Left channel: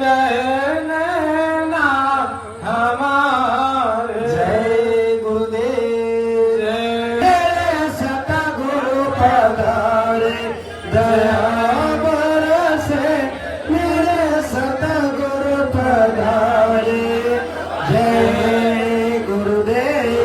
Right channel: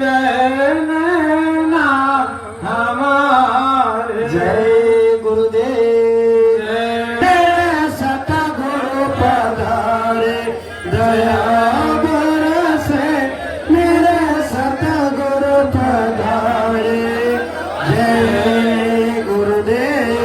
रहना हमारे। जय गुरुदेव जय सतगुरु पधारे, दया बरसे मेरे सतगुरु पधारे। जय गुरुदेव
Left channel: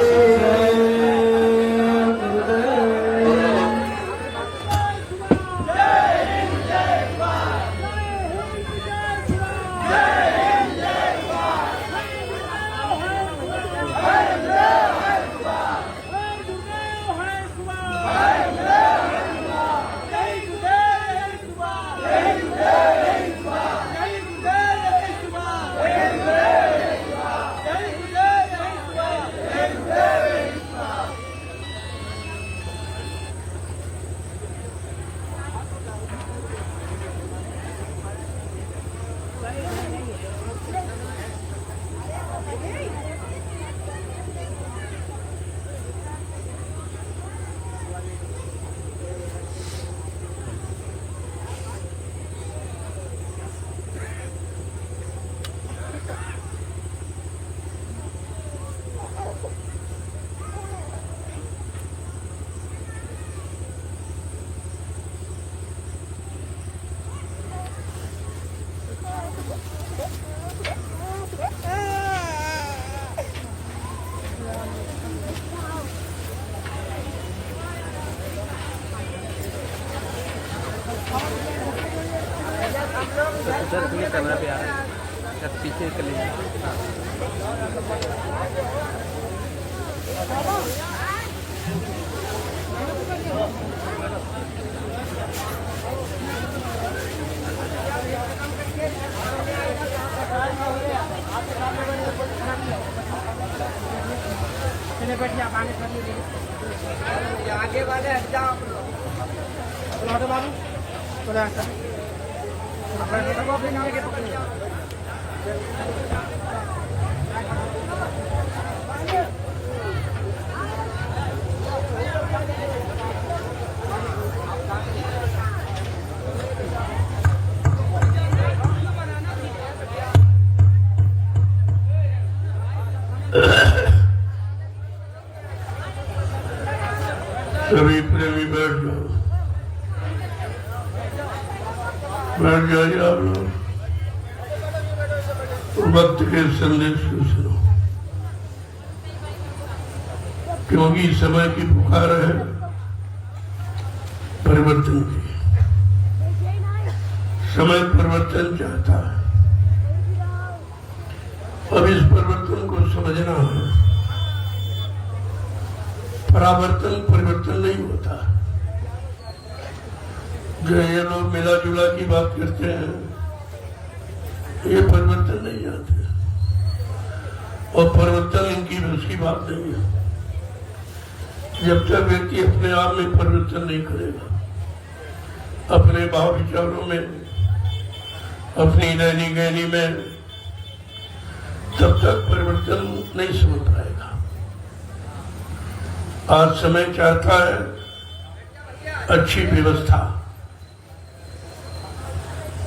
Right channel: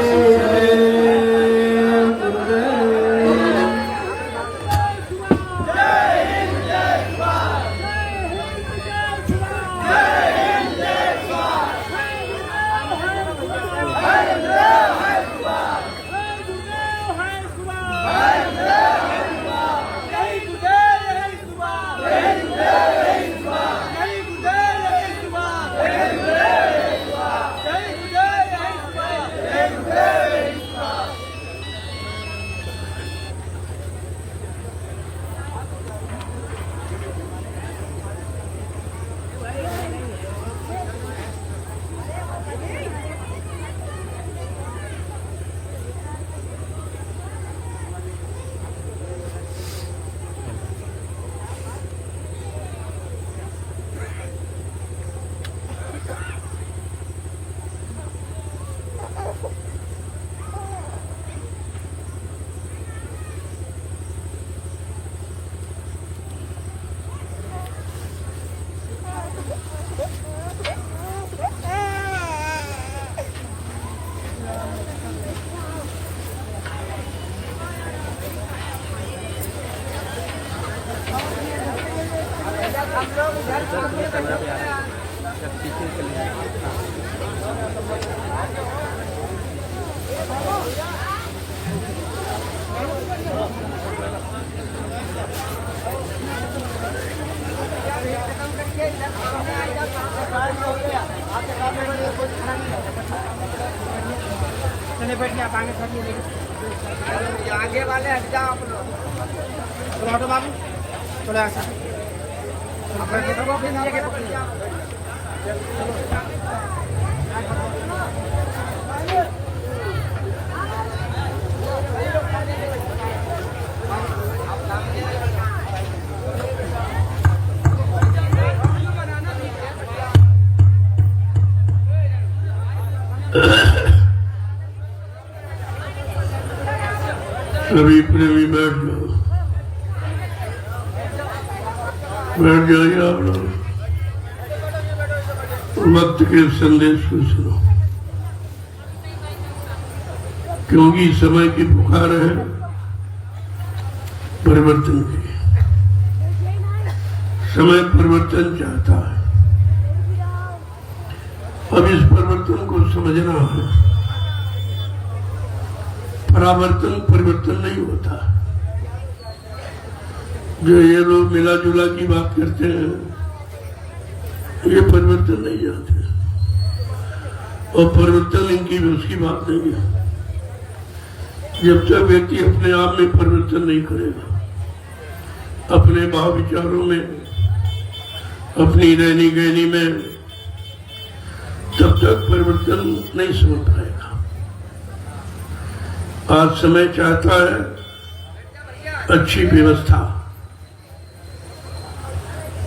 पीछे चले चले बैठिए आप आगे आगे वाले हट जाओ बाबू चले ऐसा सभी प्रेमी बैठ जाइए आप लोग, वक्त के संदेश को सुनो, क्योंकि समय की पुकार है परिवर्तन की। समय परिवर्तन चाहता है, अब इस परिवर्तन को समझना है। परावर्तन परिवर्तन नहीं होता। जो ये लोग मिला जुला की बात करते हैं, ये परिवर्तन नहीं जानते, और परिवर्तन इनकी उसकी बात नहीं है। जब तक व्यक्ति अपने आप में परिवर्तन नहीं करेगा, अपने भाव विचारों में, अपनी रहनी गहनी में, तब तक परिवर्तन नहीं समझ पाएगा। आज समय चाहता है अच्छी व्यवस्था।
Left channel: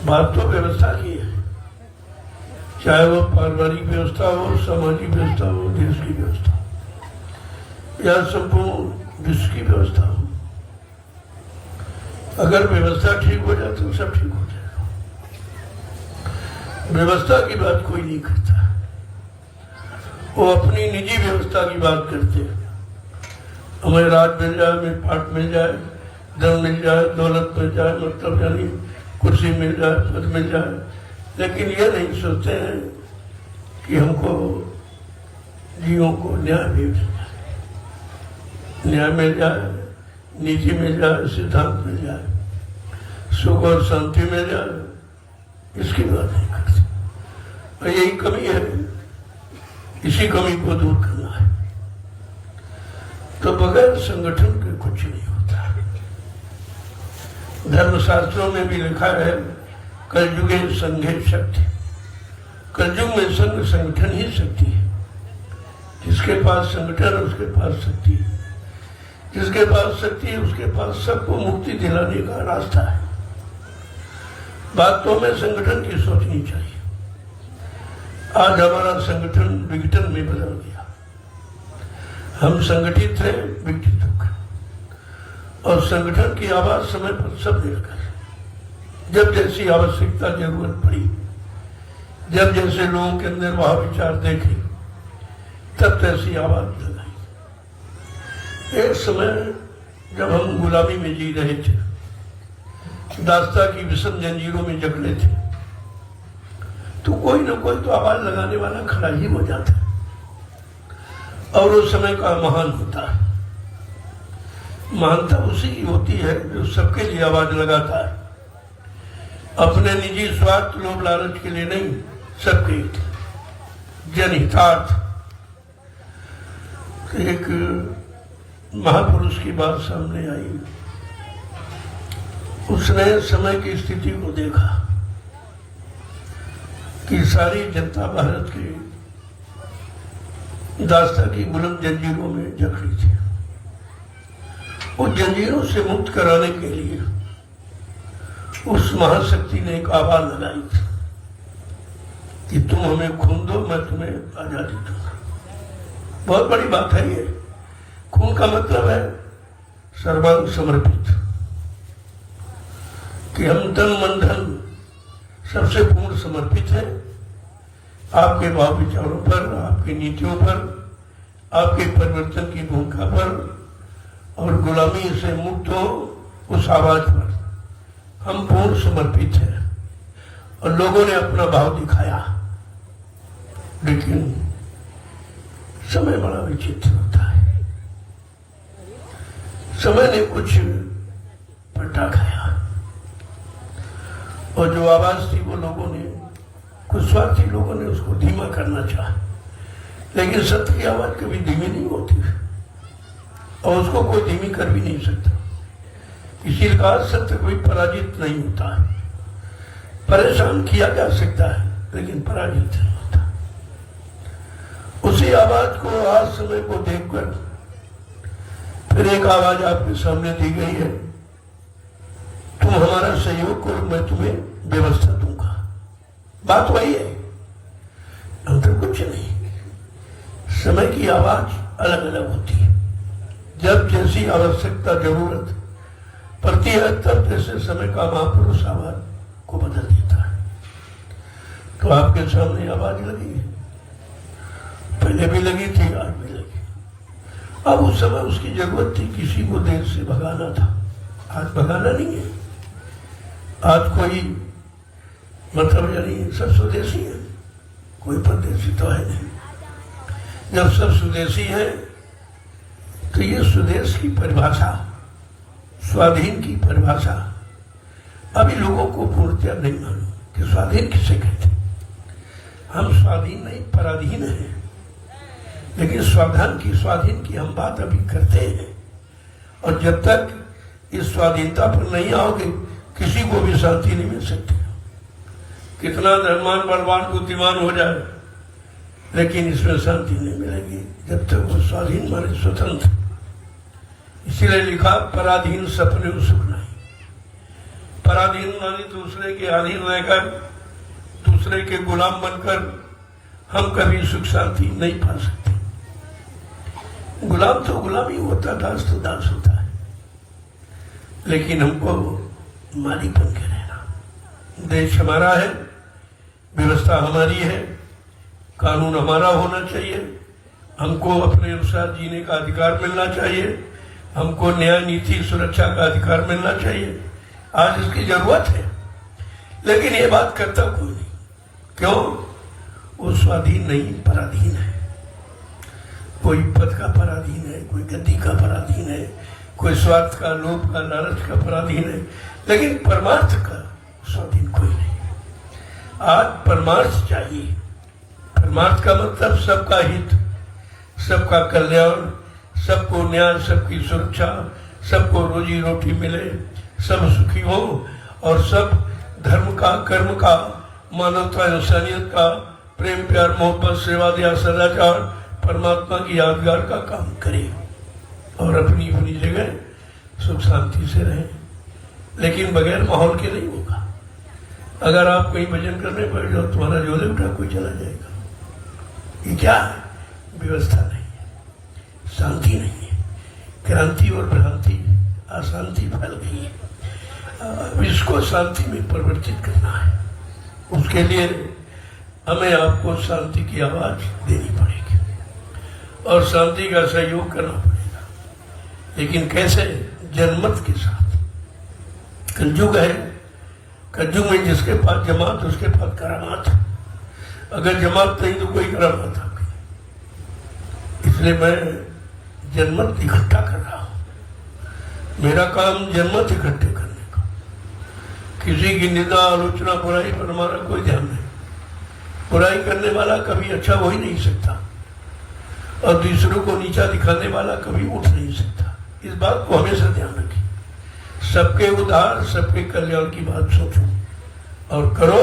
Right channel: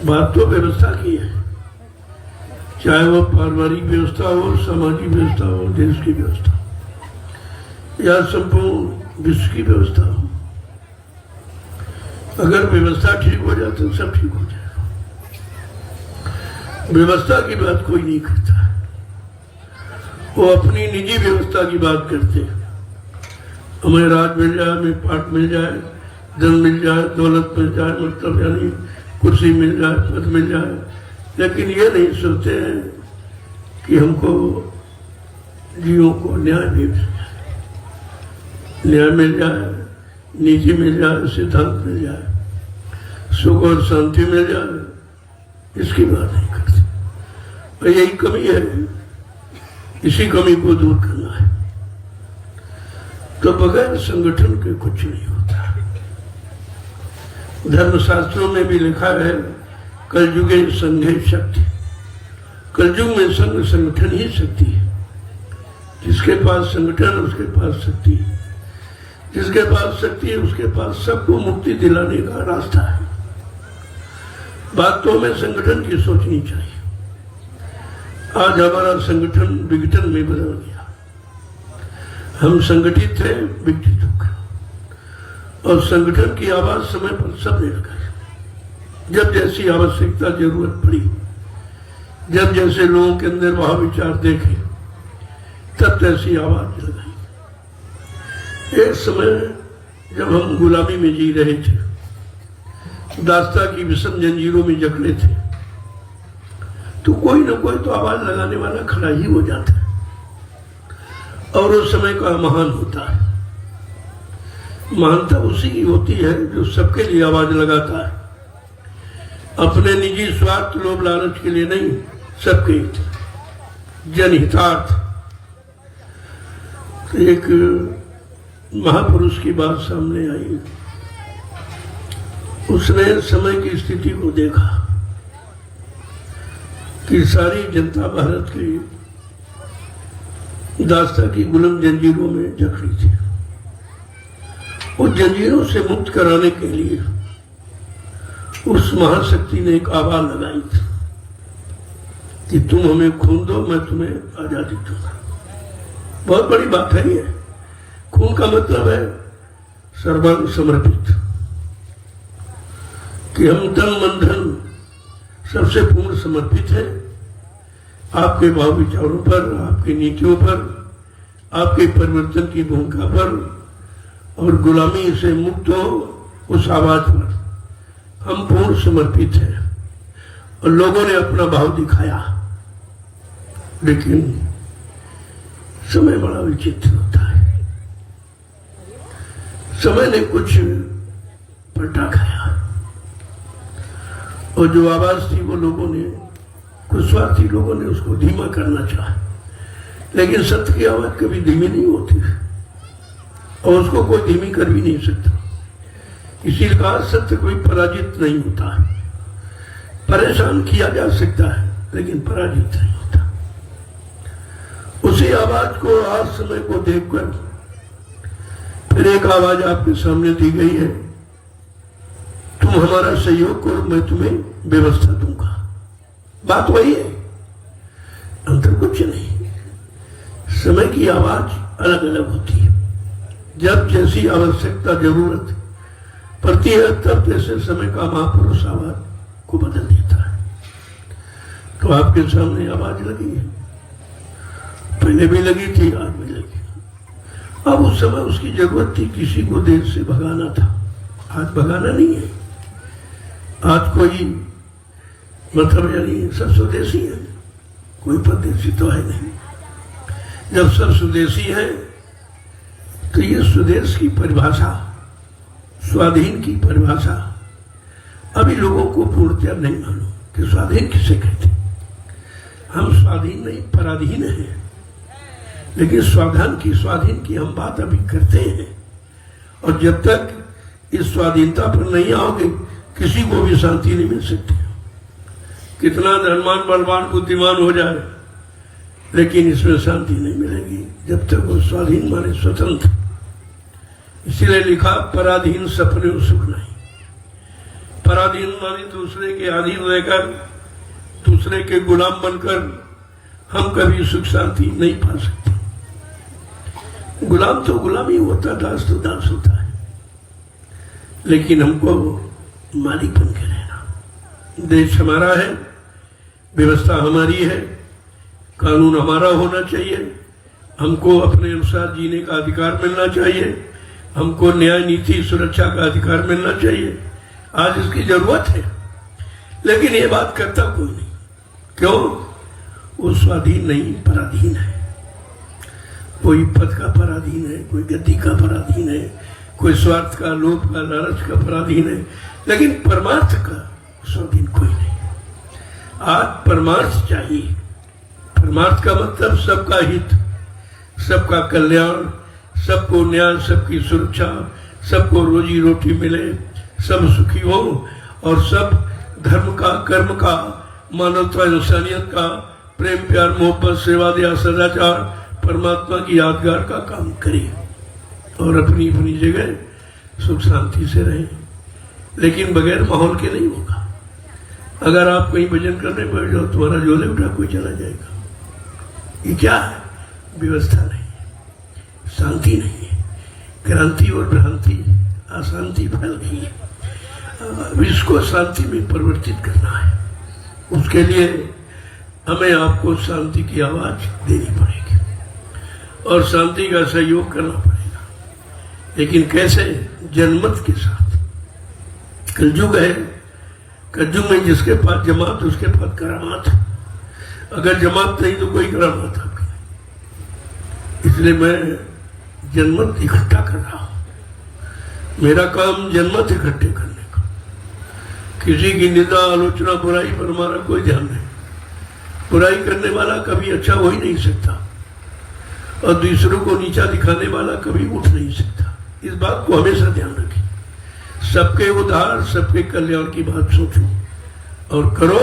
बात तो व्यवस्था की है, चाहे वो पारिवारिक व्यवस्था हो, सामाजिक व्यवस्था हो, देश की व्यवस्था या संपूर्ण विश्व की व्यवस्था हो। अगर व्यवस्था ठीक हो जाए तो सब ठीक हो जाएगा। व्यवस्था की बात कोई नहीं करता, वो अपनी निजी व्यवस्था की बात करते हैं। हमें राज मिल जाए, हमें पाठ मिल जाए, धन मिल जाए, दौलत मिल जाए, मतलब यानी कुर्सी मिल जाए, पद मिल जाए, लेकिन ये नहीं सोचते हैं कि हमको जीवों को न्याय मिल जाए, न्याय मिल जाए, नीति मिल जाए, सिद्धांत मिल जाए, सुख और शांति मिल जाए, इसकी बात नहीं करते। और यही कमी है, इसी कमी को दूर करना है। तो बगैर संगठन के कुछ नहीं होता। धर्मशास्त्रों में भी लिखा है, कलयुगे संघे शक्ति। कलयुग में संगठन ही शक्ति है। जिसके पास संगठन उसके पास शक्ति है, जिसके पास शक्ति है उसके पास सबको मुक्ति दिलाने का रास्ता है। बात तो हमें संगठन की सोचनी चाहिए। आज हमारा संगठन विघटन में बदल गया। हम संगठित थे, विघटित होकर, और संगठन की आवाज समय पर सब लेकर जब जैसी आवश्यकता जरूरत पड़ी, जब जैसे लोगों के अंदर वह विचार देखे, तब तैसी आवाज लगाई। एक समय जब हम गुलामी में जी रहे थे, दास्ता की विषम जंजीरों में जकड़े थे, तो कोई न कोई तो आवाज लगाने वाला खड़ा ही हो जाता है, और उस समय का महान होता है। महानता उसी की होती है जो सबके लिए आवाज लगाता है, अपने निजी स्वार्थ लोभ लालच के लिए नहीं, सबके जनहितार्थ। एक महापुरुष की बात सामने आई। उसने समय की स्थिति को देखा कि सारी जनता भारत की दास्ता की गुलाम जंजीरों में जकड़ी थी, और जंजीरों से मुक्त कराने के लिए उस महाशक्ति ने एक आवाज लगाई थी कि तुम हमें खून दो, मैं तुम्हें आजादी दूंगा। बहुत बड़ी बात है ये। खून का मतलब है सर्वांग समर्पित, कि हम तन मन धन सबसे पूर्ण समर्पित है आपके भाव विचारों पर, आपकी नीतियों पर, आपके परिवर्तन की भूमिका पर, और गुलामी से मुक्त हो उस आवाज पर हम पूर्ण समर्पित हैं। और लोगों ने अपना भाव दिखाया, लेकिन समय बड़ा विचित्र होता है। समय ने कुछ पलटा खाया, और जो आवाज थी वो लोगों ने, कुछ स्वार्थी लोगों ने उसको धीमा करना चाहा, लेकिन सत्य की आवाज कभी धीमी नहीं होती, और उसको कोई धीमी कर भी नहीं सकता। इसी कहा सत्य कोई पराजित नहीं होता। परेशान किया जा सकता है, लेकिन पराजित नहीं होता। उसी आवाज को, आज समय को देखकर फिर एक आवाज आपके सामने दी गई है, तुम हमारा सहयोग करो, मैं तुम्हें व्यवस्था दूंगा। बात वही है, अंतर कुछ नहीं। समय की आवाज अलग अलग होती है। जब जैसी आवश्यकता जरूरत पड़ती है, तब जैसे समय का महापुरुष आवाज को बदल देता है। तो आपके सामने आवाज लगी है, पहले भी लगी थी, आज भी लगी। अब उस समय उसकी जरूरत थी, किसी को देश से भगाना था। आज भगाना नहीं है, आज कोई मतलब यानी सब स्वदेशी है, कोई परदेशी तो है नहीं। जब सब स्वदेशी है तो ये स्वदेश की परिभाषा, स्वाधीन की परिभाषा अभी लोगों को पूर्णतया नहीं मालूम कि स्वाधीन किसे कहते। हम स्वाधीन नहीं, पराधीन हैं, लेकिन स्वाधीन की हम बात अभी करते हैं। और जब तक इस स्वाधीनता पर नहीं आओगे, किसी को भी शांति नहीं मिल सकती। कितना धनवान बलवान बुद्धिमान हो जाए, लेकिन इसमें शांति नहीं मिलेगी जब तक वो स्वाधीन वाले स्वतंत्र। इसीलिए लिखा, पराधीन सपने सुख नहीं। पराधीन मानी दूसरे के अधीन रहकर, दूसरे के गुलाम बनकर हम कभी सुख शांति नहीं पा सकते। गुलाम तो गुलामी होता, दास तो दास होता है, लेकिन हमको मालिक बन के रहना। देश हमारा है, व्यवस्था हमारी है, कानून हमारा होना चाहिए, हमको अपने अनुसार जीने का अधिकार मिलना चाहिए, हमको न्याय नीति सुरक्षा का अधिकार मिलना चाहिए। आज इसकी जरूरत है, लेकिन ये बात करता कोई नहीं। क्यों? वो स्वाधीन नहीं, पराधीन है। कोई पद का पराधीन है, कोई गद्दी का पराधीन है, कोई स्वार्थ का, लोभ का, लालच का पराधीन है, लेकिन परमार्थ का स्वाधीन कोई नहीं। आज परमार्थ चाहिए। परमार्थ का मतलब सबका हित, सबका कल्याण, सबको न्याय, सबकी सुरक्षा, सबको रोजी रोटी मिले, सब सुखी हो, और सब धर्म का, कर्म का, मानवता, इंसानियत का, प्रेम प्यार मोहब्बत सेवा दया सदाचार, परमात्मा की यादगार का काम करे, और अपनी अपनी जगह सुख शांति से रहे, लेकिन बगैर माहौल के नहीं होगा। अगर आप कहीं भजन करने बैठ जाओ, तुम्हारा झोले उठा कोई चला जाएगा। ये क्या है? व्यवस्था नहीं है, शांति नहीं है, क्रांति और भ्रांति, अशांति फैल गई है। अब इसको शांति में परिवर्तित करना है। उसके लिए हमें आपको शांति की आवाज देनी पड़ेगी और शांति का सहयोग करना पड़ेगा। लेकिन कैसे? जनमत के साथ। कलयुग है, कलयुग में जिसके पास जमात उसके पास करामात। अगर जमात नहीं तो कोई करामात आपकी। इसलिए मैं जनमत इकट्ठा कर रहा हूं। मेरा काम जनमत इकट्ठे करने का। किसी की निंदा, आलोचना, बुराई पर हमारा कोई ध्यान नहीं। बुराई करने वाला कभी अच्छा हो ही नहीं सकता और दूसरों को नीचा दिखाने वाला कभी उठ नहीं सकता। इस बात को हमेशा ध्यान रखें। सबके उद्धार, सबके कल्याण की बात सोचो और करो।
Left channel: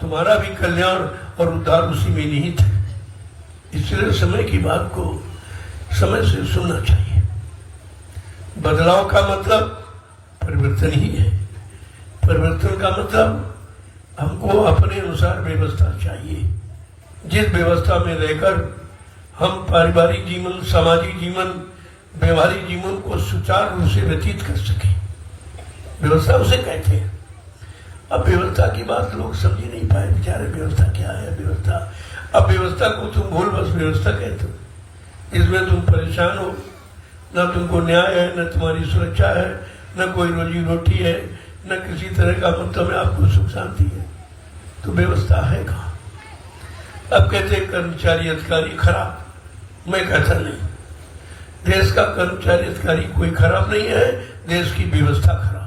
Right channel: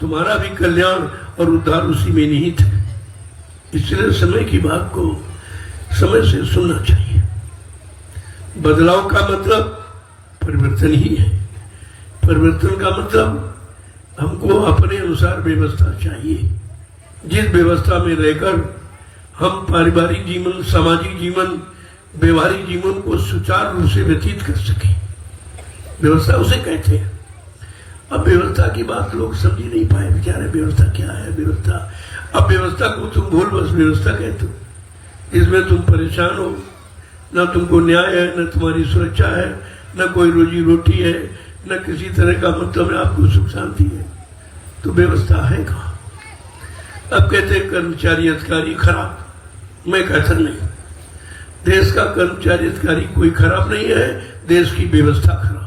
तुम्हारा भी कल्याण और उद्धार उसी में निहित है। इसलिए समय की बात को समय से सुनना चाहिए। बदलाव का मतलब परिवर्तन ही है। परिवर्तन का मतलब हमको अपने अनुसार व्यवस्था चाहिए, जिस व्यवस्था में रहकर हम पारिवारिक जीवन, सामाजिक जीवन, व्यवहारिक जीवन को सुचारू रूप से व्यतीत कर सके। व्यवस्था उसे कहते हैं। अब व्यवस्था की बात लोग समझ नहीं पाए बेचारे। व्यवस्था क्या है? व्यवस्था, अब व्यवस्था को तुम भूल बस व्यवस्था कहते हो। इसमें तुम परेशान हो, न तुमको न्याय है, न तुम्हारी सुरक्षा है, न कोई रोजी रोटी है, न किसी तरह का मतलब आपको सुख शांति है। तो व्यवस्था है कहाँ? अब कहते हैं कर्मचारी अधिकारी खराब। मैं कहता नहीं, देश का कर्मचारी अधिकारी कोई खराब नहीं है, देश की व्यवस्था खराब।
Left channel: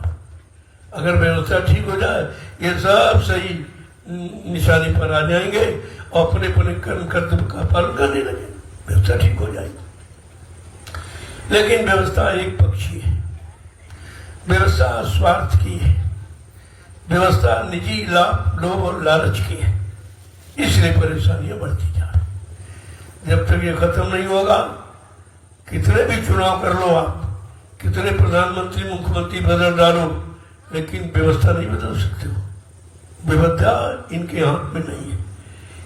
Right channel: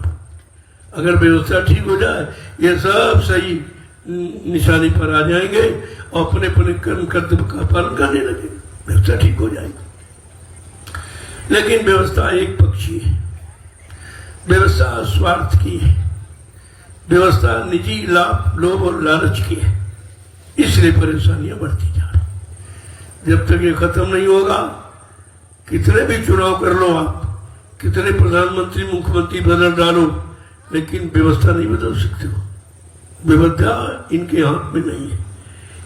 अगर व्यवस्था ठीक हो जाए ये सब सही निशाने पर आ जाएंगे और अपने अपने कर्म कर्तव्य का पालन करने लगे, व्यवस्था ठीक हो जाएगी। लेकिन व्यवस्था एक पक्षी है। व्यवस्था स्वार्थ की है। व्यवस्था निजी लाभ, लोभ और लालच की है। इसलिए परेशानियां बढ़ती जा रही। जब तक ये खत्म नहीं होगा, कितने भी चुनाव कर लो आप, कितने प्रधानमंत्री मुख्यमंत्री बदल डालो, लेकिन व्यवस्था नहीं बदल सकते हो। व्यवस्था इनके हाथ में नहीं है।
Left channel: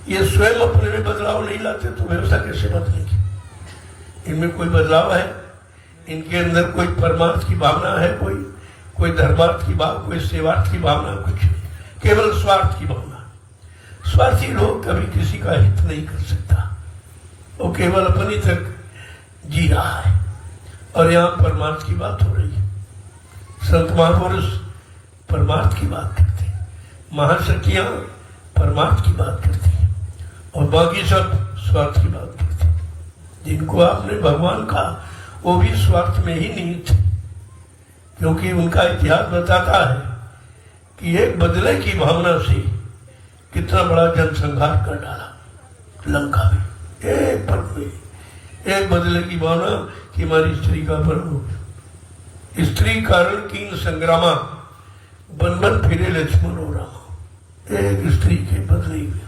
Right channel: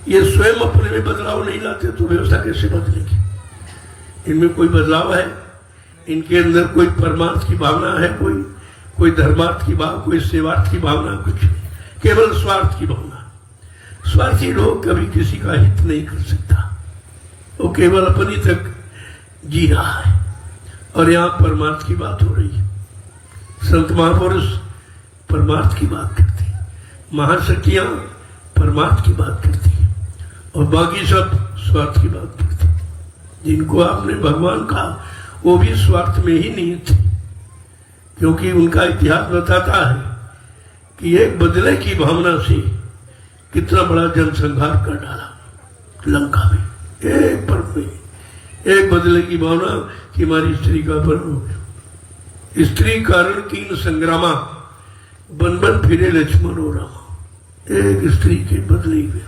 ये स्वयं अपने में बदलाव नहीं लाते तो व्यवस्था कैसे बदलेगी? इनमें कोई बदलाव है? इनके अंदर कोई परमार्थ की भावना है? कोई धर्मार्थ की भावना, कोई सेवार्थ की भावना? कुछ नहीं, केवल स्वार्थ की भावना। स्वार्थी लोग कभी किसी का हित नहीं कर सकता, वो केवल अपनी तक जी रहा है। और यहाँ परमार्थ की बात हो रही है। संत महापुरुष परमार्थ की बात करते हैं, महाशक्तियां परमार्थ की बात करती हैं और बाकी सब स्वार्थ की बात करते हैं। जिनको आपने भगवान कहा वो भी स्वार्थ में ही निहित थे, क्योंकि उनका इतिहास बताता है कि एक बदले की भावना से कितना बड़ा जनसंहार कर डाला लंका में। एक पल में एक बदले की भावना कि हमारी स्त्री का पर्व हो गया। स्त्री कारण कीन संग्रामा, बन बन फिरे लक्ष्मण हो रामा। एक स्त्री के बदले में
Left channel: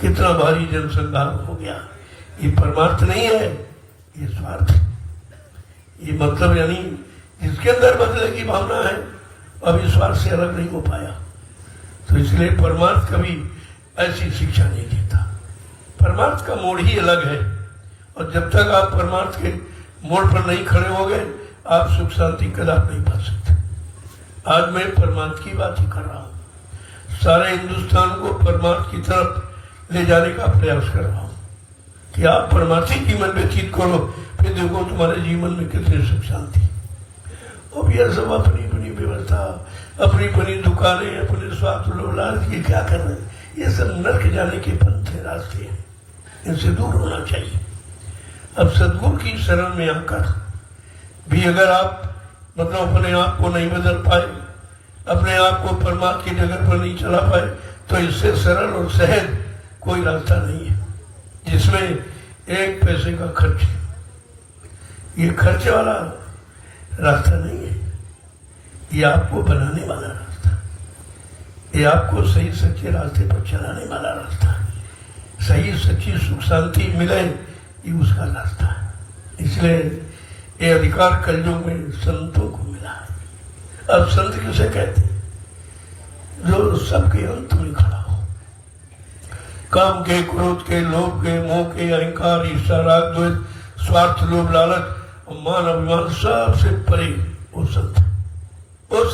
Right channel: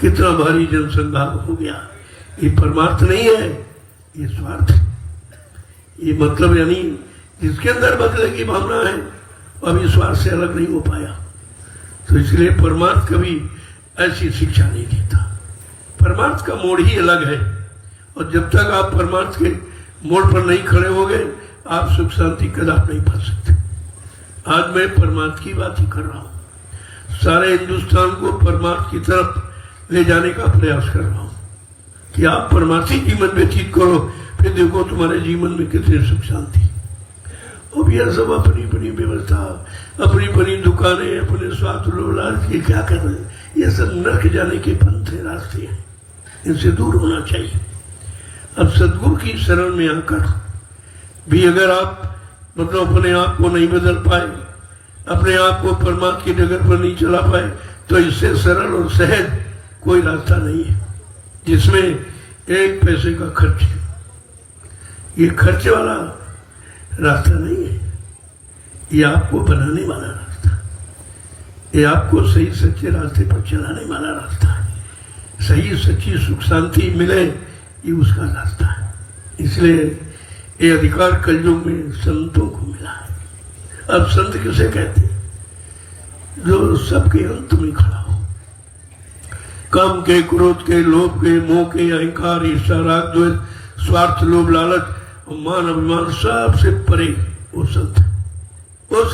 कितना भारी जनसंहार हो गया। ये परमार्थ नहीं है, ये स्वार्थ है। ये मतलब यानी जिसके अंदर बदले की भावना है अब इस स्वार्थ से अलग नहीं हो पाया। तो इसलिए परमार्थ कभी ऐसी शिक्षा नहीं देता। परमार्थ का मोड़ ही अलग है और जब तक आप परमार्थ के मोड़ पर नहीं खड़े होंगे आप सुख शांति कदापि नहीं पा सकते। आज मैं परमार्थ की बात ही कर रहा हूं। सारे हिंदुस्तान को परमार्थ की तरफ ले जाने का प्रयास कर रहा हूं कि आप परमार्थी जीवन व्यतीत करो, फिर देखो तुम्हारे जीवन में कितनी सुख शांति। अब यह सब अपनी अपनी व्यवस्था, अपनी अपनी दुकानें, अपने स्वार्थ लोलाल के क्या कर रहे हैं? ये सब नरक जाने के पंथ रास्ते हैं, इनसे दूर होना चाहिए। अब सदगुरु की शरण में आकर भी अगर आप मतलब अपने आप को नहीं बदल पाए, अपने आप को परमात्मा की जगह पर नहीं चला पाए, तो इससे सरल और सहज कोई रास्ता नहीं है जिसमें एक पैसे का खर्च है। ये खर्चे वाला रास्ता नहीं है, ये आपको बनाने वाला रास्ता, ये आपको सही सच्चे रास्ते पर चलाने वाला रास्ता है। सही सच्ची सुख शांति मिले ये उसका रास्ता है। इसलिए ये अधिकार कलयुग में संतों को मिला है। अब संत किसे कहते हैं? जो सबके अंत में खड़ा हो, काम के, क्रोध के, लोभ के, मोह के, अहंकार, ईर्ष्या, राग, द्वेष, स्वार्थ, लोभ, लालच, मान, अभिमान सबसे परे वो संत है। वो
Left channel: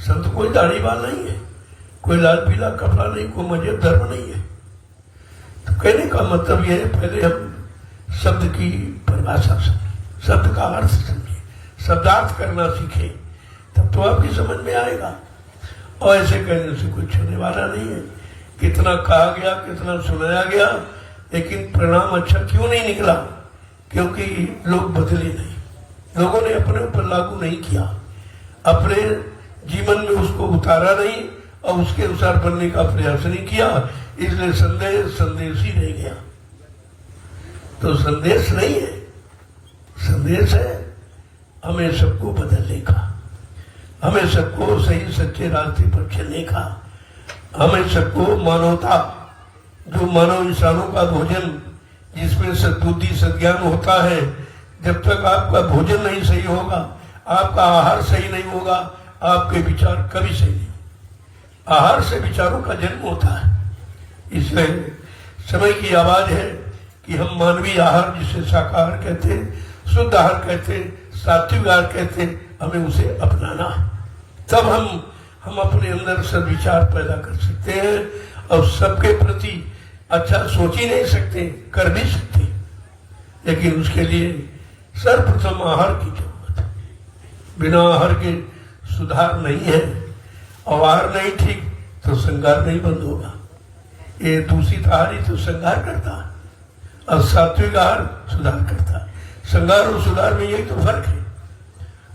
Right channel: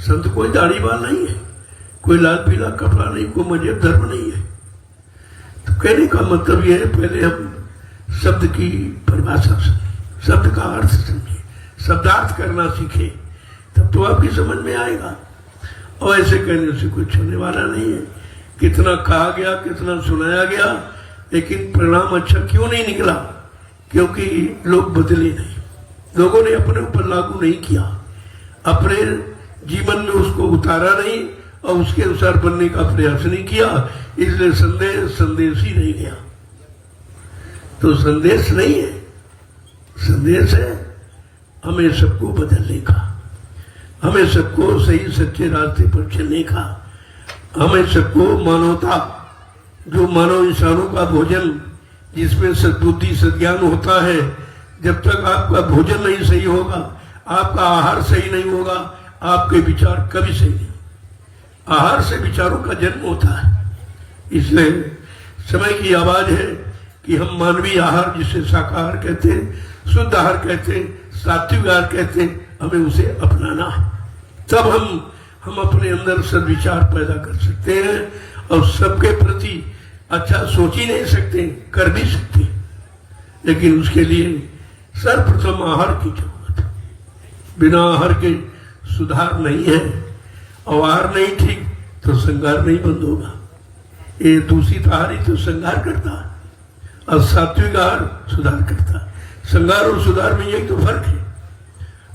संत कोई दाढ़ी बाल नहीं है, कोई लाल पीला कपड़ा नहीं, कोई मजहब धर्म नहीं है। तो कहने का मतलब यह है, पहले हम शब्द की परिभाषा समझे, शब्द का अर्थ समझे, शब्दार्थ करना सीखे, तब तो आपकी समझ में आएगा। और ऐसे कहने से कुछ होने वाला नहीं है। कितना कहा गया, कितना सुनाया गया, लेकिन परिणाम अच्छा क्यों नहीं निकला? क्योंकि लोग बदले नहीं, लोगों ने अपने ऊपर लागू नहीं किया, अपने जीवन में उसको उतारा नहीं और उसके अनुसार बनने का प्रयास नहीं किया, इसलिए संदेश ही नहीं गया। तो संदेश नहीं है, संदेश है हमें सबको बदलने का, हमें सबको सही सच्चे रास्ते पर चलने का, हमें सबको मानवता, जो मानव इंसानों का भोजन जिसमें सद्बुद्धि सद्ज्ञान होता है, जब तक आपका भोजन नहीं सही होगा, आपका आहार सही नहीं होगा, आपके विचार कभी सही नहीं। आहार से विचारों का जन्म होता है। इसलिए समय की आवाज है कि हम मानवीय आहार, जिसे शाकाहार कहते हैं, शुद्ध आहार कहते हैं, सात्विक आहार कहते हैं, हमें उसे अपनाना है। तब हम अपने अंदर सद्विचार पैदा कर सकते हैं और सबके प्रति अच्छा सोच ही नहीं सकते, कर भी सकते, लेकिन उसके लिए सर्वप्रथम आहार की जरूरत है। बिना आहार के सुधार नहीं है, और आहार नहीं ठीक तो श्रृंगार नहीं बंद होगा। ये दूषित आहार ही तो श्रृंगार करता, और सात्विक आहार सुधार करता। श्रृंगार और सुधार में यही तो फर्क है,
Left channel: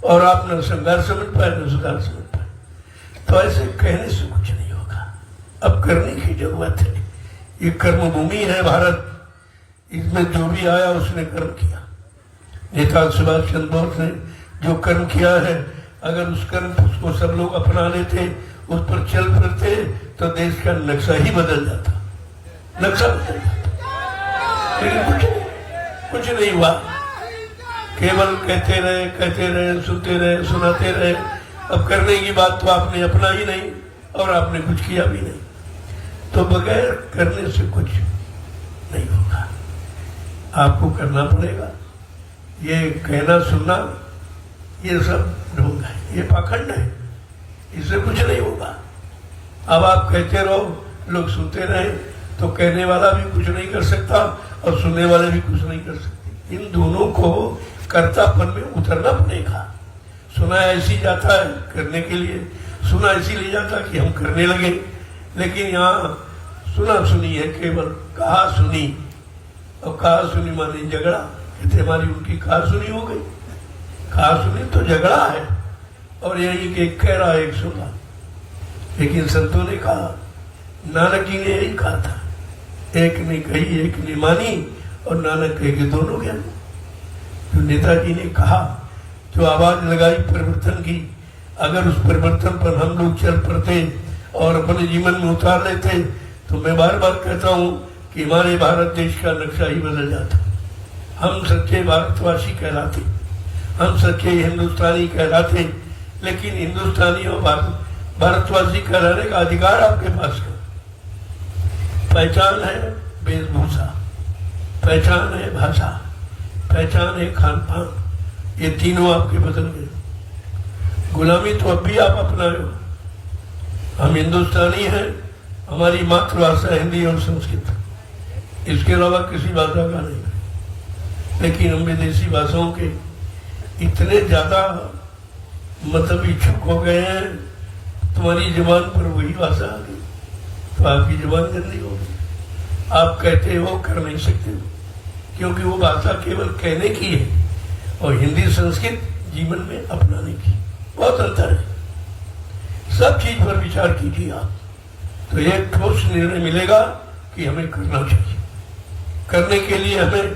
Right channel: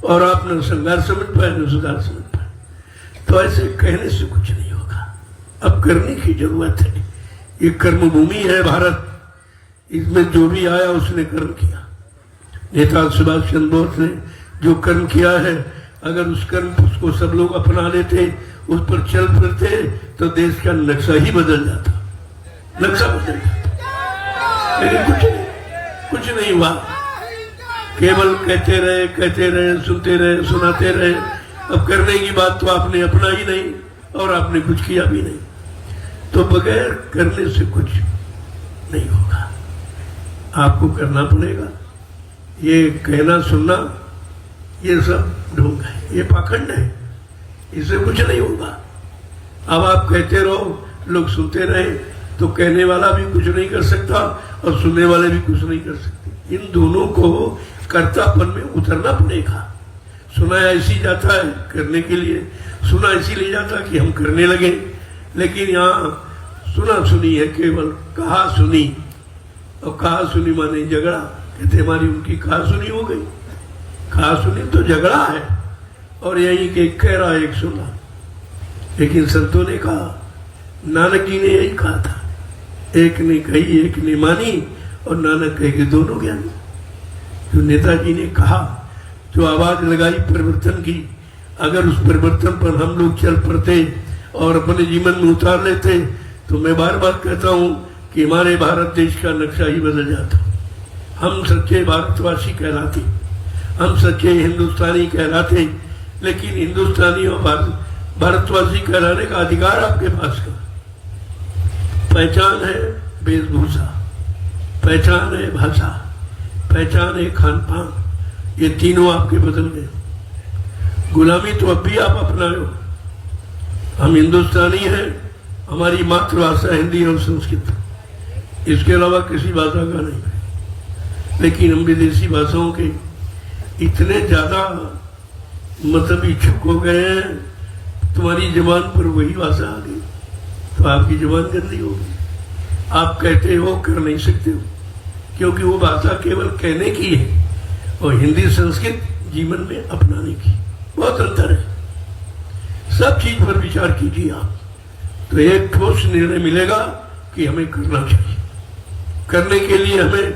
और आप न श्रृंगार समझ पाए न सुधार समझ पाए। तो ऐसे कहने से कुछ नहीं होगा, अब करने की जरूरत है। ये कर्म भूमि है भारत, इसमें जो भी आया उसने कर्म किया। नेता सुभाष चंद्र बोस ने जो कर्म किया है, अगर उस कर्म उसको सब लोग अपना लेते, उस पर चल फिरते, तो देश का नक्शा ही बदल जाता, नक्शा बदल जाता। लेकिन कुछ नहीं हुआ, केवल कहते रहे, सुनते रहे, सुनाते रहे। अब करने की बात तो आपने अपना ही नहीं, और आपने कुछ किया भी नहीं। तो बगैर करने से कुछ नहीं होगा, आपको करना पड़ेगा। ये कहना सुनना ये सब ढोंग है, ये पाखंड है, इससे कुछ नहीं होगा। अब आप कहते रहो, लोग सुनते रहे, तो कहने वाला भी कुछ नहीं कर सकता और सुनने वाले भी कुछ नहीं कर सकते। इन दोनों को कर्तापन में उतरना पड़ेगा। सुना ऐसी जाता है करने के लिए, सुना इसीलिए जाता कि हम करने लगे, लेकिन यहाँ सुना सुनी है केवल, कहा सुनी, और कहा सुनी माने झगड़ा। कहते हमारी उनकी कहा सुनी हो गई, कहा सुनी तो झगड़ा है, और यही एक कह रहा एक सुना। लेकिन संतों ने कहा, नानक जी ने यही कहा था, एक ने कही एक ने मानी, और नानक कहे के दोनों ज्ञानी। जो नेताजी ने कहा, जो आवाज लगाई परिवर्तन की, अगर उस परिवर्तन पर हम लोग चल पड़ते और अपने जीवन में उतार लेते, तो मैं बार बार कहता हूं कि हमारे भारत देश का नक्शा ही बदल जाता। हम सच्चे भारतवासी कहलाते, हम सच्चे हिंदुस्तानी कहलाते, लेकिन हिंदुस्तानी और भारतवासी कहलाने का अधिकार आपके पास है। पहचान है वेशभूषा, पहचान है भाषा, पहचान है खान पान, ये तीनों आपके बदल गए। गुलामी तो अब भी आप अपना लो। हम हिंदुस्तानी हैं, हमारी मातृभाषा हिंदी और संस्कृत, इसके अलावा किसी भाषा का नहीं। लेकिन हम विदेशी भाषाओं के इतने ज्यादा मतलब इच्छुक हो गए हैं, तुम्हारी जबान पर वही भाषा आ गई तो आपकी जबान गंदी होगी। आप कहते हो कर नहीं सकते हो, क्योंकि वो भाषा केवल कहने की है, और हिंदी संस्कृत जीवन में अपनाने की बहुत अंतर है। सब चीज पर विचार कीजिए आप, तो एक ठोस निर्णय मिलेगा कि हमें करना चाहिए। करने के लिए हमें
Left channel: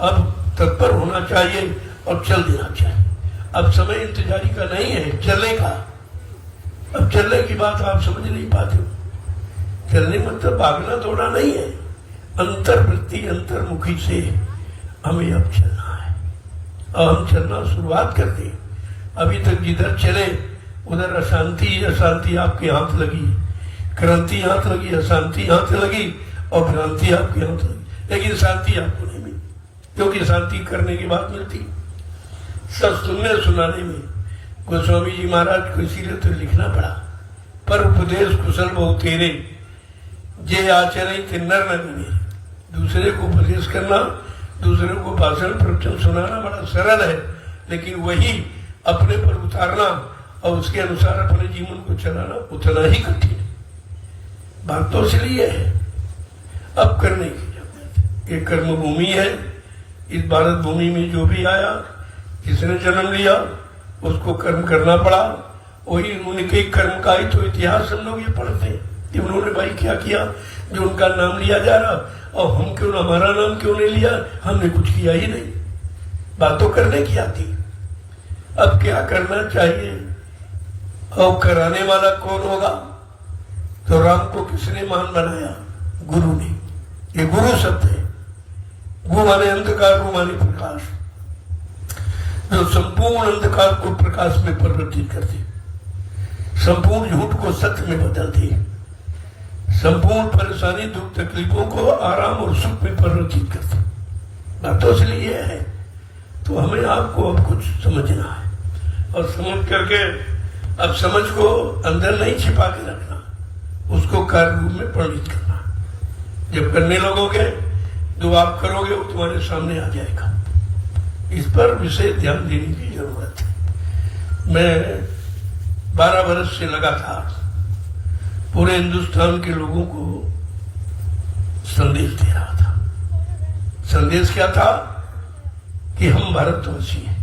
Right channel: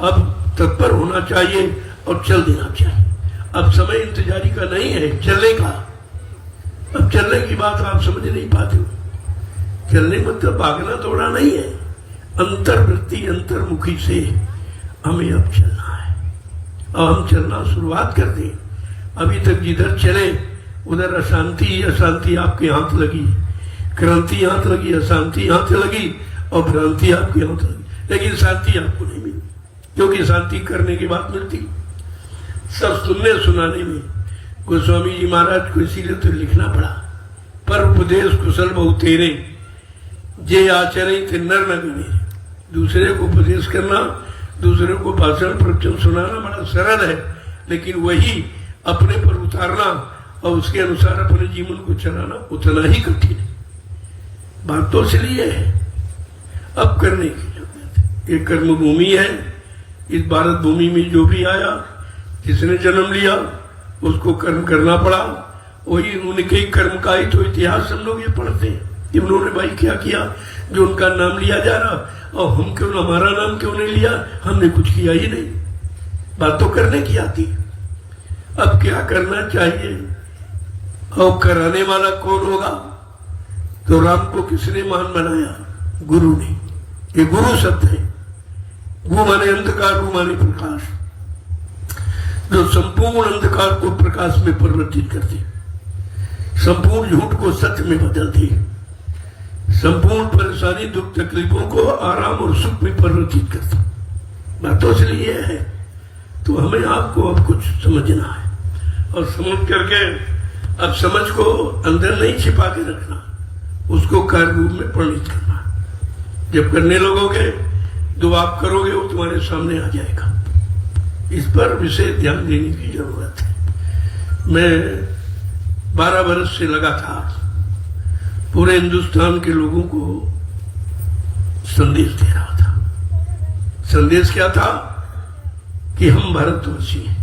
अब तत्पर होना चाहिए और चल देना चाहिए। अब समय इंतजारी का नहीं है, चलने का। अब चलने की बात आप समझ नहीं पाते। चलने मतलब भागना दौड़ना नहीं है, अंतर्वृत्ति अंतर्मुखी से हमें अब चलना है, और हम चलना शुरुआत कर दें। अभी तक जिधर चले उधर अशांति अशांति आपके हाथ लगी, क्रांति हाथ लगी, अशांति हाथ लगी, और भ्रांति आपके अंदर, लेकिन शांति आपको नहीं मिली, क्योंकि शांति करने के बाद मिलती, सब सुनने सुनाने में। गोस्वामी जी महाराज को इसीलिए तो लिखना पड़ा, पर उपदेश कुशल बहु तेरे, जे आचरण थे नर नगीने। दूसरे को उपदेश करना, दूसरे को भाषण प्रवचन सुनाना बड़ा सरल है, लेकिन वही अपने पर उतारना और उसके अनुसार अपने जीवन को चलाना उतना ही कठिन है। बात तो इसलिए है अब करने की जरूरत है। ये कर्म भूमि है, इस भारत भूमि में जो भी आया, जिसने जन्म लिया उसको कर्म करना पड़ा, वही उनके कर्म का ही तो इतिहास हम लोग ये पढ़ते हैं कि उन्होंने भाई क्या किया, जो उनका नाम लिया जा रहा, और हम क्यों, हमारा नाम क्यों नहीं लिया, हमने कुछ किया ही नहीं। बात तो करने की आती, अब क्या करना चाहिए और कराने वाला कौन होगा? तो राम को किसने महान बनाया? गुरु ने। ये गुरु शब्द है, गु माने अंधकार, रु माने प्रकाश, जो संपूर्ण अंधकार को प्रकाश में परिवर्तित करती, संपूर्ण झूठ को सत्य में बदलती, संपूर्ण परेशानी दुख तकलीफों को आराम और सुख में परिवर्तित करती। बात तो इसलिए है, तो हमें आपको अब कुछ समझना है, और समझ करके अब समझ को अंदर नहीं छिपा के रखना, उसको कार्य रूप में परिणित करना। जब करने लगोगे जो आप करोगे वो तुम्हारे सामने आ जाएगा। इस पर विशेष ध्यान देने की जरूरत है। मैं 12 वर्ष से लगातार पूरे हिंदुस्तान के लोगों को संदेश दे रहा था। संदेश क्या था कि हम भारतवासी हैं,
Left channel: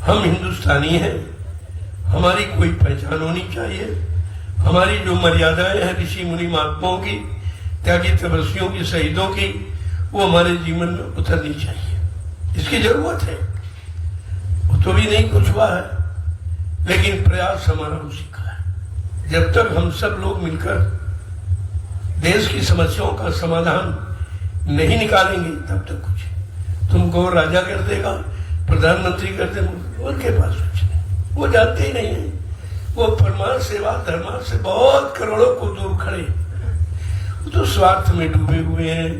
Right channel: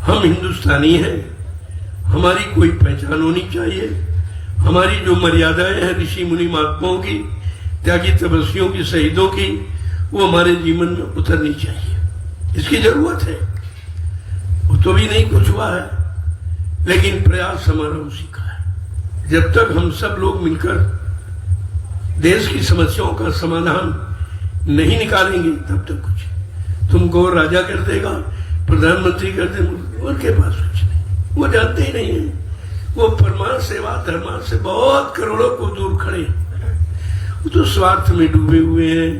हम हिंदुस्तानी हैं, हमारी कोई पहचान होनी चाहिए, हमारी जो मर्यादाएं हैं ऋषि मुनि महात्माओं की, त्यागी तपस्वियों की, शहीदों की, वो हमारे जीवन में उतरनी चाहिए। इसकी जरूरत है, वो तो भी नहीं कुछ हुआ है, लेकिन प्रयास हमारा उसी का है। जब तक हम सब लोग मिलकर देश की समस्याओं का समाधान नहीं निकालेंगे तब तक कुछ। तुमको राजा कर देगा, प्रधानमंत्री कर देगा, उनके पास कुछ नहीं, वो जानते ही नहीं है। वो परमार्थ सेवा धर्मार्थ से बहुत करोड़ों को दूर खड़े, वो तो स्वार्थ में डूबे हुए हैं,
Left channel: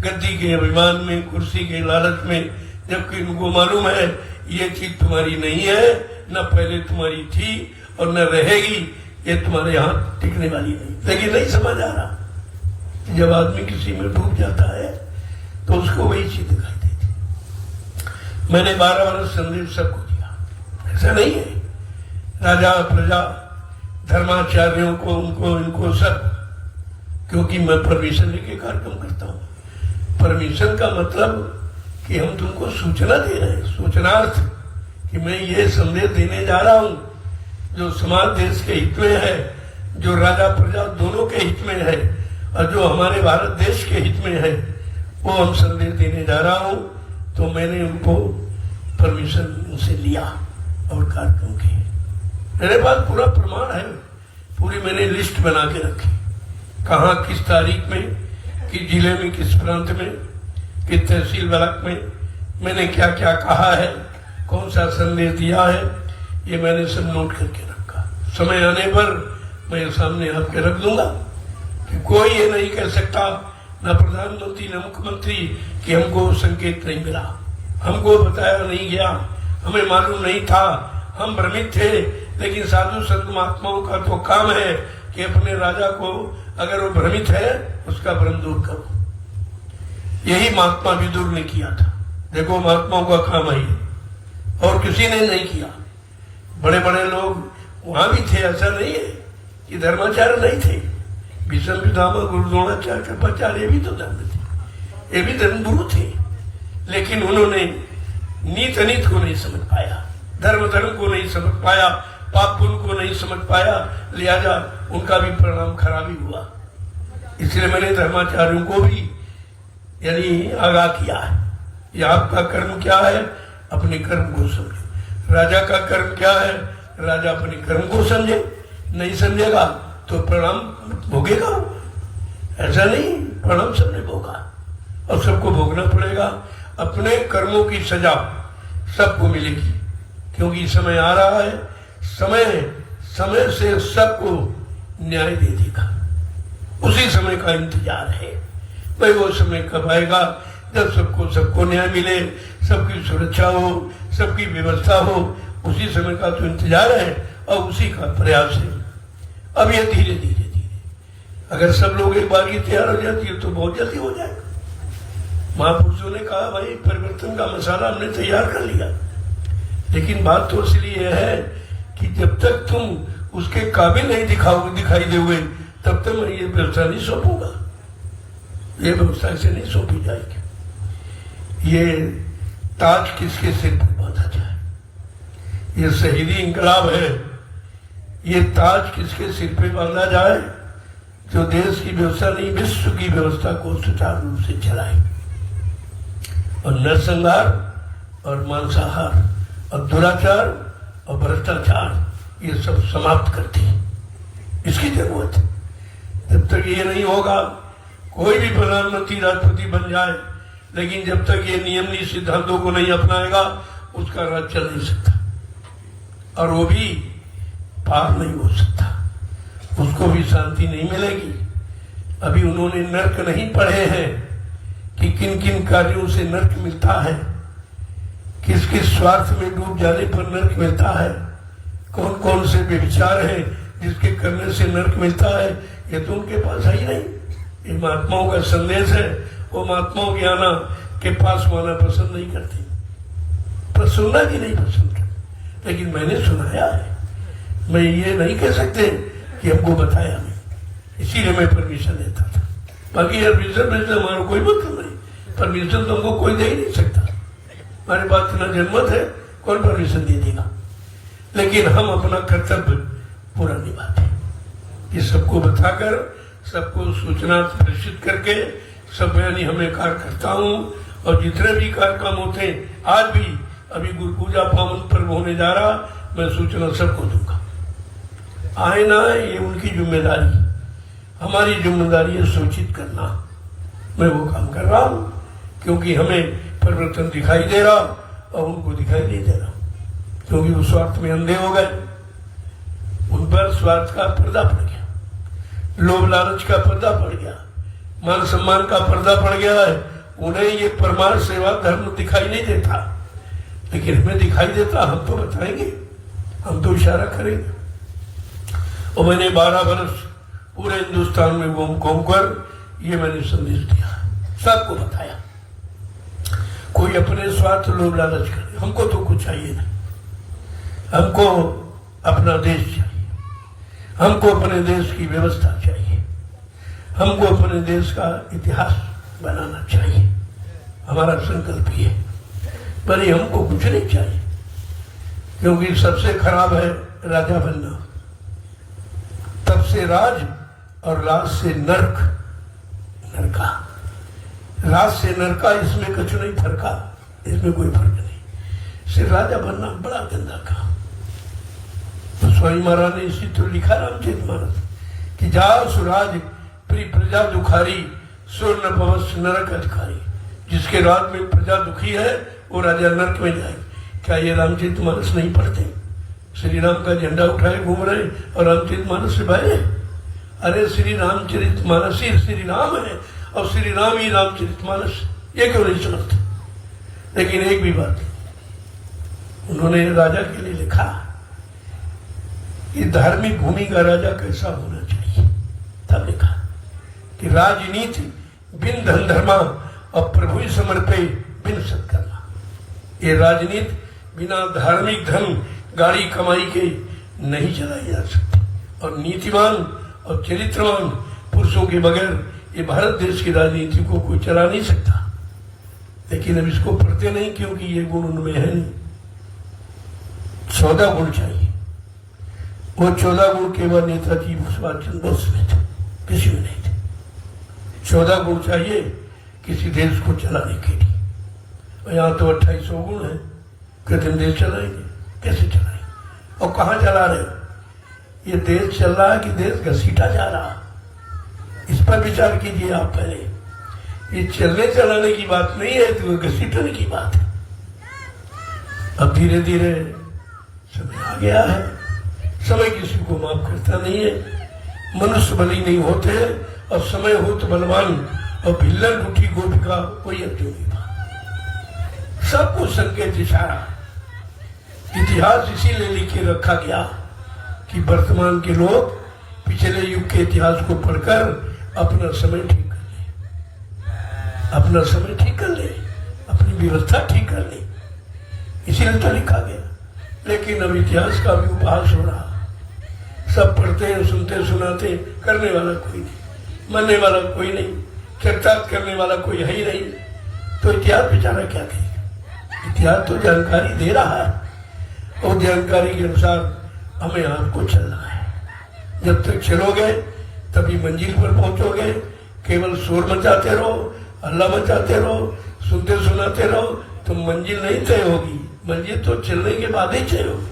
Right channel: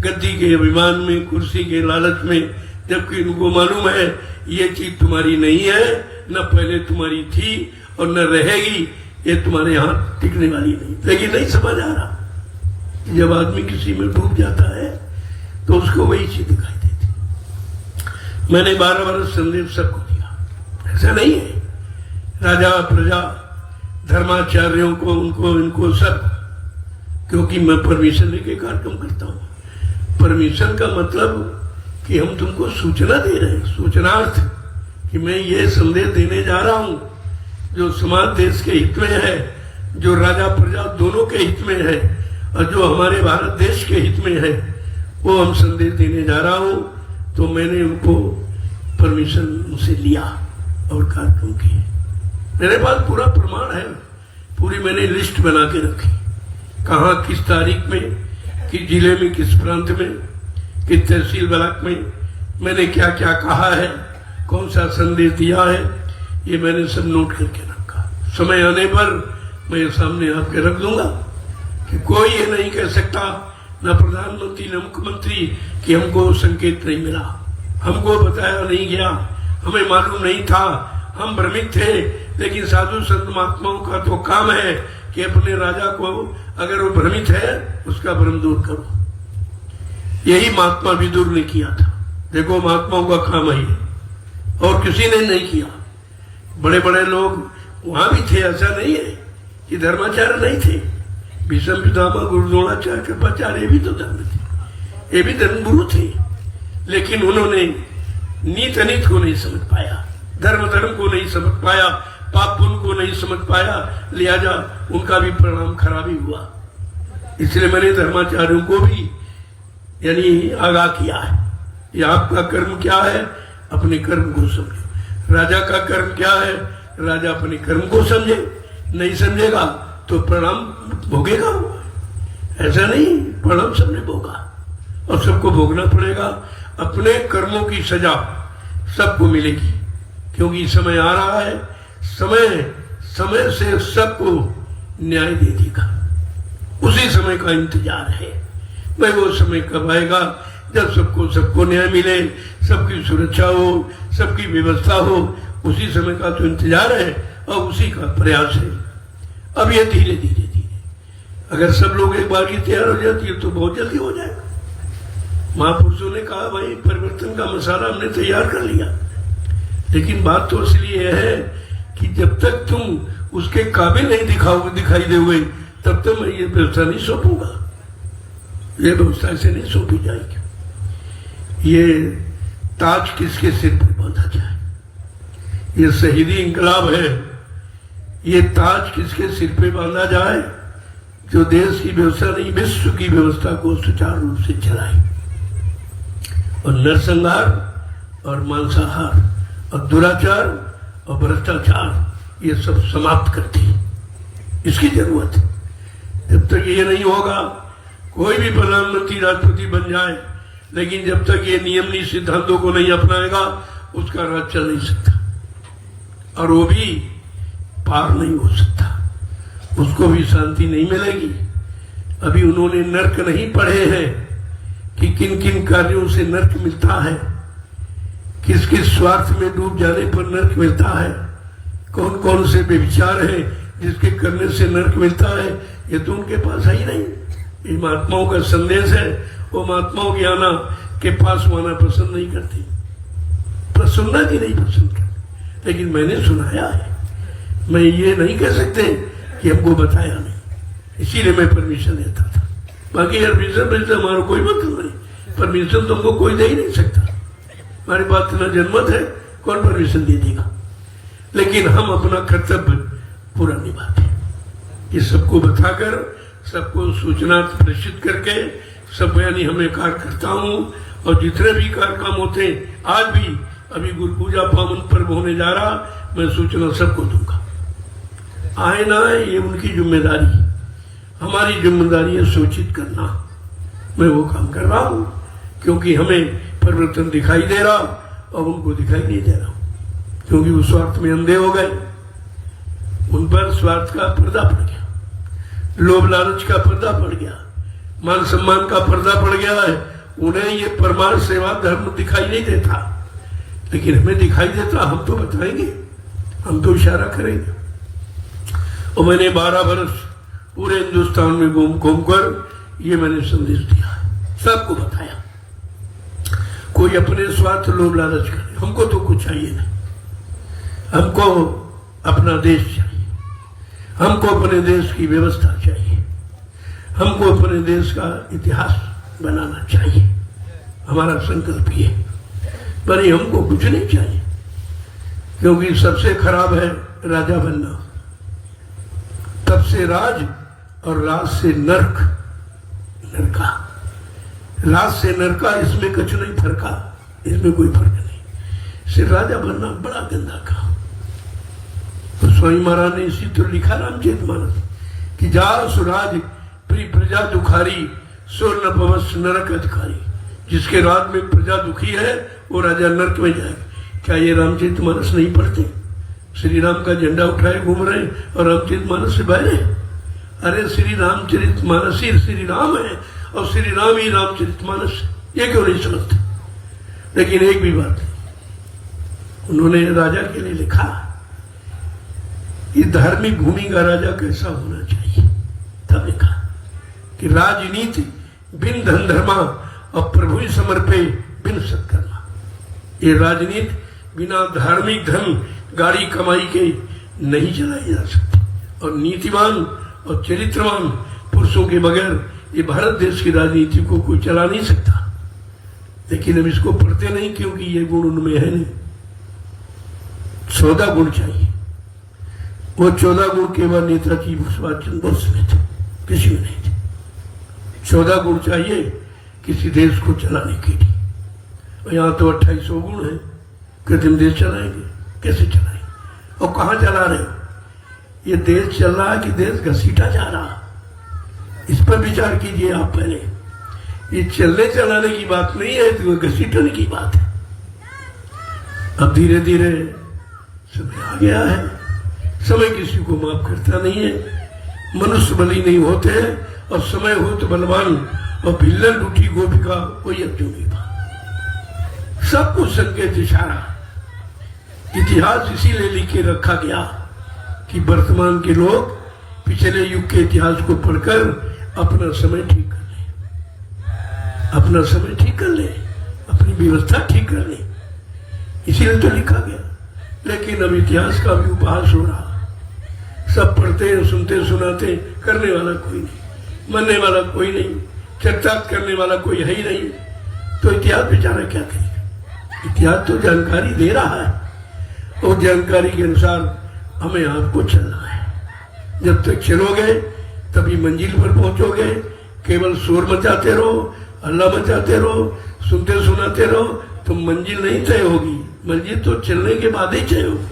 गद्दी के अभिमान में, कुर्सी के लालच में, जबकि उनको मालूम है ये चीज तुम्हारी नहीं है, न पहले तुम्हारी थी और न रहेगी, ये तुम्हारे यहाँ टिकने वाली नहीं। लेकिन नहीं समझ आ रहा, जब आदमी किसी में डूब जाता है तो उसको वही चीज दिखाई देती। मैंने 12 वर्ष संदेश सबको दिया, ऐसा नहीं है। राजा प्रजा धर्माचार्यों को, उनको इनको सब, क्योंकि मैं परमिशन लेके कार्यक्रम करता हूँ। परमिशन का मतलब कि हम तुमको सूचना दे रहे हैं, सूचनार्थ कि मैं ये संदेश देने जा रहा हूं जो समाज देश के हित में है, जो राजा प्रजा दोनों के हित में है, और जो हमारे भारत देश के हित में है, वो हम संदेश देने जा रहा हूं। तो मैंने उनको परमिशन उनसे लिया और कार्यक्रम किए। मेरे पास पूरा प्रमाण है, पूरी मैंने लिस्ट बना के रखी, कहाँ किस तारीख में, किस जिले में, किस प्रांत में, किस तहसील ब्लॉक में मैंने क्या क्या कहा है, कौन सा संदेश दिया है, ये मैंने सब नोट करके रखा। समय आने पर मैं ये सामने आके रख दूंगा कि कोई ये नहीं कह सकता, न प्रधानमंत्री न मुख्यमंत्री, कि हमको संकेत नहीं मिला, हमको बताया नहीं गया, हमें मालूम नहीं था, हम भ्रमित थे। लेकिन साधु संत महात्माओं का तो काम है कि अपने राजा को, अगर वो भ्रमित है, उसका भ्रम दूर करो। यही महात्मा विदुर ने किया था। देखो महात्माओं का काम है, और किसी ने नहीं किया। बड़े बड़े लोग वहां भी थे, ऐसा नहीं है कि धर्माचार्य नहीं थे। भीष्म पितामह, गुरु द्रोणाचार्य, कृपाचार्य, ये भी तो धर्म थे, ये भी धर्मगुरु थे, लेकिन उन्होंने नीत अनित को नहीं समझ पाया, धर्म धर्म को नहीं समझ पाया, पाप पुण्य को नहीं समझ पाया, लिहाजा उनका भी परिणाम खराब ही हुआ। इसलिए मैंने धर्माचार्यों को भी यानी आगाह किया है, ये आपका कर्म क्या है, अपने कर्म को समझे। राजा का कर्म क्या है, राजा अपने कर्म को समझे, नहीं समझेगा तो परिणाम भोगेगा। ऐसा नहीं, परिणाम सबने भोगा और सबको भोगना पड़ेगा। अपने कर्मों की सजा सबको मिलेगी, क्योंकि समय आ रहा है, समय से सबको न्याय दे देगा। उसी समय का इंतजार है। भाई वो समय कब आएगा जब सबको न्याय मिले, सबकी सुरक्षा हो, सबकी व्यवस्था हो। उसी समय का तो इंतजार है और उसी का प्रयास है। अब ये धीरे धीरे अगर सब लोग एक बार की तैयार हो जाती है तो बहुत जल्दी हो जाएगा। महापुरुषों ने कहा भाई परिवर्तन का मसाला हमने तैयार कर लिया, लेकिन बात तो इसलिए है कि जब तक तुम उसके काबिल नहीं दिखाई दोगे तब तक मैं ये व्यवस्था नहीं सौंपूंगा। ये व्यवस्था ऐसे नहीं सौंपी जाएगी। ये ताज किसके सिर पर बांधा जाए? ये शहीदी इंकलाब है। ये ताज किसके सिर पे बांधा जाए? जो देश की व्यवस्था नहीं विश्व की व्यवस्था को सुचारू रूप से चलाए और नरसंहार और मांसाहार और दुराचार और भ्रष्टाचार ये सब समाप्त करती है। इसकी जरूरत है। जब तक ये नहीं होगा, कोई भी प्रधानमंत्री राष्ट्रपति बन जाए, लेकिन जब तक ये नियम नीति सिद्धांतों को नहीं अपनाएगा उसका राज चल नहीं सकता और वो भी पार नहीं हो सकता, उसको भी शांति नहीं मिलेगी। अभी उन्होंने नर्क नहीं पढ़े हैं कि किन किन कार्यों से नर्क मिलता है, किस किस स्वार्थ में डूब जाने पर नर्क मिलता है, कौन कौन से व्यभिचार हैं जिसके करने से नर्क मिलता है। ये तो उनके पास है ही नहीं। ये महात्माओं का संदेश है। वो महात्माओं की आना के पास आना पसंद नहीं करती, पर सुनना की नहीं पसंद करती, लेकिन मैंने सुनाया है। मैं ये नहीं कह सकते कि हमको बताया नहीं, इसीलिए मैं परमिशन देता था। बाकी यार परमिशन हमारा कोई मतलब नहीं, परमिशन तो हमको कोई दे ही नहीं सकता। हमारे पास इतना जनमत है, कौन परमिशन दे देगा? लेकिन हम अपना कर्तव्य पूरा निभाते हैं। ये सबको बताकर, सबको सूचना प्रेषित करके सब यानी हमें कार्य करता हूँ। और जितने भी कार्यक्रम होते हैं, आज भी अभी गुरु पूजा पावन पर्व होने जा रहा, मैं सूचना सबको दूंगा। आए ना आए ये उनकी जिम्मेदारी, हमारी जिम्मेदारी है सूचित करना। मैं वो काम कर रहा हूँ क्योंकि हमें परिवर्तन दिखाई दे रहा और उनको दिखाई नहीं दे रहा, क्योंकि वो स्वार्थ में अंधे हो गए। उन पर स्वार्थ का पर्दा पड़ गया, लोभ लालच का पर्दा पड़ गया, मान सम्मान का पर्दा पड़ गया है। उन्हें ये परमार्थ सेवा धर्म दिखाई नहीं देता, लेकिन हमें दिखाई देता। हम तो बताएंगे, हम तो इशारा करेंगे। और मैंने 12 वर्ष पूरे हिंदुस्तान में घूम कर ये मैंने संदेश दिया, सबको बताया। कोई अपने स्वार्थ लोभ लालच करे, हमको तो कुछ चाहिए नहीं। हमको अपना देश चाहिए, हमको अपने देश की व्यवस्था चाहिए, हमको अपने देश का इतिहास बनाना चाहिए। हमारा संकल्प ये, पर ये हमको कुछ नहीं चाहिए, क्योंकि सबसे खराब है राजा बनना। तब से राज और राज से नरक, नरका, राज से नरका, इसमें कुछ नहीं फर्का, इसमें कोई फर्क नहीं। सिर्फ राजा बनना बड़ा गंदा काम। तो स्वामी महाराज ने इसी तो लिखा रामचरितमानस कि जार सुराज प्री प्रजा दुखारी, स्वर्ण भवस नरक अधिकारी। जिसके राज में प्रजा दुखी है वो राजा नरक में जाए। क्या ये रामचरितमानस नहीं पढ़ते? श्री राम का झंडा उठाए घूम रहे और रामचरितमानस से बाहर। अरे श्री रामचरितमानस ही श्री राम है और श्री राम ही रामचरितमानस, ये क्यों नहीं समझते? लेकिन एक भी बात नहीं, उन्होंने राजा के लिए लिखा कि धार्मिक भूमि का राजा कैसा होना चाहिए। तब लिखा कि राजनीति बिन धन धर्मा और प्रभु ही समर्पे बिन सत्कर्मा। ये राजनीति बिना धार्मिक धर्म गाड़ी कमाई के नहीं चलाई जा सकती, और नीतिवान और चरित्रवान पुरुषों के बगैर ये भारत देश की राजनीति को कोई चला नहीं सकता। लेकिन हम इसको पढ़ते नहीं, क्योंकि ये गुण उनमें है नहीं। 14 गुण चाहिए। वो 14 गुण केवल नेताजी सुभाष चंद्र बोस में थे, किसी में नहीं थे। 14 गुण चाहिए किसी देश को चलाने के लिए। और यहाँ तो 2800 गुण है कि तुम देश चलाएंगे, कैसे चलाएंगे और कहाँ चला रहे? ये देश चल रहा है कि देश घसीटा जा रहा है? इस पर विचार कीजिए आप पहले। ये चलने चलाने की बात नहीं है, तो घसीटने की बात है। अब धीरे धीरे समय आ गया है, समय किसी को माफ करता नहीं है। मनुष्य बली नहीं होते हैं, और समय हो तो बलवान और भिल्लन उठी गोपिका कोई अर्जुन नहीं था। सब कुछ संकेत इशारा। इतिहास इसीलिए लिखे रखा गया कि वर्तमान के लोग पिछले युग के इतिहास को पढ़कर अपना समय ठीक कर ले, अपना समय ठीक कर ले, अपनी व्यवस्था ठीक कर ले। इसीलिए तो लिखा गया। लेकिन अब इतिहास का भी उपहास हो रहा। सब पढ़ते हैं, सुनते, सुनाते, करने वाला कोई नहीं, मानने वाला कोई नहीं, चर्चा करने वाला कोई है ही नहीं। तो इतिहास बेचारा क्या करेगा? इतिहास तो जानकारी दे रहा है और जानकारी के अनुसार हमें आपको चलना है। जब तक चलोगे तभी मंजिल पर पहुंचोगे। केवल शोर मचाते रहो, हल्ला मचाते रहो, सुनते सुनाते रहो तो मंजिल नहीं तय होगी। मंजिल तो चलने के बाद ही तय होगी।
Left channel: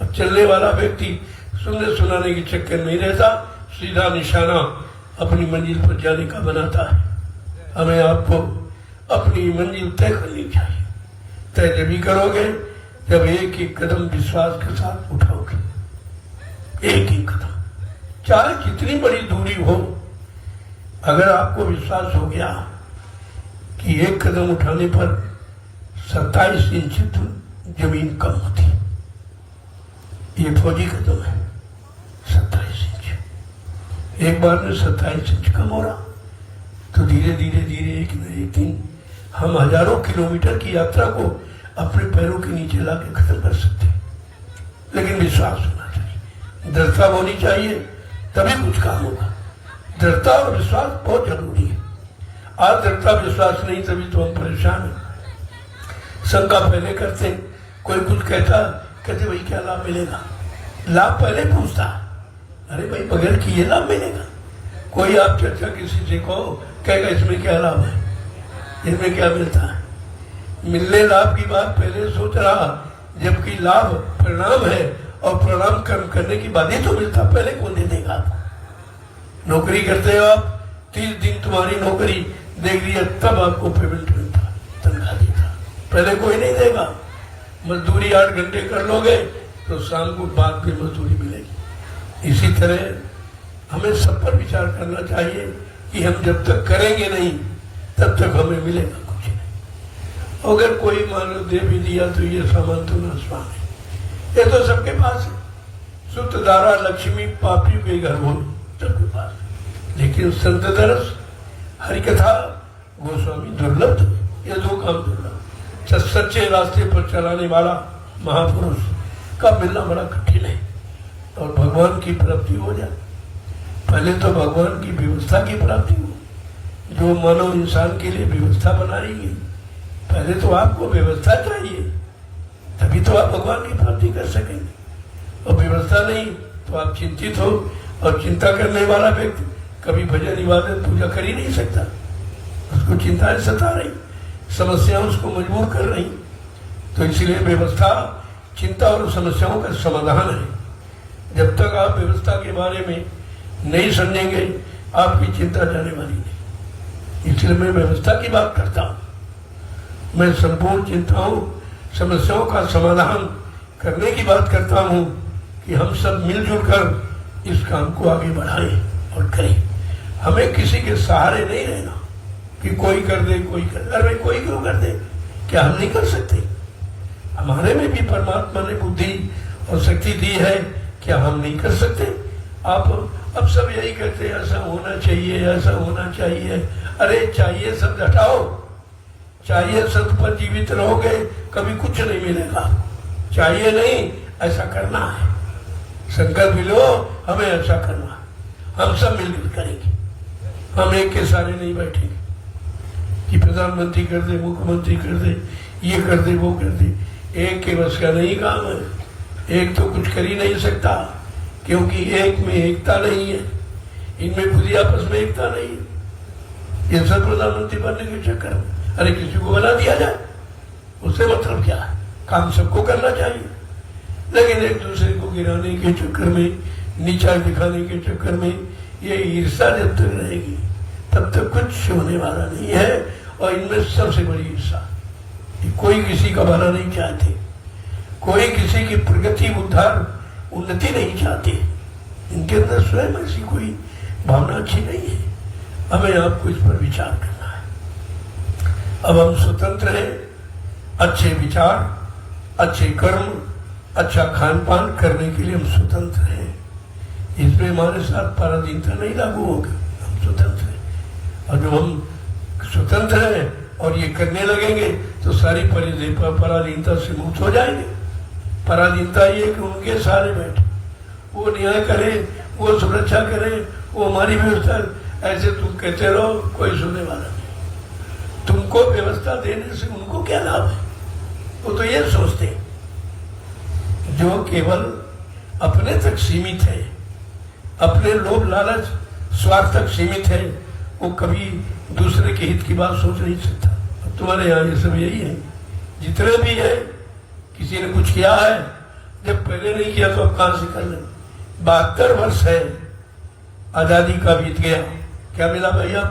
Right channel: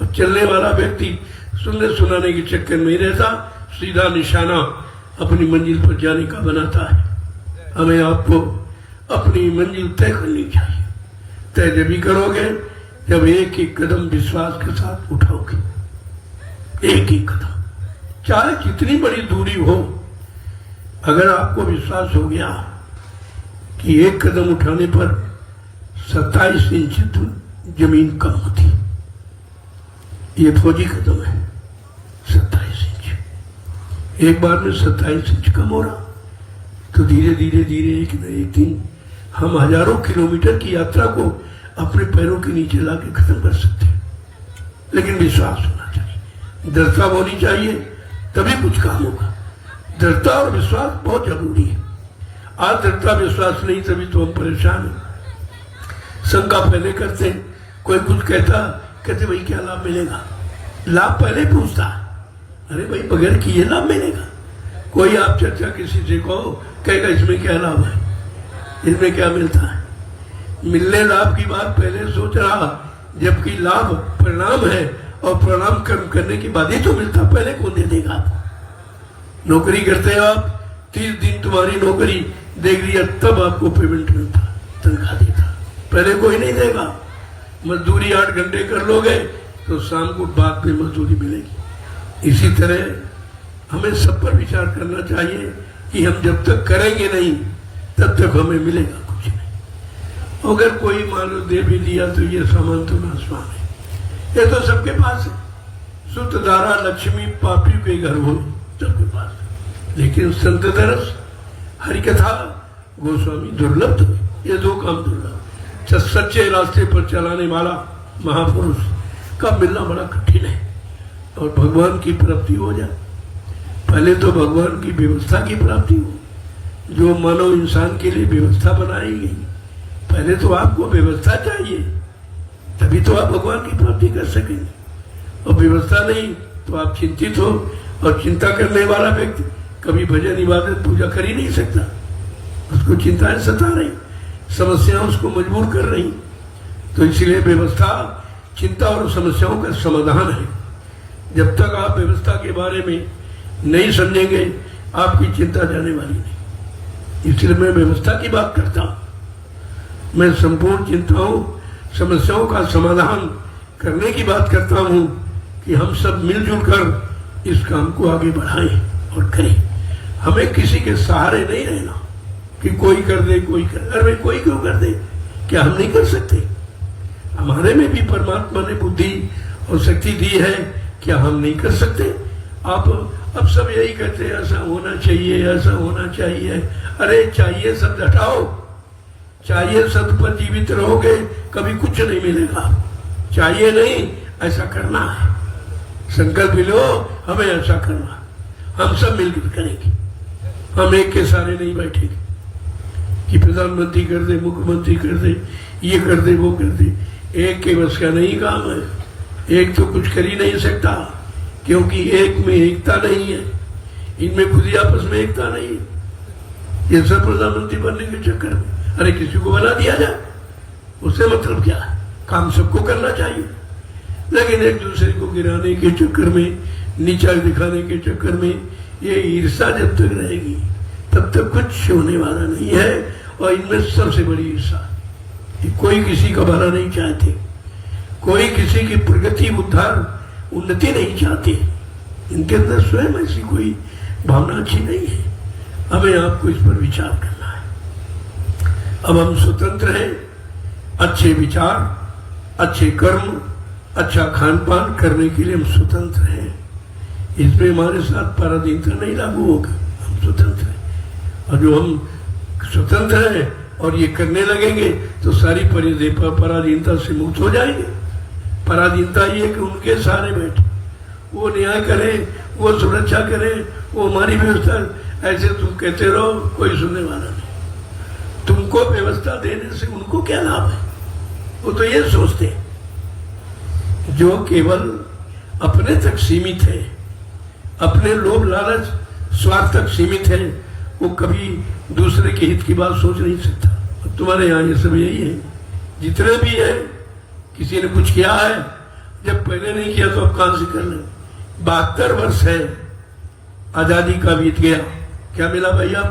अब चलने वाला व्यक्ति सुनने सुनाने के चक्कर में रहता, सीधा निशाना अपनी मंजिल पर जाने का बनाता है। हमें आपको अपनी मंजिल तय करनी चाहिए। तय जब भी करोगे जब एक एक कदम विश्वास के साथ उठाओगे। एक ही कदम, चाहे कितनी बड़ी दूरी हो, अगर आपको विश्वास हो गया कि एक कदम उठाने पर 27 इंच जमीन कम होती, ये फौजी कदम है। 27 इंच एक बार में 27 इंच कम हो रहा तो धीरे धीरे धीरे एक न एक दिन हम हजारों किलोमीटर की यात्रा को अपने पैरों के नीचे लाके खत्म कर सकते हैं। लेकिन विश्वास होना चाहिए, दृढ़ता होनी चाहिए, तभी कुछ काम होगा। दृढ़ता और विश्वास बहुत जरूरी है। आज दृढ़ता विश्वास नहीं तभी तो हम परेशान हैं। शंका पहले करते, कोई कुछ कहते भाई क्या लाभ मिलेगा? लाभ पहले पूछता, अरे भाई बगैर किए लाभ मिलेगा? कोई आप चर्चा किसी से को कहेगा इसमें क्या लाभ है, इसमें क्या मिलता है? मिलने लाभ की बात पहले सोच रहा, जबकि लाभ परिणाम है और परिणाम कर्म करने की बाद ही तो मिलता। पहले कौन दे देगा? नौकरी करते हो आप, 30 दिन तुम्हारी नौकरी देख लिया तब आपको पेमेंट मिलता, तनख्वाह देता। पहले कोई नहीं देगा। मजदूरी 8 घंटे कर लोगे तो शाम को बाद में मजदूरी मिलेगी। इसी तरह हमें सब पर विचार करना चाहिए कि हम जब तक करेंगे नहीं तब तक हमें मिलेगा कुछ नहीं। अगर कोई मानव दे भी दिया तो ये सामान तो आसमान है, ये तो सबके पास है। सुत धारा लक्ष्मी पापी बेघर हो सबके पास। लेकिन संत दरस, हरिकथा, गोस्वामी दुर्लभ, ये 2 काम दुर्लभ। सच्चे रास्ते पर चलाने वाला महापुरुष का मिलना बड़ा कठिन है। और भगवान की प्राप्ति हो जाए, पहले तो भगवान की व्यवस्था की प्राप्ति हो। जो मानव इंसान के लिए व्यवस्था बनाएगी, पहले तो आपको व्यवस्था चाहिए, तभी तो आप भगवान की प्राप्ति कर सकेंगे। और व्यवस्था नहीं तो आप चिंतित हो, और चिंता करने वाला व्यक्ति कभी भजन इबादत पूजा कर ही नहीं सकता। उसको चिंताएं सता रही, समस्याएं उसको मजबूर कर रही। तो इसलिए व्यवस्था चिंता और समस्याओं का समाधान है। जब तक आप व्यवस्था के बारे में नहीं समझेंगे आपकी चिंता जाने वाली नहीं। इसलिए मैं व्यवस्था की बात करता हूं। मैं संपूर्ण चिंताओं समस्याओं का समाधान करने की बात करता हूं कि हम सब मिलजुल कर इस काम को आगे बढ़ाएं और करें। हमें किसी के सहारे नहीं रहना कि कोई कर दे, कोई कर। अरे भाई कोई क्यों कर दे? क्या हम नहीं कर सकते? हमारे में भी परमात्मा ने बुद्धि और शक्ति दी है, क्या हम नहीं कर सकते? आप अब सब यही कहते हैं ऐसा होना चाहिए, ऐसा होना चाहिए। अरे चाहिए शब्द हटाओ, चाहिए शब्द पर जीवित रहोगे कभी कुछ नहीं मिलेगा। चाहिए नहीं, ऐसा करना है। संकल्प लो हमें ऐसा करना, हम सब मिलकर करेंगे। हम एक के सारे नहीं बैठेंगे कि प्रधानमंत्री कर दे, मुख्यमंत्री कर दे, ये कर दे, वो कर दे। एक के बस का नहीं काम है। एक तो कुछ कर ही नहीं सकता, क्योंकि एक में एकता नहीं है, इनमें खुद ही आपस में एकता नहीं है। ये सब प्रधानमंत्री बनने के चक्कर, अरे किसी को बना दिया जाए, उससे मतलब क्या? काम सबको करना चाहिए, लेकिन एक दूसरे को गिराने के चक्कर में, नीचा दिखाने के चक्कर में ये ईर्ष्या जब तक रहेगी तब तक कुछ होने वाला नहीं है। और इनमें सबसे बड़ी ईर्ष्या कि कोई किसी का भला नहीं चाहते, कोई किसी की प्रगति, उद्धार, उन्नति नहीं चाहते। इनके अंदर स्वयं ऐसी कोई भावना अच्छी नहीं है। हमें आपको इस पर विचार करना अब हम स्वतंत्र हैं, अच्छे विचार, अच्छे कर्म, अच्छा खान पान करने के लिए हम स्वतंत्र हैं। इसमें हमारे साथ पराधीनता नहीं लागू होगा, हम स्वतंत्र हैं। और जो हम स्वतंत्र हैं और ये करने लगेंगे तो सारी पराधीनता से मुक्त हो जाएंगे। पराधीनता ये कि उनके सारे बैठे, वो न्याय करे, वो सुरक्षा करे, वो हमारी व्यवस्था, ऐसे तुम कहते रहो, कोई सुनने वाला नहीं। तुमको व्यवस्था देने से उनको क्या लाभ है? वो तो ये सोचते हैं जो केवल अपने तक सीमित है, अपने लोभ लालच स्वार्थ तक सीमित है, वो कभी दूसरे के हित की बात सोच नहीं सकता। तुम्हारे यहाँ ये सब यही है, जितने भी है, किसी ने कुछ किया है, जब पहले नहीं किया तो अब कहां से कर ले। 72 वर्ष है आजादी का बीत गया, क्या मिला भैया?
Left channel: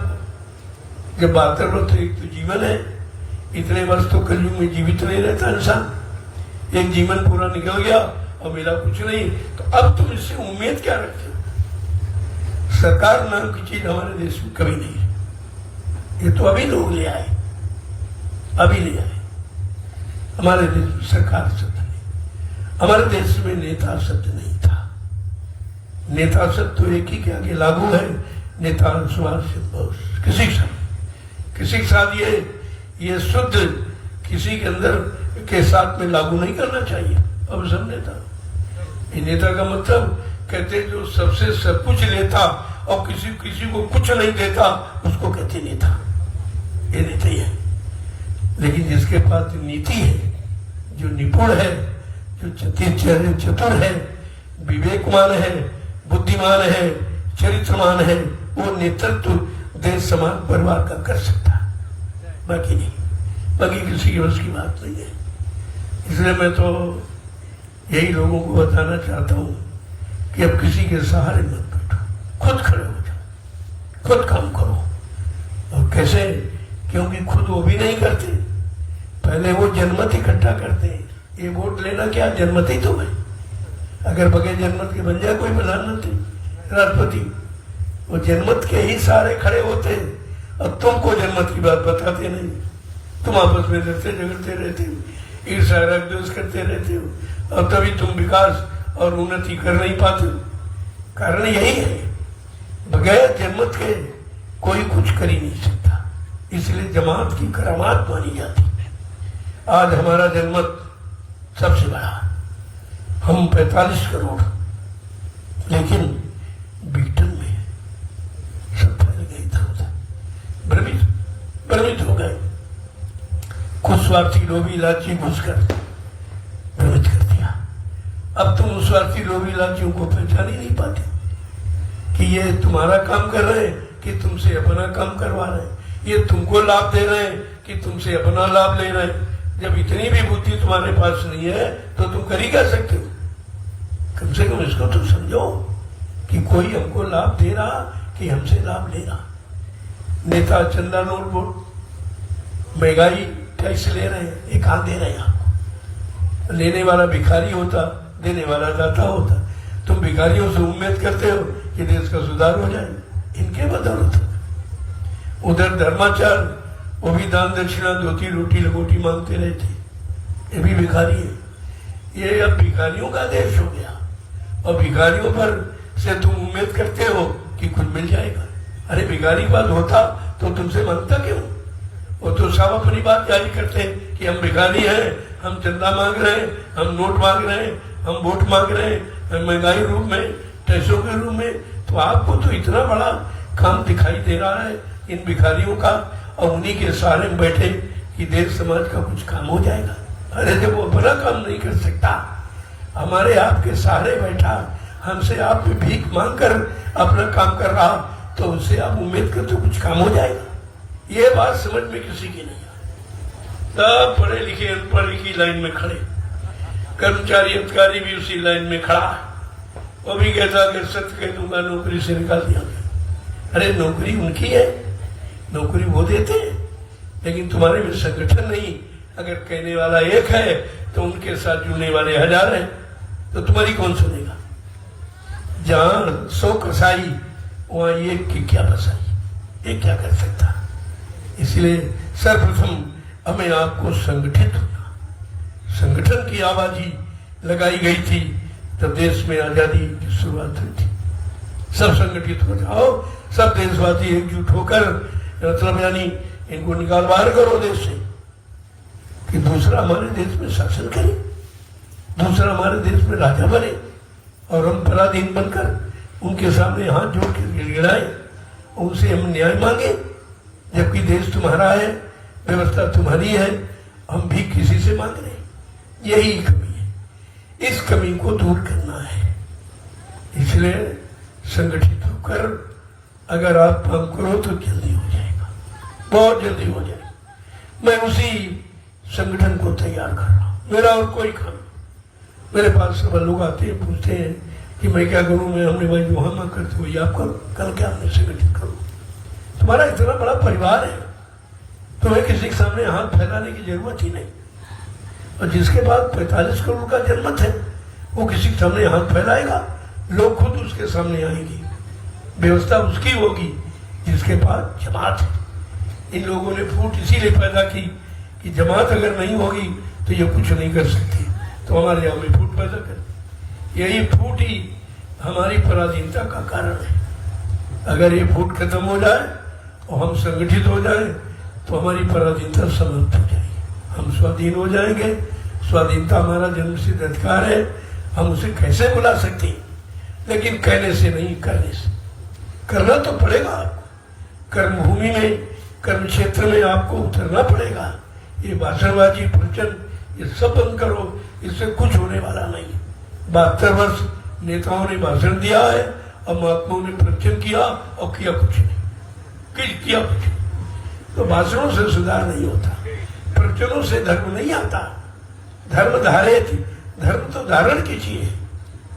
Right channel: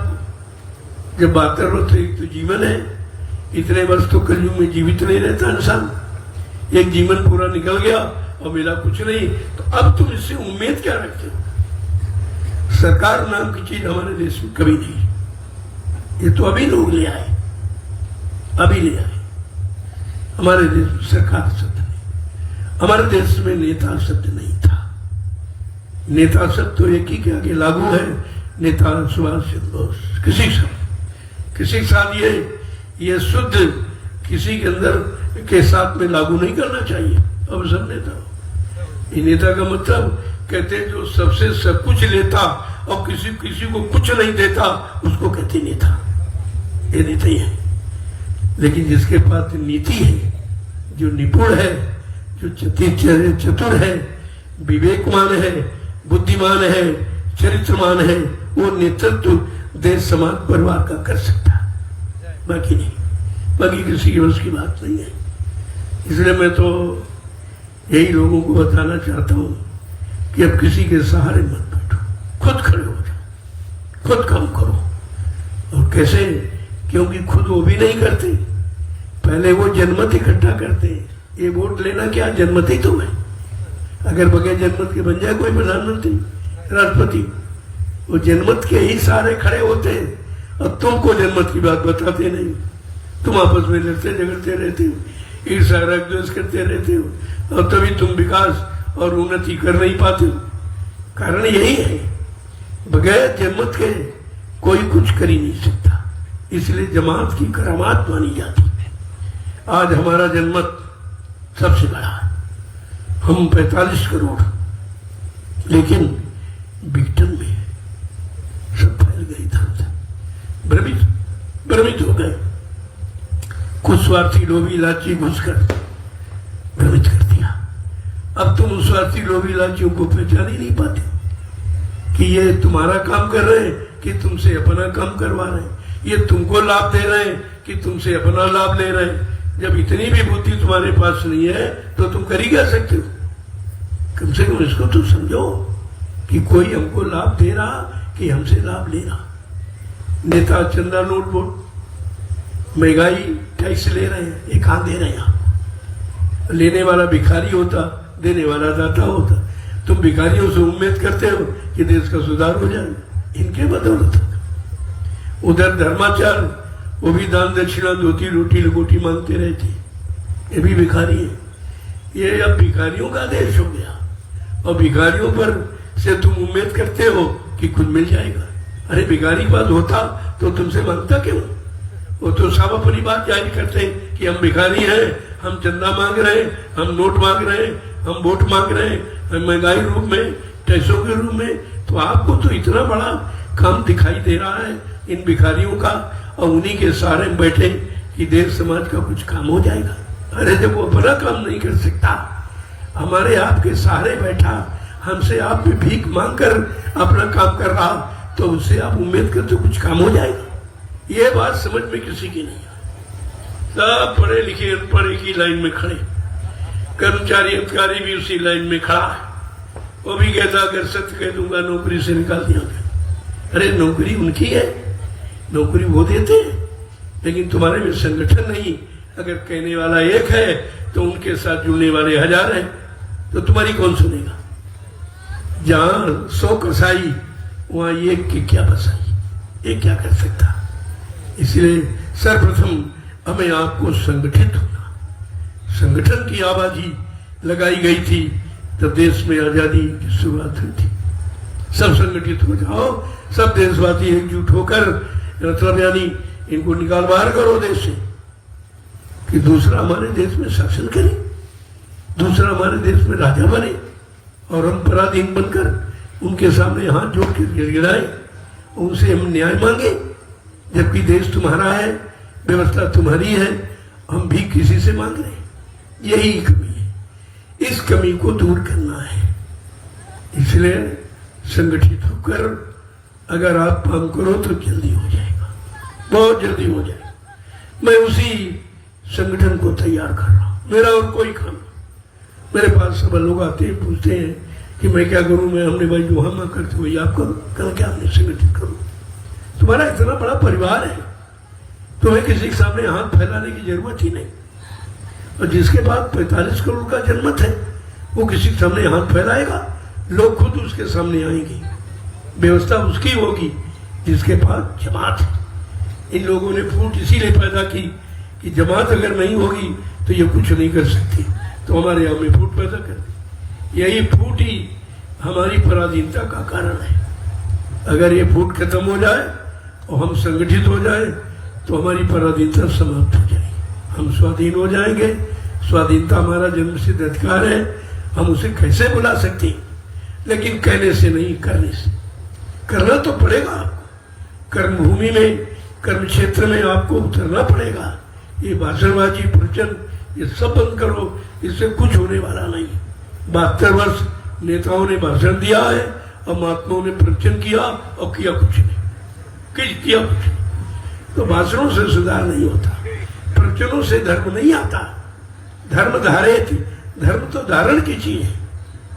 जब 72 वर्ष तो जीवन है, इतने वर्ष तो कलयुग में जीवित नहीं रहता इंसान। एक जीवन पूरा निकल गया और मिला कुछ नहीं, तो अब तुम इससे उम्मीद क्या रखते हो? सरकार नाम की चीज हमारे देश में कभी नहीं है। ये तो अभी लोग ले आए, अभी ले आए। हमारे देश में सरकार सत्य नहीं, हमारे देश में नेता सत्य नहीं था। नेता सत्य तो एक ही के आगे लागू है, नेता सुभाष चंद्र बोस। किसी के साथ ये शुद्ध किसी के अंदर के साथ में लागू नहीं करना चाहिए। अब सब नेता, ये नेता का मतलब कहते हैं जो सबसे सब कुछ लेता और किसी को कुछ नहीं देता, उसको कहते नेता। ये नेता ही है। लेकिन जिसके पास नीति है, जो निपुण है, जो चतुर है, विवेकवान है, बुद्धिमान है, चरित्रवान है, वो नेतृत्व देश समाज परिवार का कर सकता है, बाकी नहीं। बाकी किसी की बस की बात नहीं है। इसलिए मैं तो यही लोगों को बताना चाहता हूं कि अब किसी के सहारे मत बैठो, खुद खड़े हो जाओ, खुद काम करो। और कैसे? क्योंकि खुद वो भी नहीं करते, पहले वो जनमत इकट्ठा करते। ये वोट लेना क्या, जनमत ही तो है। अगर बगैर जनमत के बन जाए कोई प्रधानमंत्री, राष्ट्रपति, वो जनमत के ही सारे खड़े होते। अब तुमको जनमत की बात बताते नहीं, तुम आपस में लड़ते झगड़ते रहते हो, ईर्ष्या द्वेष करते रहते हो, और तभी तुम विकास और उन्नति कर नहीं पाते हो। कारण यही है, बगैर जनमत के कोई कुछ कर ही नहीं सकता। इसलिए जमात की करामात मानी जाती है। आज हमारा जनमत सबसे बड़ा, हम 45 करोड़, लेकिन ब्रिटेन में सब फैल गई था, भ्रमित हो गए। कुछ स्वार्थी लोभी लाची घुसकर भ्रमित कर दिया। अब तुम उस स्वार्थी लोभी लाचियों को पहचान ही नहीं पाते कि ये तुम्हारा काम कर रहे हैं कि तुमसे अपना काम करवा रहे हैं, ये तुमको लाभ दे रहे हैं कि तुमसे अपना लाभ ले रहे हैं। जब इतनी भी बुद्धि तुम्हारे पास नहीं है तो तुम कर ही क्या सकते हो? कम से कम इसको तुम समझो कि कोई हमको लाभ दे रहा कि हमसे लाभ ले रहा। नेता चंदा नोट वोट, महंगाई टैक्स ले रहे हैं, ये कहां दे रहेगा? लेने वाला भिखारी होता, देने वाला दाता होता। तुम भिखारियों से उम्मीद करते हो कि देश का सुधार हो जाए, इनके बदौलत। उधर धर्माचार, वो भी दान दक्षिणा, धोती रोटी लंगोटी मांगते रहते, ये भी भिखारी है। ये अब भिखारियों का देश हो गया, और भिखारियों पर से तुम उम्मीद करते हो कि कुछ मिल जाएगा। अरे भिखारी बात होता तो तुमसे मांगता क्यों? वो तो साफ अपनी बात जारी करते कि हम भिखारी हैं, हम चंदा मांग रहे हैं, हम नोट मांग रहे हैं, हम वोट मांग रहे हैं, हम महंगाई रूप में, पैसों के रूप में। तो आपको तो इतना बड़ा काम दिखाई दे रहा है इन भिखारियों का, और उन्हीं के सहारे बैठे कि देश समाज का कुछ काम हो जाएगा। अरे जब वो अपना काम नहीं कर सकता, हमारे आपके सहारे बैठा, हमसे आप भी भीख मांगकर अपना काम कर रहा, तो उससे आप उम्मीद करते कुछ काम हो जाएगा? ये बात समझ में किसी की नहीं। सब पढ़े लिखे अनपढ़ एक ही लाइन में खड़े, कर्मचारी अधिकारी भी उसी लाइन में खड़ा है। वो भी कहता अगर सत्य कह दूंगा नौकरी से निकाल दिया गया। अरे नौकरी उनकी है, नौकरी वो देते हैं, लेकिन तुम्हारे में संगठन नहीं। अगर कहने वाला एक है तो उनके साथ जुड़ने वाले 1000 हैं, तो तुम्हारी कौन सुनेगा? जहां 100 कसाई वहां एक की क्या बसाई, ये क्या कर सकता? इसलिए सर्वप्रथम हमें आपको संगठित होना, संगठन की आवाजी लगाई गई थी तो देश में आजादी की शुरुआत हुई थी। सब संगठित हो जाओ, सब देशवासी एकजुट होकर, मतलब यानी इनको निकाल बाहर करो देश से कि दूसरा हमारे देश में शासन करे, दूसरा हमारे देश में राजा बने और हम पराधीन बनकर उनके सामने हाथ जोड़ के गिड़गिड़ाए, उनसे हम न्याय मांगे, जबकि देश तुम्हारा है, व्यवस्था तुम्हारी है, हम भी किसी से मांग रहे। यही कमी है, इस कमी को दूर करना है। इसलिए संगठित होकर अगर आप काम करो तो जल्दी हो जाएगा, बहुत जल्दी हो जाएगा। मैं उसी संगठन को तैयार कर रहा हूं, मेरा और कोई काम। मेरे पास सब लोग आते हैं, पूछते हैं कि मैं क्या करूं। मैं हमने भाई जो हम करते हुए आप करो, कल क्या आपने संगठित करो। तुम्हारा इतना बड़ा परिवार है, तुम्हें किसी के सामने हाथ फैलाने की जरूरत ही नहीं। और जिसके पास 45 करोड़ का जनमत है वो किसी के सामने हाथ फैलाएगा, लोग खुद उसके सामने आएंगे, व्यवस्था उसकी होगी जिसके पास जमात है। इन लोगों ने फूट इसीलिए पैदा की कि जमात अगर नहीं होगी तो ये कुछ नहीं कर सकती, तो हमारे यहाँ में फूट पैदा कर। यही फूट ही हमारी पराधीनता का कारण है। अगर ये फूट खत्म हो जाए और हम संगठित हो जाए तो हमारी पराधीनता समाप्त हो जाएगी, हम स्वाधीन हो जाएंगे। स्वाधीनता हमारा जन्मसिद्ध अधिकार है, हम उसे कैसे बुला सकते हैं, लेकिन कहने से नहीं, करने से। करना तो पड़ेगा, कर्मभूमि में, कर्म क्षेत्र में आपको उतरना पड़ेगा। ये भाषणबाजी, प्रवचन, ये सब बंद करो, इससे कुछ होने वाला नहीं। 72 वर्ष नेताओं ने भाषण दिया है और महात्माओं ने प्रवचन किया और किया कुछ नहीं, किया कुछ नहीं। तो भाषणों से सुधार नहीं होता, प्रवचनों से धर्म नहीं आता। धर्म धारित, धर्म तो धारण की चीज है।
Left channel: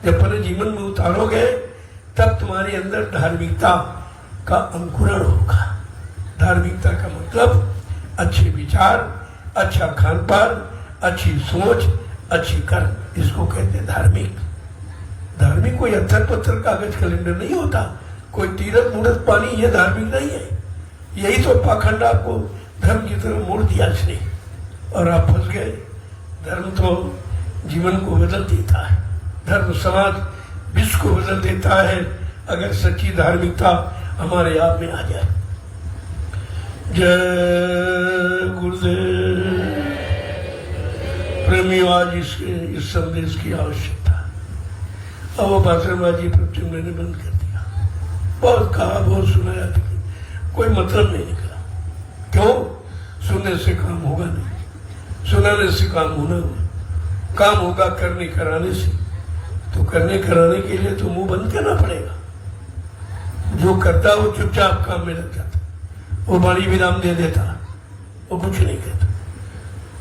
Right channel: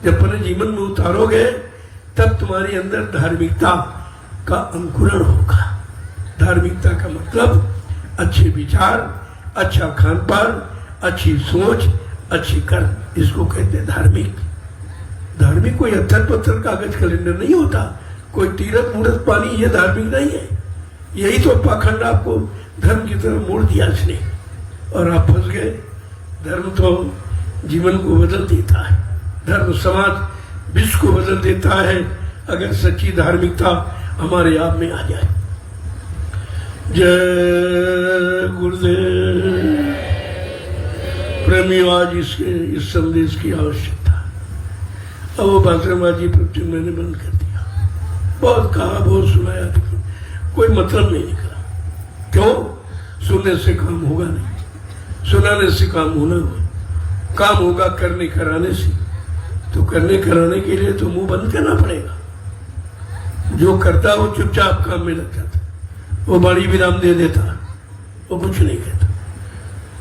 जब अपने जीवन में उतारोगे तब तुम्हारे अंदर धार्मिकता का अंकुरण होगा। धार्मिकता का मतलब अच्छे विचार, अच्छा खान पान, अच्छी सोच, अच्छी कर्म, इसको कहते हैं धार्मिक। धार्मिक कोई अत्तर पत्थर कागज कैलेंडर नहीं होता, कोई तीरथ मूर्त पानी, ये धार्मिक नहीं है। यही तो पाखंड आपको धर्म की तरफ मोड़ दिया इसने और आप फंस गए। धर्म तो जीवन को बदल देता है, धर्म समाज विश्व को बदल देता है अगर सच्ची धार्मिकता हमारे आप में आ जाए। जय गुरुदेव। प्रेमी आज इस संदेश की आवश्यकता। अब वो भाषणबाजी प्रवचन मैंने बंद कर दिया, बहुत कहा, बहुत सुनाया, कोई मतलब नहीं निकला। क्यों? सुनने से काम होगा नहीं, सुनाने से काम होना होगा। काम होगा करने कराने से, तो करने कराने के लिए तो मुंह बंद करना पड़ेगा। जो करता है वो चुपचाप काम में लग जाता, वो बड़ी विराम दे देता, वो कुछ नहीं कहता।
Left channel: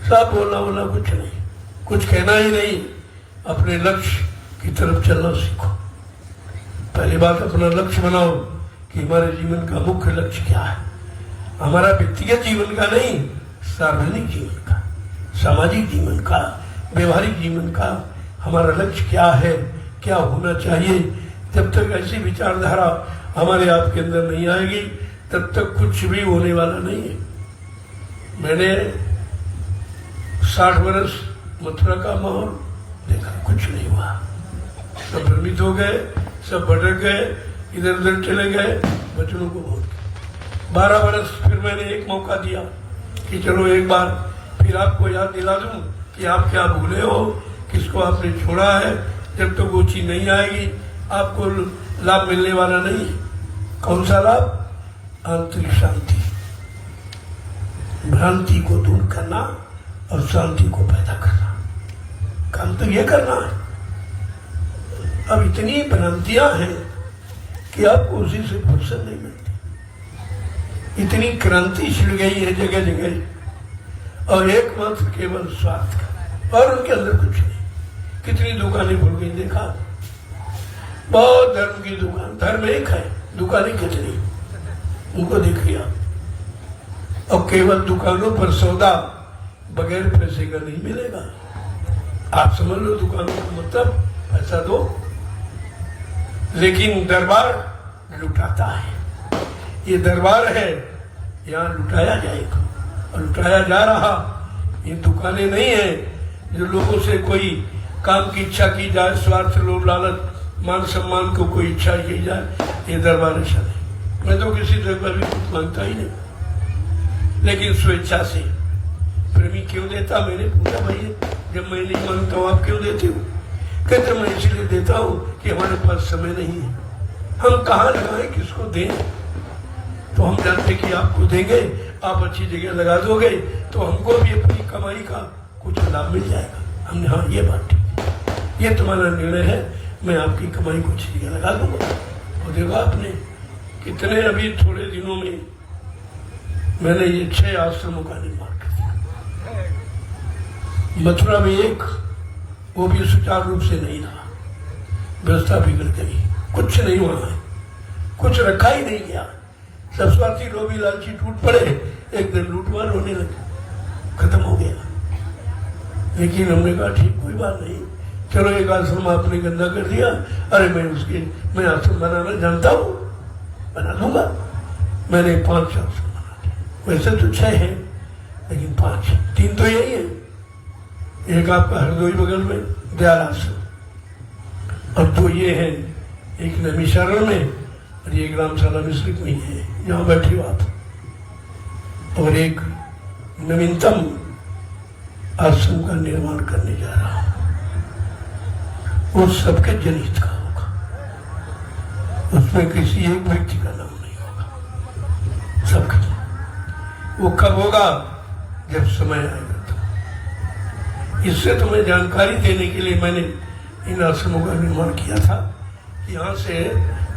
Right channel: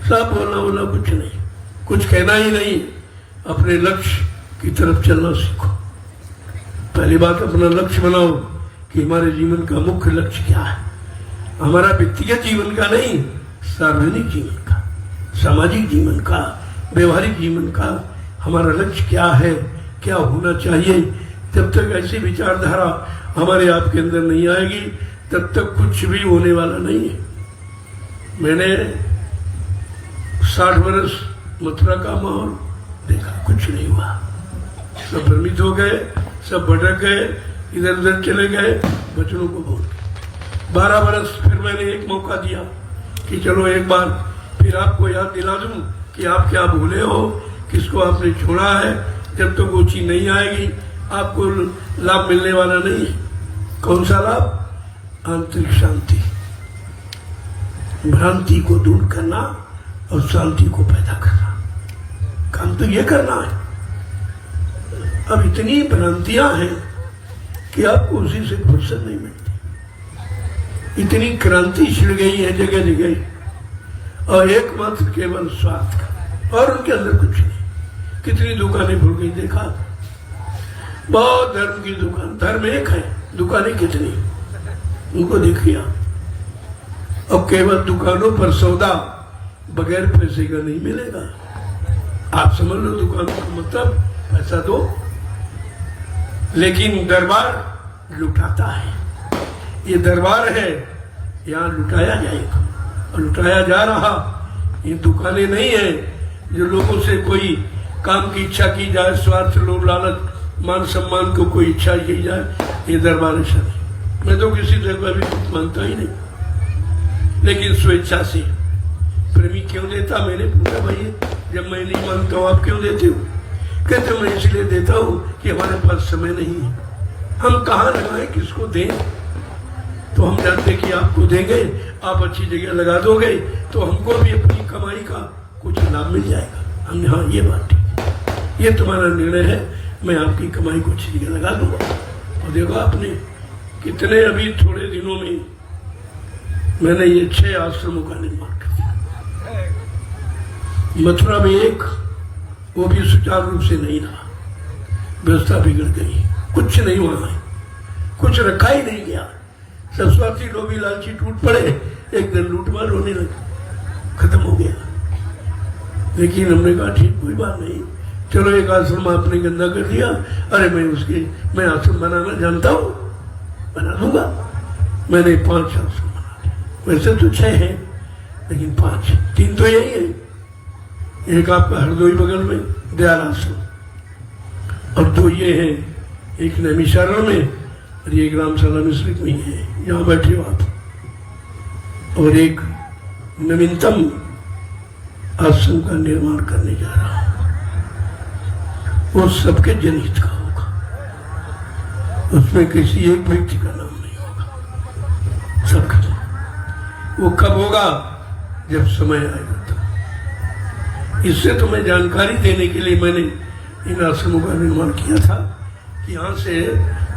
साफ बोलना कुछ नहीं, कुछ कहना ही नहीं। अपने लक्ष्य की तरफ चलना सीखो। पहली बात अपना लक्ष्य बनाओ कि हमारे जीवन का मुख्य लक्ष्य क्या है। हमारा व्यक्तिगत जीवन का नहीं, सार्वजनिक जीवन का, सामाजिक जीवन का, व्यवहारिक जीवन का हमारा लक्ष्य क्या है, क्या होना चाहिए। जब तक ऐसी विचारधारा हमारे आपके अंदर नहीं आएगी तब तक कुछ भी होने वाला नहीं है। मैंने 60 वर्ष मथुरा का माहौल देखा, कुछ नहीं हुआ। सब भ्रमित हो गए, सब भटक गए, इधर उधर चले गए, बच्चों को बोल। 12 वर्ष फिर मैंने एक मौका दिया कि चलो एक बार फिर आपको याद दिला दूं कि आप क्या भूले हो, किसको आपने छोड़ा है। जब तक वो चीज नहीं आएगी आपको लाभ मिलने वाला नहीं है। कौन सा लाभ? आंतरिक शांति, भ्रांति को दूर करना और शांति को पैदा करना। काम तो ये करना है। अब इतनी भ्रांतियां हैं कि आपको उसी से फुर्सत नहीं मिलती। इतनी क्रांति छिड़ गई है जगह जगह, और एकमात्र केवल स्वार्थ का, और उनके अंदर कुछ नहीं। कितनी दुकानें खुल गई देखा, बहुत धर्म की दुकान, धर्म एक है, दुकानें कितनी, उनको देखिए। अब केवल दुकानों पर सौदा बगैर पैसे का नहीं मिलेगा। आप समझ लो दुकान का मतलब ऐसा दो, लेकिन दरबार लुटाता है। ये दरबार है यहाँ लुटाया जाएगा और लुटाया जा रहा। ये दुकानें नहीं है जो लोगों से कोई काम की इच्छा की जाए, स्वार्थ, लोभ, लालच, मान सम्मान को कोई इच्छा की जाए। ये दरबार से मैं तो किसी से कभी कुछ मांगता ही नहीं, लेकिन स्वेच्छा से। प्रेमी क्यों देता? मैंने पूछा, भाई जब मैं नहीं मांगता हूँ आप क्यों देते हो? कहते मैं इसलिए देता हूँ कि हमारे पास समय नहीं है, हम कहाँ लगाए, किसको दें। तो हम जानते कि आपको देंगे, आप अच्छी जगह लगा दोगे तो हमको भी अपनी कमाई का कुछ लाभ मिल जाएगा। हम हाँ ये बात ठीक है, ये तुम्हारा निर्णय है, मैं आपकी कमाई को अच्छी जगह लगा दूंगा। और देखो आपने कितने अभी थोड़े दिनों में मैंने ये 6 आश्रमों का निर्माण कर दिया। मथुरा में एक, वो भी सुचारू रूप से नहीं रहा, व्यवस्था बिगड़ गई, कुछ नहीं हुआ, कुछ रखा ही नहीं गया। सब स्वार्थी लोग भी लालची टूट पड़े, एक दिन लूटमार होने लगे, खत्म हो गया। लेकिन हमने कहा ठीक कोई बात नहीं, चलो एक आश्रम आपने गंदा कर दिया, अरे मैं आश्रम बनाना जानता हूँ, बना दूंगा। मैंने 5 आश्रम बना दिए, वैसे तो 6 है लेकिन 5, 3 तो यही है। एक आपका हरदोई बगल में दयाल आश्रम, और 2 ये है, एक नैमिषारण में और ये ग्रामशाला मिश्रित में है, यहाँ बैठे हो आप, और एक नवीनतम आश्रम का निर्माण करने जा रहा है। वो सबके जनहित का होगा, उसमें किसी एक व्यक्ति का नाम नहीं होगा, सबके। वो कब होगा? जब समय आएगा। इससे तुम्हें जानकारी देने के लिए मैंने इन आश्रमों का निर्माण किया था कि यहाँ से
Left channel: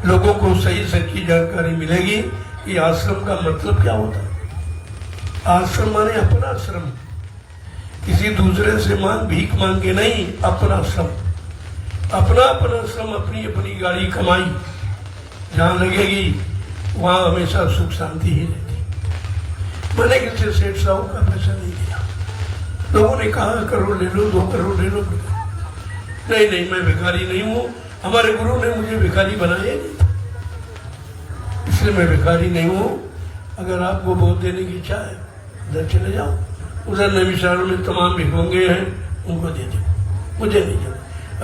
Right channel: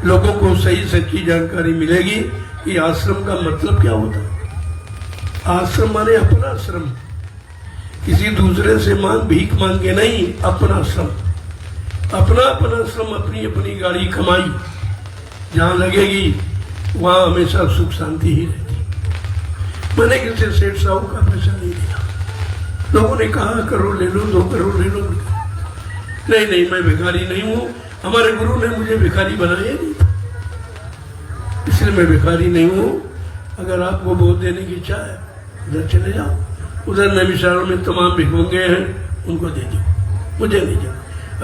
लोगों को सही सच्ची जानकारी मिलेगी कि आश्रम का मतलब क्या होता है। आश्रम माने अपना आश्रम, किसी दूसरे से भीख मांग के नहीं, अपना आश्रम, अपना आश्रम, अपनी अपनी गाड़ी कमाई जहाँ लगेगी वहाँ हमेशा सुख शांति ही रहती। मैंने किसी सेठ साहू का पैसा नहीं दिया, लोगों ने कहा करोड़ ले लो, 2 करोड़ ले लो। नहीं, मैं भिखारी नहीं हूँ, हमारे गुरु ने मुझे भिखारी बनाया नहीं था, इसलिए मैं भिखारी नहीं हूँ। अगर आपको वोट देने की इच्छा है उधर चले जाओ, उधर नैमिषारण में तमाम भिखमंगे हैं, उनको दे दो, मुझे नहीं दो।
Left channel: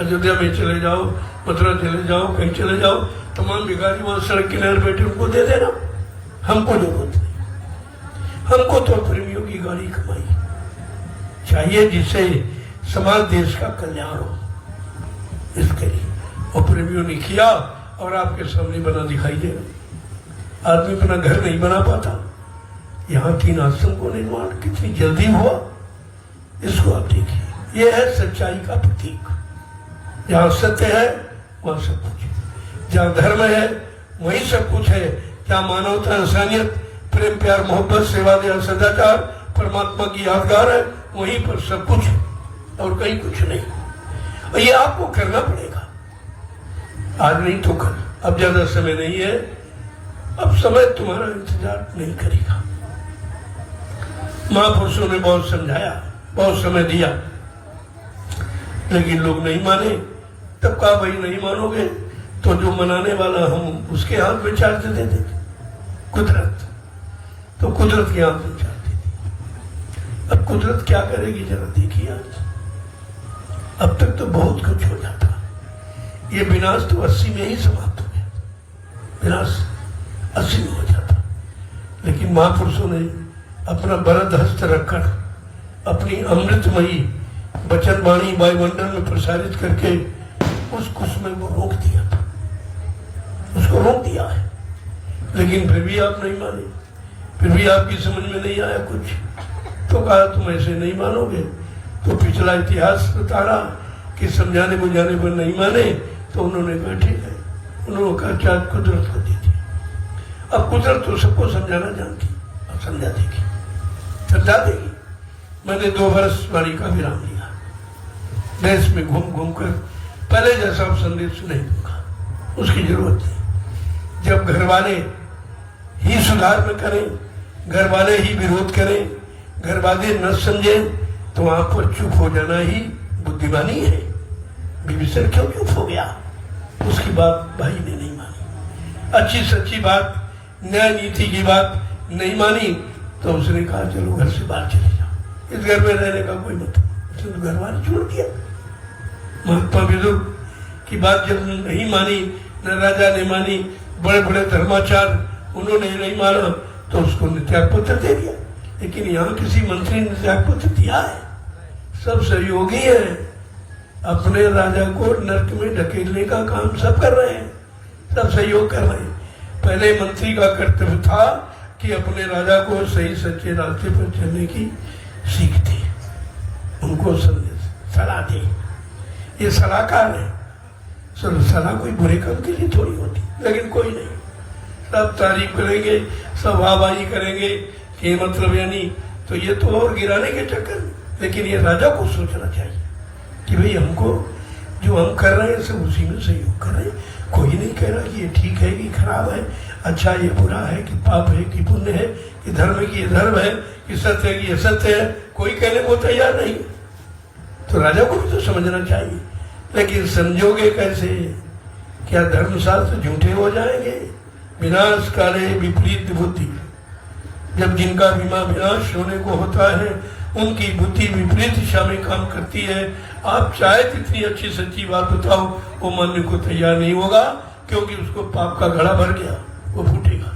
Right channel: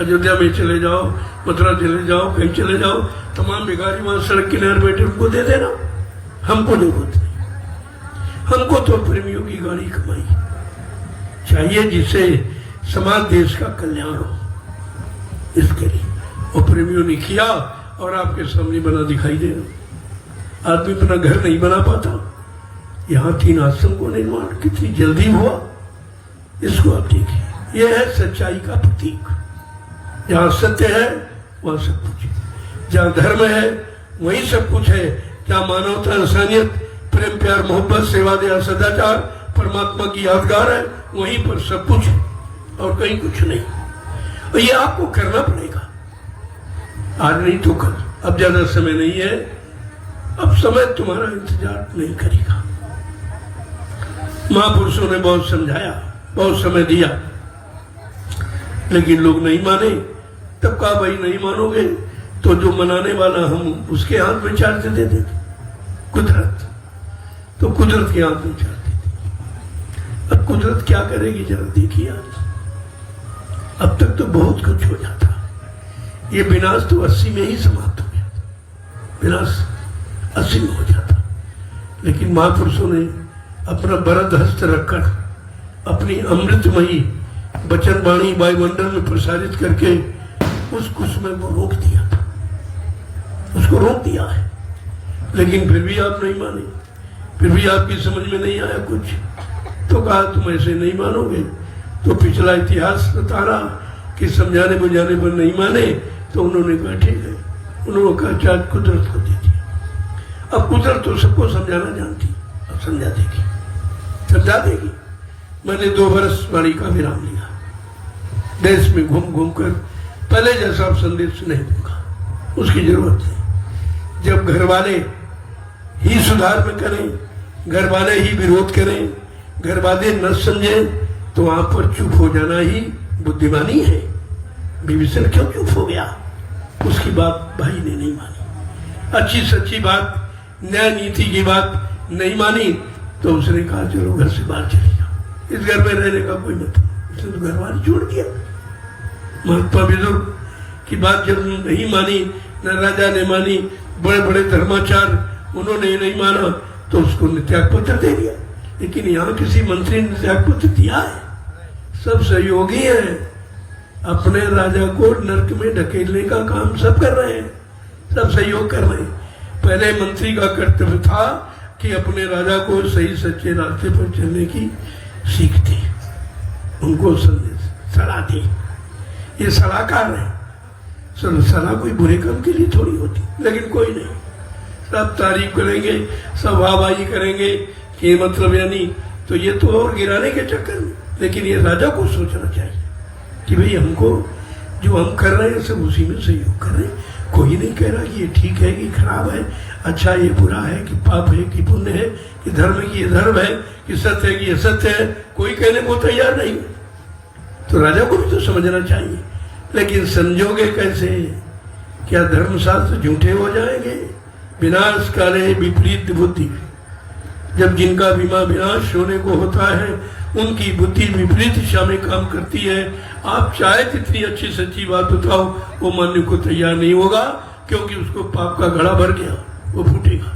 अयोध्या में चले जाओ, मथुरा चले जाओ, कहीं चले जाओ, तमाम भिखारी वहां सड़क किनारे बैठे, उनको दे देना, हमको नहीं बोलते। हमको तो प्रेमियों की गाड़ी कमाई चाहिए, जिससे समाज देश का कल्याण हो, इसके लिए। और प्रेमियों ने किया और आपके सामने बना दिखाई दे रहा। आदमी अपना घर नहीं बना पाता, यहाँ 3 आश्रम को निर्माण कितनी जल्दी हुआ, इसको आप देखिए। यह है सच्चाई का प्रतीक। जहाँ सत्य है वहाँ सब कुछ है, जहाँ धर्म है वही सब कुछ है। जहाँ मानवता, इंसानियत, प्रेम, प्यार, मोहब्बत, सेवा, दया, सदाचार, परमात्मा की यादगार है, वहीं पर सब कुछ है और कहीं कुछ नहीं। और ये आपको करना पड़ेगा, आज नहीं तो कल। अब ज्यादा समय नहीं है, अब समय तुम्हारा इंतजार नहीं करेगा। महापुरुषों ने बहुत समझाया, बहुत समय दिया, लेकिन लोग नहीं माने। तब कहा भाई नहीं मानोगे तो जो मनाने वाला हम उसके हाथ में चार दे देंगे, कुदरत। तो कुदरत के हाथ में चार दे देंगे। अब कुदरत क्या करेगी जरा देखिए आप। अब तक तो बहुत कुछ हो जाता, ये विनाश तो 80 में ही समाप्त हो गया, विनाश 80 में हो जाता। लेकिन महापुरुषों ने अपना वरद हस्त रखकर अपनी अमृतमयी वचन वाणी वायुमंडल में प्रसारित करके उस कुसुम को रोक दिया, उसको रोक दिया है। लेकिन फिर भी आप नहीं माने, फिर भी आपकी समझ में नहीं आया कुछ, तो कहा तुम ऐसे नहीं मानोगे। तो पिछला इतिहास बता रहा कि समझाने बुझाने पर नहीं माने, तो उन्होंने कहा ठीक है, उन्होंने कहा चाहे कुदरत को दे दिया। अब कुदरत तो सबको समझाना जानती, अब समझा देगी, समझा देगी। मैंने 2 वर्ष वाणी का विराम लिया, देश में घूम घूम कर पहले जैसा संदेश नहीं होगा, उसकी जरूरत है। जब घर वाले ही सुधार में करें, घर वाले ही विरोध करें, घर वाले न समझे, तो वहां पर चुप हो जाना ही बुद्धिमानी है। विभीषण क्यों चुप हो गया? उसकी बात भाई ने नहीं मानी। अच्छी सच्ची बात, न्याय नीति की बात नहीं मानी तो उसने कहा चलो घर से बाहर चले जाओ, इस घर में रहने का कोई मतलब। उसने तो घर वाले छोड़ दिया। महात्मा बुजुर्ग की बात जब नहीं मानी, न राजा ने मानी, बड़े बड़े धर्माचार उन्होंने नहीं माना, तो उसको त्याग पत्र दे दिया। लेकिन यहाँ किसी मंत्री ने त्याग पत्र दिया है? सब सहयोगी है, अपने राजा को नरक में ढकेलने का काम सब कर रहे हैं, सब सहयोग कर रहे हैं। पहले मंत्री का कर्तव्य था कि अपने राजा को सही सच्चे रास्ते पर चलने की सीख दे, उनको सलाह दे। ये सलाहकार है, सलाह कोई बुरे काम के लिए थोड़ी होती, लेकिन कोई नहीं, सब तारीफ करेंगे, सब वाहवाही करेंगे कि मतलब यानी, तो ये तो और गिराने के चक्कर में। लेकिन ये राजा को सोचना चाहिए कि भाई हमको जो हम कर रहे हैं सब उसी में सहयोग कर रहे हैं। कोई नहीं कह रहा कि ये ठीक है कि खराब है, अच्छा ये बुरा है कि पाप है कि पुण्य है, कि धर्म है कि ये धर्म है, कि सत्य है कि ये सत्य है, कोई कहने को तैयार नहीं। तो राजा को भी तो समझना चाहिए। लेकिन संजोगे कैसे? क्या धर्मशास्त्र झूठे हो जाएंगे? विनाश करे विपरीत बुद्धि। जब जिनका विनाश होने को होता है उनकी बुद्धि विपरीत दिशा में काम करती है। आप चाहे कितनी अच्छी सच्ची बात बताओ, वो मानने को तैयार नहीं होगा, क्योंकि उसको पाप का घड़ा भर गया, वो फूटेगा,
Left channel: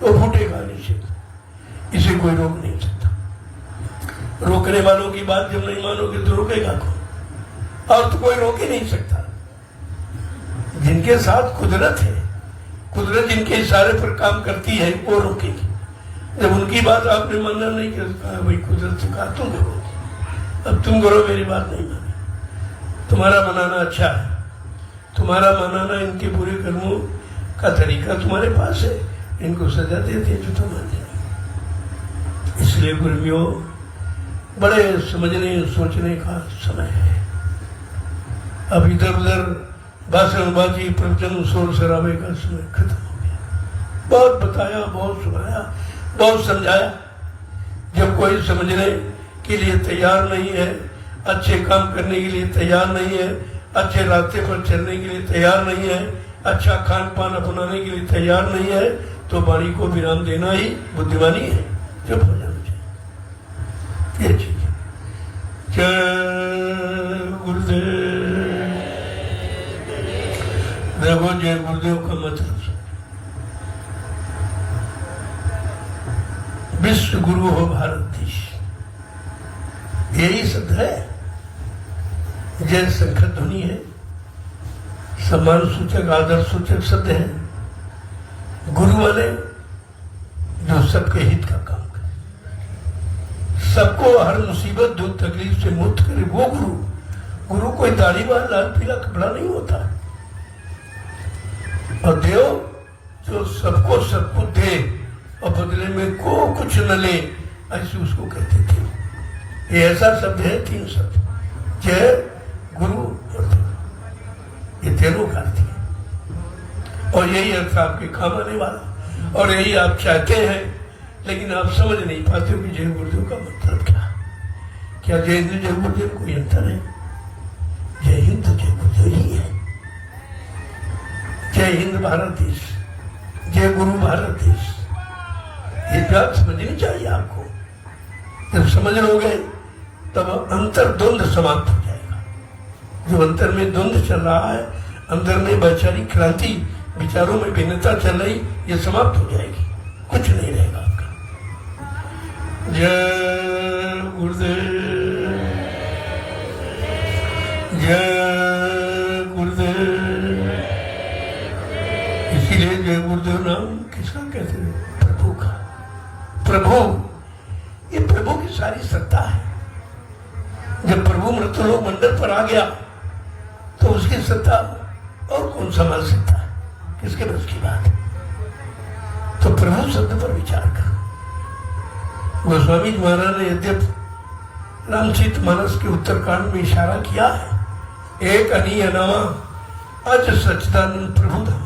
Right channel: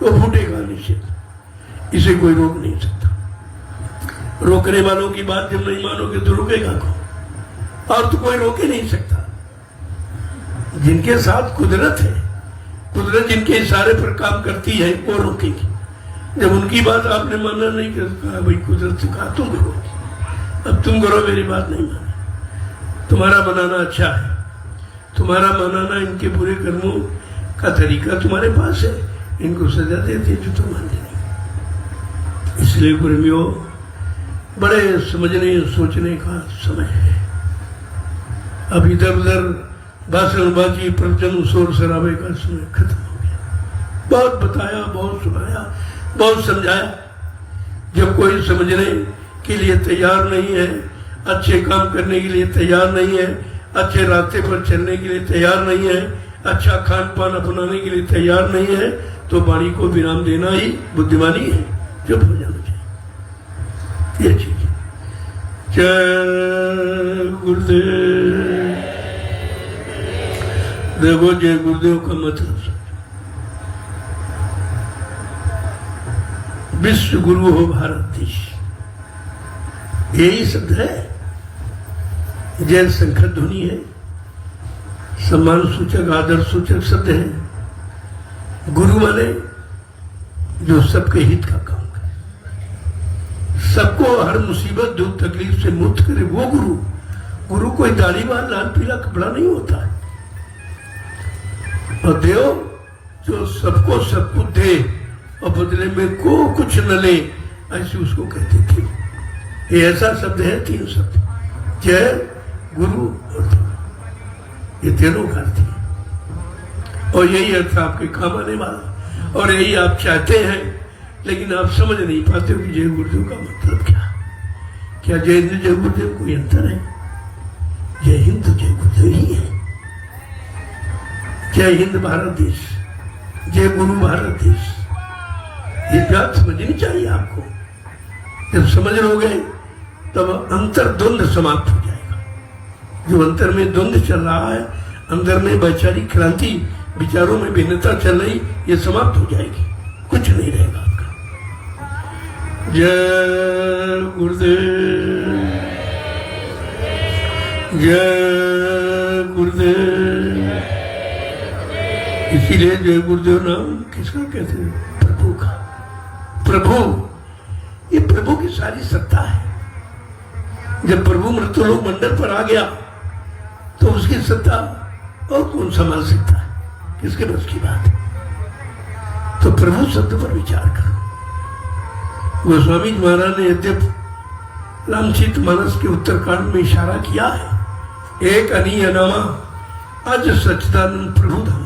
वो फूटेगा निश्चित। इसे कोई रोक नहीं सकता। रोकने वालों की बात जब नहीं मानोगे तो रोकेगा कौन? और तो कोई रोक ही नहीं सकता। जिनके साथ कुदरत है, कुदरत जिनके इशारे पर काम करती है, वो रोकेगी। जब उनकी बात आपने माना नहीं करता, भाई कुदरत से कहा तुम करो, अब तुम करो, मेरी बात नहीं मानी। तुम्हारा मनाना अच्छा है, तुम्हारा मनाना इनके बुरे कर्मों का तरीका तुम्हारे पास है, इनको सजा देते तो तुम मान लेंगे। इसलिए गुरुओं, बड़े समझने सोचने का समय है। अब इधर उधर भाषणबाजी, प्रवचन, शोर शराबे का समय खत्म हो गया। बहुत बताया, बहुत सुनाया, बहुत समझाया। जब कोई समझने के लिए तैयार नहीं है, अच्छे काम करने के लिए तैयार नहीं है, अच्छे रास्ते पर चलने के लिए तैयार नहीं है, अच्छा खान पान अपनाने के लिए तैयार नहीं है, तो वाणी को विराम देना ही बुद्धिमानी है। चुप हो जाना चाहिए, ये चीज। जय गुरुदेव। देखो जय गुरुदेव का मतलब विश्व गुरु हो भारत देश, यही शब्द है। जय शंकर ध्वनि है, सम्मान सूचक, आदर सूचक शब्द है। गुरु माने जो सबके हित का काम करे, सबको हर मुसीबत दुख तकलीफ से मुक्त करे, वो गुरु। गुरु कोई दाढ़ी बाल लाल पीला कपड़ा नहीं होता है। और देव जो सबको सब कुछ दे और बदले में को कुछ न ले, ऐसे उसको कहते थे। ये ऐसा शब्द है, तीन शब्द, जय गुरु और धर्म, ये तीनों का अर्थ है। और यही अर्थ आपके काम आने वाला, और यही आप चाहते हैं, लेकिन आप समझ नहीं पाते हो कि जय गुरुदेव का मतलब क्या। जय हिंद जय गुरुदेव कोई अंतर है? जय हिंद तो जय गुरुदेव ही है। जय हिंद भारत देश, जय गुरु भारत देश, ये बात समझनी चाहिए आपको। जब समझ लोगे तब अंतर द्वंद्व समाप्त हो जाएगा। जो अंतर में द्वंद्व चल रहा है, अंदर में वैचारिक क्रांति, विचारों में भिन्नता चल रही, ये समाप्त हो जाएगी, कुछ नहीं रहेगा आपका। जय गुरुदेव, जय गुरुदेव। इसीलिए जय गुरुदेव नाम किसका कहते हैं? प्रभु का। प्रभु, ये प्रभु की सारी सत्ता है। जब प्रभु मृत्युलोक मंडल पर आ गया तो उसकी सत्ता और कौन संभाल सकता है? किसके बस की बात है? तो प्रभु शब्द पर विचार करो। गोस्वामी महाराज ने यद्यप रामचरित मानस के उत्तरकांड में इशारा किया है, एक अनियनमा अज सच्चिदानंद प्रभु धाम,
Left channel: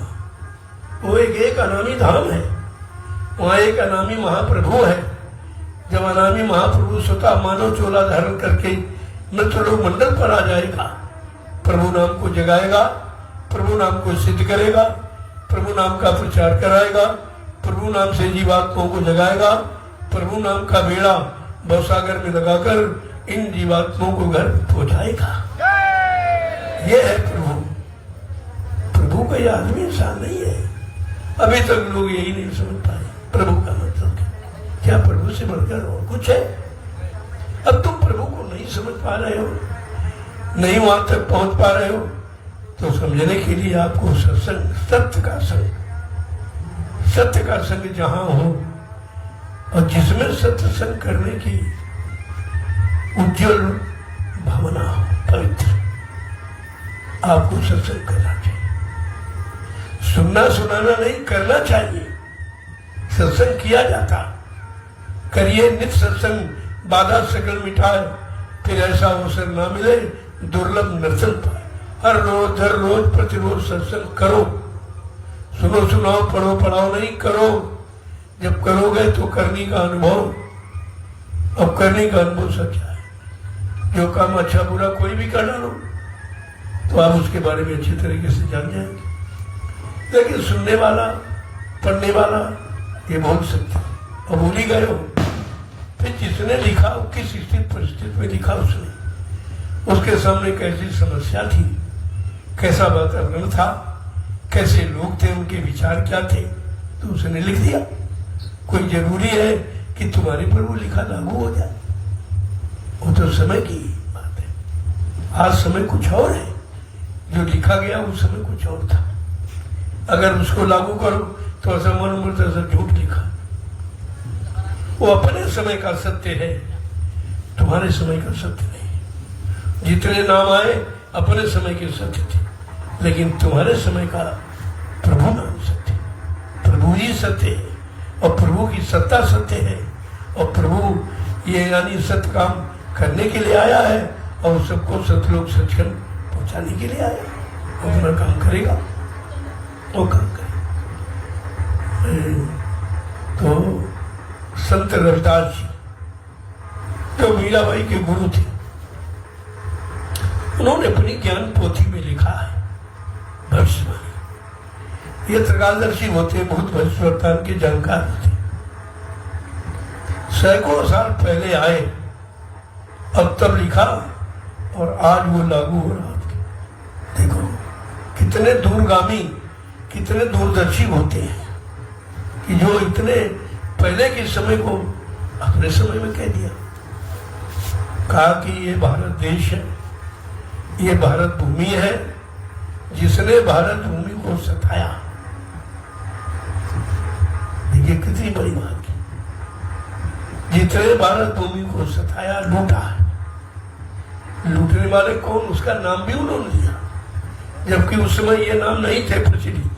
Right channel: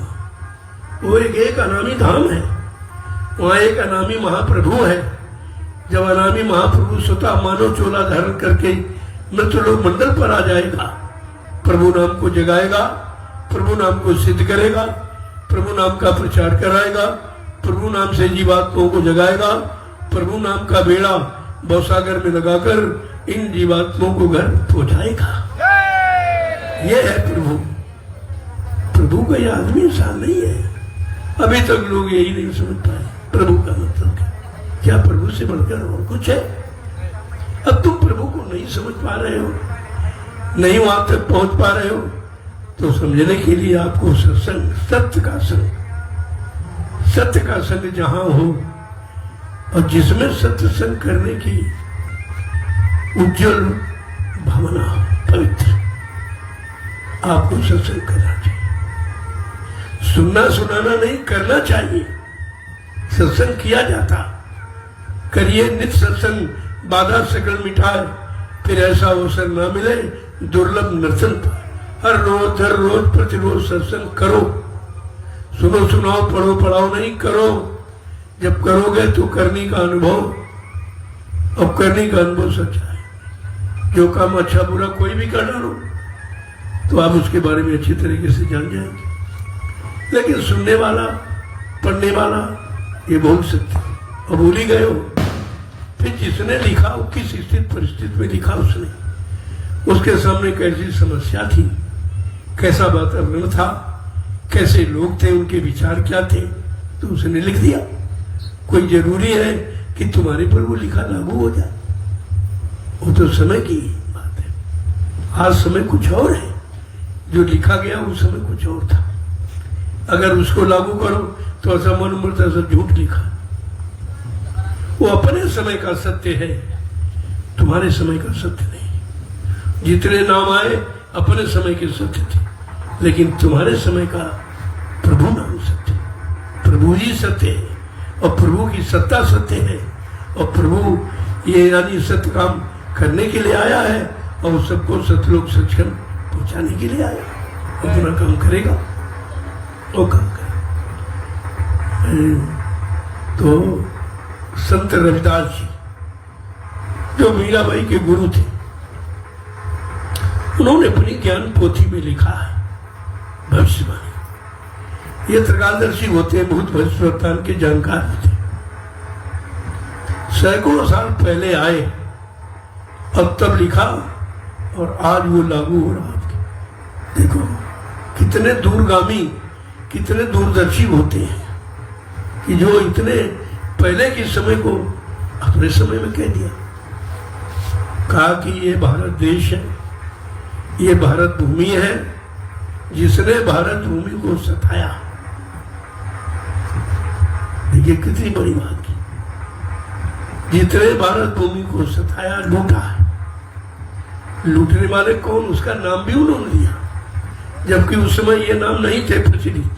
वो एक अनामी धाम है, वहां एक अनामी महाप्रभु है। जब अनामी महाप्रभु स्वतः मानव चोला धारण करके मृत्युलोक मंडल पर आ जाएगा, प्रभु नाम को जगाएगा, प्रभु नाम को सिद्ध करेगा, प्रभु नाम का प्रचार कराएगा, प्रभु नाम से जीवात्माओं को जगाएगा, प्रभु नाम का बेड़ा भवसागर में लगाकर इन जीवात्माओं को घर पहुंचाएगा। ये है प्रभु। प्रभु का ये आदमी इंसान नहीं है। अभी तक लोग यही नहीं समझ पाए प्रभु का मतलब क्या। प्रभु से बढ़कर और कुछ है? अब तुम प्रभु को नहीं समझ पा रहे हो, नहीं वहां तक पहुंच पा रहे हो, तो समझने के लिए आपको सत्संग, सत्य का संग, सत्य का संग जहां हो और जिसमें सत्संग करने की उज्जवल भावना, पवित्र, आपको सत्संग करना चाहिए। सुनना सुनाना नहीं, करना चाहिए। सत्संग किया जाता, करिए नित्य सत्संग, बाधा सकल मिटाए, फिर ऐसा अवसर न मिले दुर्लभ नर्सन पर। हर रोज हर रोज प्रतिरोज सत्संग करो, सुनो सुनाओ, पढ़ो पढ़ाओ नहीं, करो। जब करोगे तो करने का अनुभव, अब करने का अनुभव सच्चा है। जो काम अच्छा बुरा कोई भी करना हो तो आप उसके बारे में अच्छी तरीके से जान जाएंगे। लेकिन सुनने वाला, पढ़ने वाला, ये बहुत सत्य, और भूल ही गए हो। फिर जिसने लिखा, किस स्थिति परिस्थिति में लिखा उसने, उसके सामने कैसी समस्या थी, कैसा वातावरण था, कैसे लोग थे, उनके विचार क्या थे, तो उसने लिख दिया। कोई जरूरी है कि तुम्हारे पर वो लिखा लागू हो जाए? वो तो समय की बात है। आज समय कुछ और है, जो लिखा गया उस समय कुछ और था। अगर उसको लागू करो तो ऐसा मन मरता सब झूठ लिखा। वो अपने समय का सत्य है, तुम्हारे समय का सत्य नहीं। जितने नाम आए अपने समय के सत्य थे, लेकिन तुम्हारे समय का प्रभु नाम सत्य, प्रभु ही सत्य है, और प्रभु की सत्ता सत्य है, और प्रभु ये यानी सत्य काम करने के लिए आया है, और सबको सतलोक सचखंड पहुंचाने के लिए आया। अपना काम करेगा वो काम करेगा। तो संत रविदास जी जो मीराबाई के गुरु थे, उन्होंने अपनी ज्ञान पोथी में लिखा है भविष्यवाणी। ये त्रिकालदर्शी होते हैं, बहुत भविष्यवाणी के जानकार होते। सैकड़ों साल पहले आए और तब लिखा, और आज वो लागू हो रहा है। देखो कितने दूरगामी, कितने दूरदर्शी होते हैं कि जो इतने पहले के समय को अपने समय में कह दिया। कहा कि ये भारत देश है, ये भारत भूमि है, जिसने भारत भूमि को सताया। देखिए कितनी बड़ी बात की। जिसने भारत भूमि को सताया, लूटा। लूटने वाले कौन, उसका नाम भी उन्होंने दिया, जबकि उस समय ये नाम नहीं थे प्रचलित।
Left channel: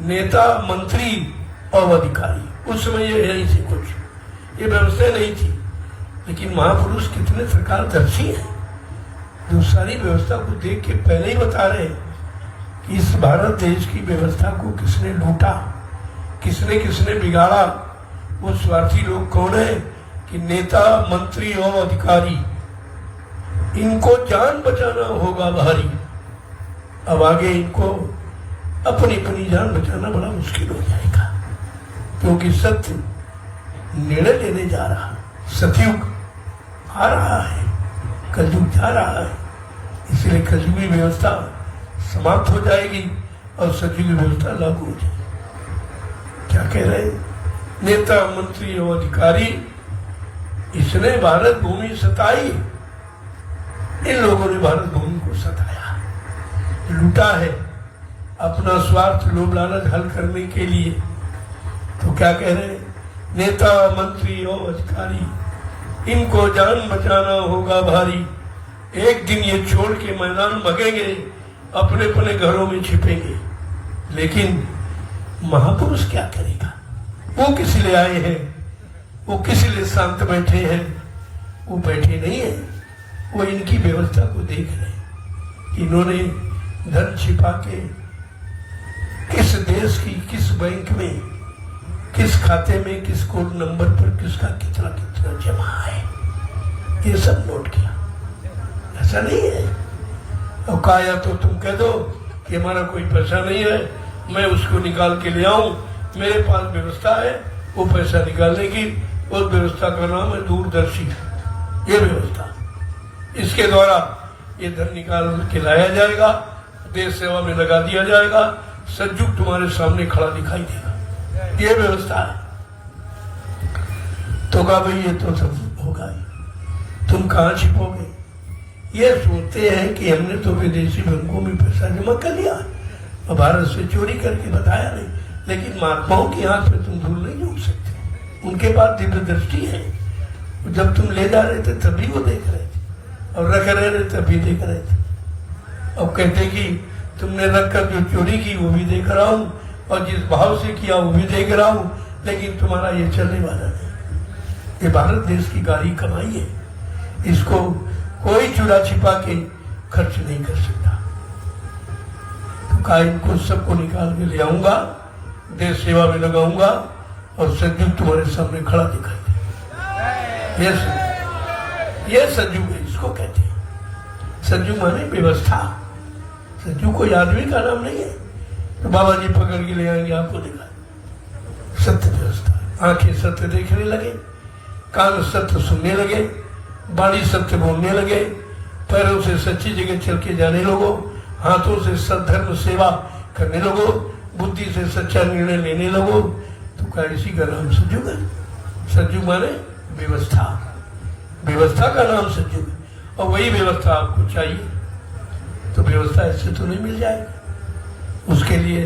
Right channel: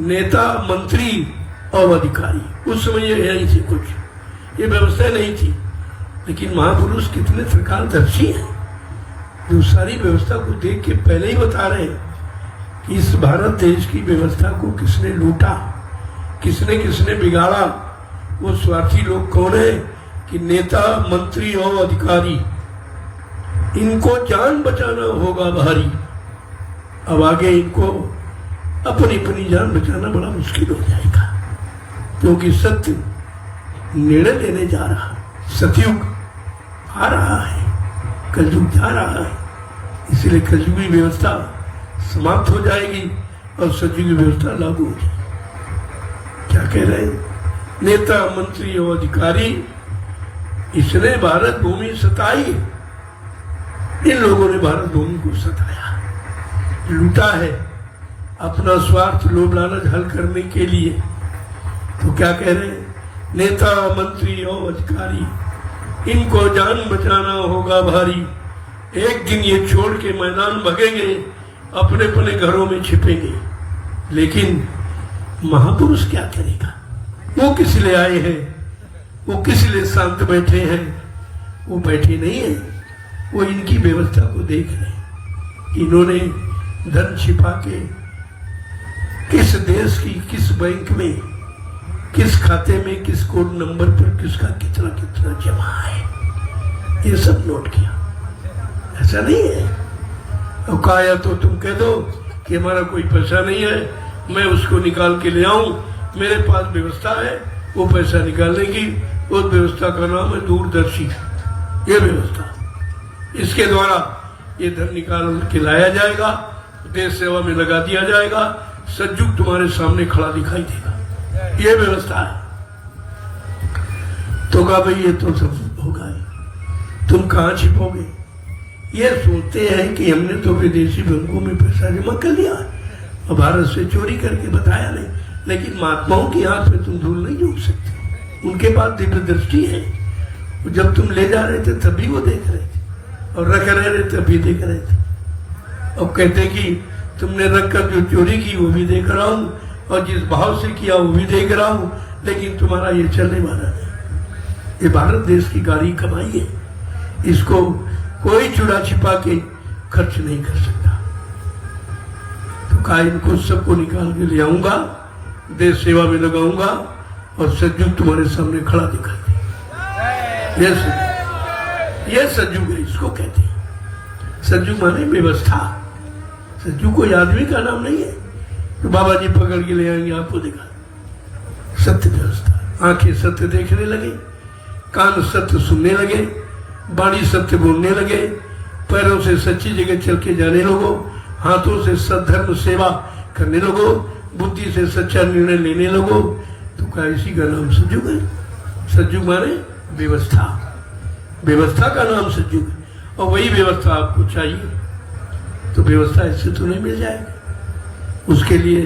नेता, मंत्री और अधिकारी, उस समय ये नहीं थे, कुछ ये व्यवस्था नहीं थी। लेकिन महापुरुष कितने त्रिकालदर्शी हैं, जो सारी व्यवस्था को देख के पहले ही बता रहे हैं कि इस भारत देश की व्यवस्था को किसने लूटा, किसने किसने बिगाड़ा। वो स्वार्थी लोग कौन है कि नेता, मंत्री और अधिकारी, इनको जान बचाना होगा भारी। अब आगे इनको अपनी अपनी जान बचाना बड़ा मुश्किल हो जाएगा, क्योंकि सत्य निर्णय लेने जा रहा। सतयुग आ रहा है, कलयुग जा रहा है, इसलिए कलयुगी व्यवस्था समाप्त हो जाएगी और सतयुगी व्यवस्था लागू हो जाएगी। क्या कह रहे हैं? नेता, मंत्री और अधिकारी, इसने भारत भूमि सताई। इन लोगों ने भारत भूमि को सताया, लूटा है अपना स्वार्थ, लोभ लालच हल करने के लिए। तो क्या कह रहे हैं? नेता, मंत्री और अधिकारी, इनको जान बचाना होगा भारी। एक दिन ये छोड़ के मैदान भगेंगे, अपने अपने घरों में छिपेंगे। लेकिन महापुरुष क्या करेगा? वो किस लिए आए हैं? वो किस लिए शांत बैठे हैं? वो बैठे नहीं है, वो इनकी व्यवस्था को देख रहे हैं। इन्होंने धन छिपा के किस देश की, किस बैंक में, किस खाते में, किस कोड नंबर पर किसका कितना कितना जमा है, ये सब नोट किया। ऐसा नहीं है। अब कहा तो तुम कह दो कि हमारा कोई पैसा नहीं है, मैं उसको निकाल के ले आऊं मेरे पास व्यवस्था है वो पैसा निकालने की, उस व्यवस्था का नाम है दूरदर्शी। ये व्यवस्था, इसके द्वारा ये धन निकाल के लाया जाएगा, देश सेवा में लगा दिया जाएगा, सज्जुग तुम्हारे सामने खड़ा दिखाई देगा। ये व्यवस्था है। तो कहा भाई ये तो सब होगा, तुम कहाँ छिपोगे? ये सोचते हैं कि हमने तो विदेशी बैंकों में पैसा जमा कर लिया और भारत से चोरी करके बताया नहीं, लेकिन महात्माओं के हाथ में तुम धूल नहीं झूठ सकते। उनके पास दिव्य दृष्टि है। जब तुम ले जा रहे थे तभी वो देख रहे थे और रख रहे थे तभी देख रहे थे। अब कहते कि तुमने रखकर जो चोरी की वो भी देख रहा हूँ और जिस भाव से किया वो भी देख रहा हूँ, लेकिन तुम्हारा ये चलने वाला नहीं। ये भारत देश की गाड़ी कमाई है, इसको कोई चुरा छिपा के खर्च नहीं कर सकता। तो कहा इनको सबको निकाल के ले आऊंगा, देश सेवा में लगाऊंगा और सज्जुग तुम्हारे सामने खड़ा दिखा दे। ये सज्जुग है, इसको कहते हैं। सज्जुग माने व्यवस्था। सज्जुग कोई आदमी का नाम नहीं है तो बाबा जी पकड़ के ले आएंगे आपको दिखा। सत्य व्यवस्था, आंखें सत्य देखने लगे, कान सत्य सुनने लगे, वाणी सत्य बोलने लगे, पैरों से सच्ची जगह चल के जाने लगो, हाथों से सद्धर्म सेवा करने लगो, बुद्धि से सच्चा निर्णय लेने लगो। तो क्या इसी का नाम सज्जुग है? सज्जुग माने व्यवस्था। व्यवस्था का नाम सज्जुग, और वही व्यवस्था आपको चाहिए। तो व्यवस्था ऐसे तो नहीं मिल जाएगी। उसके लिए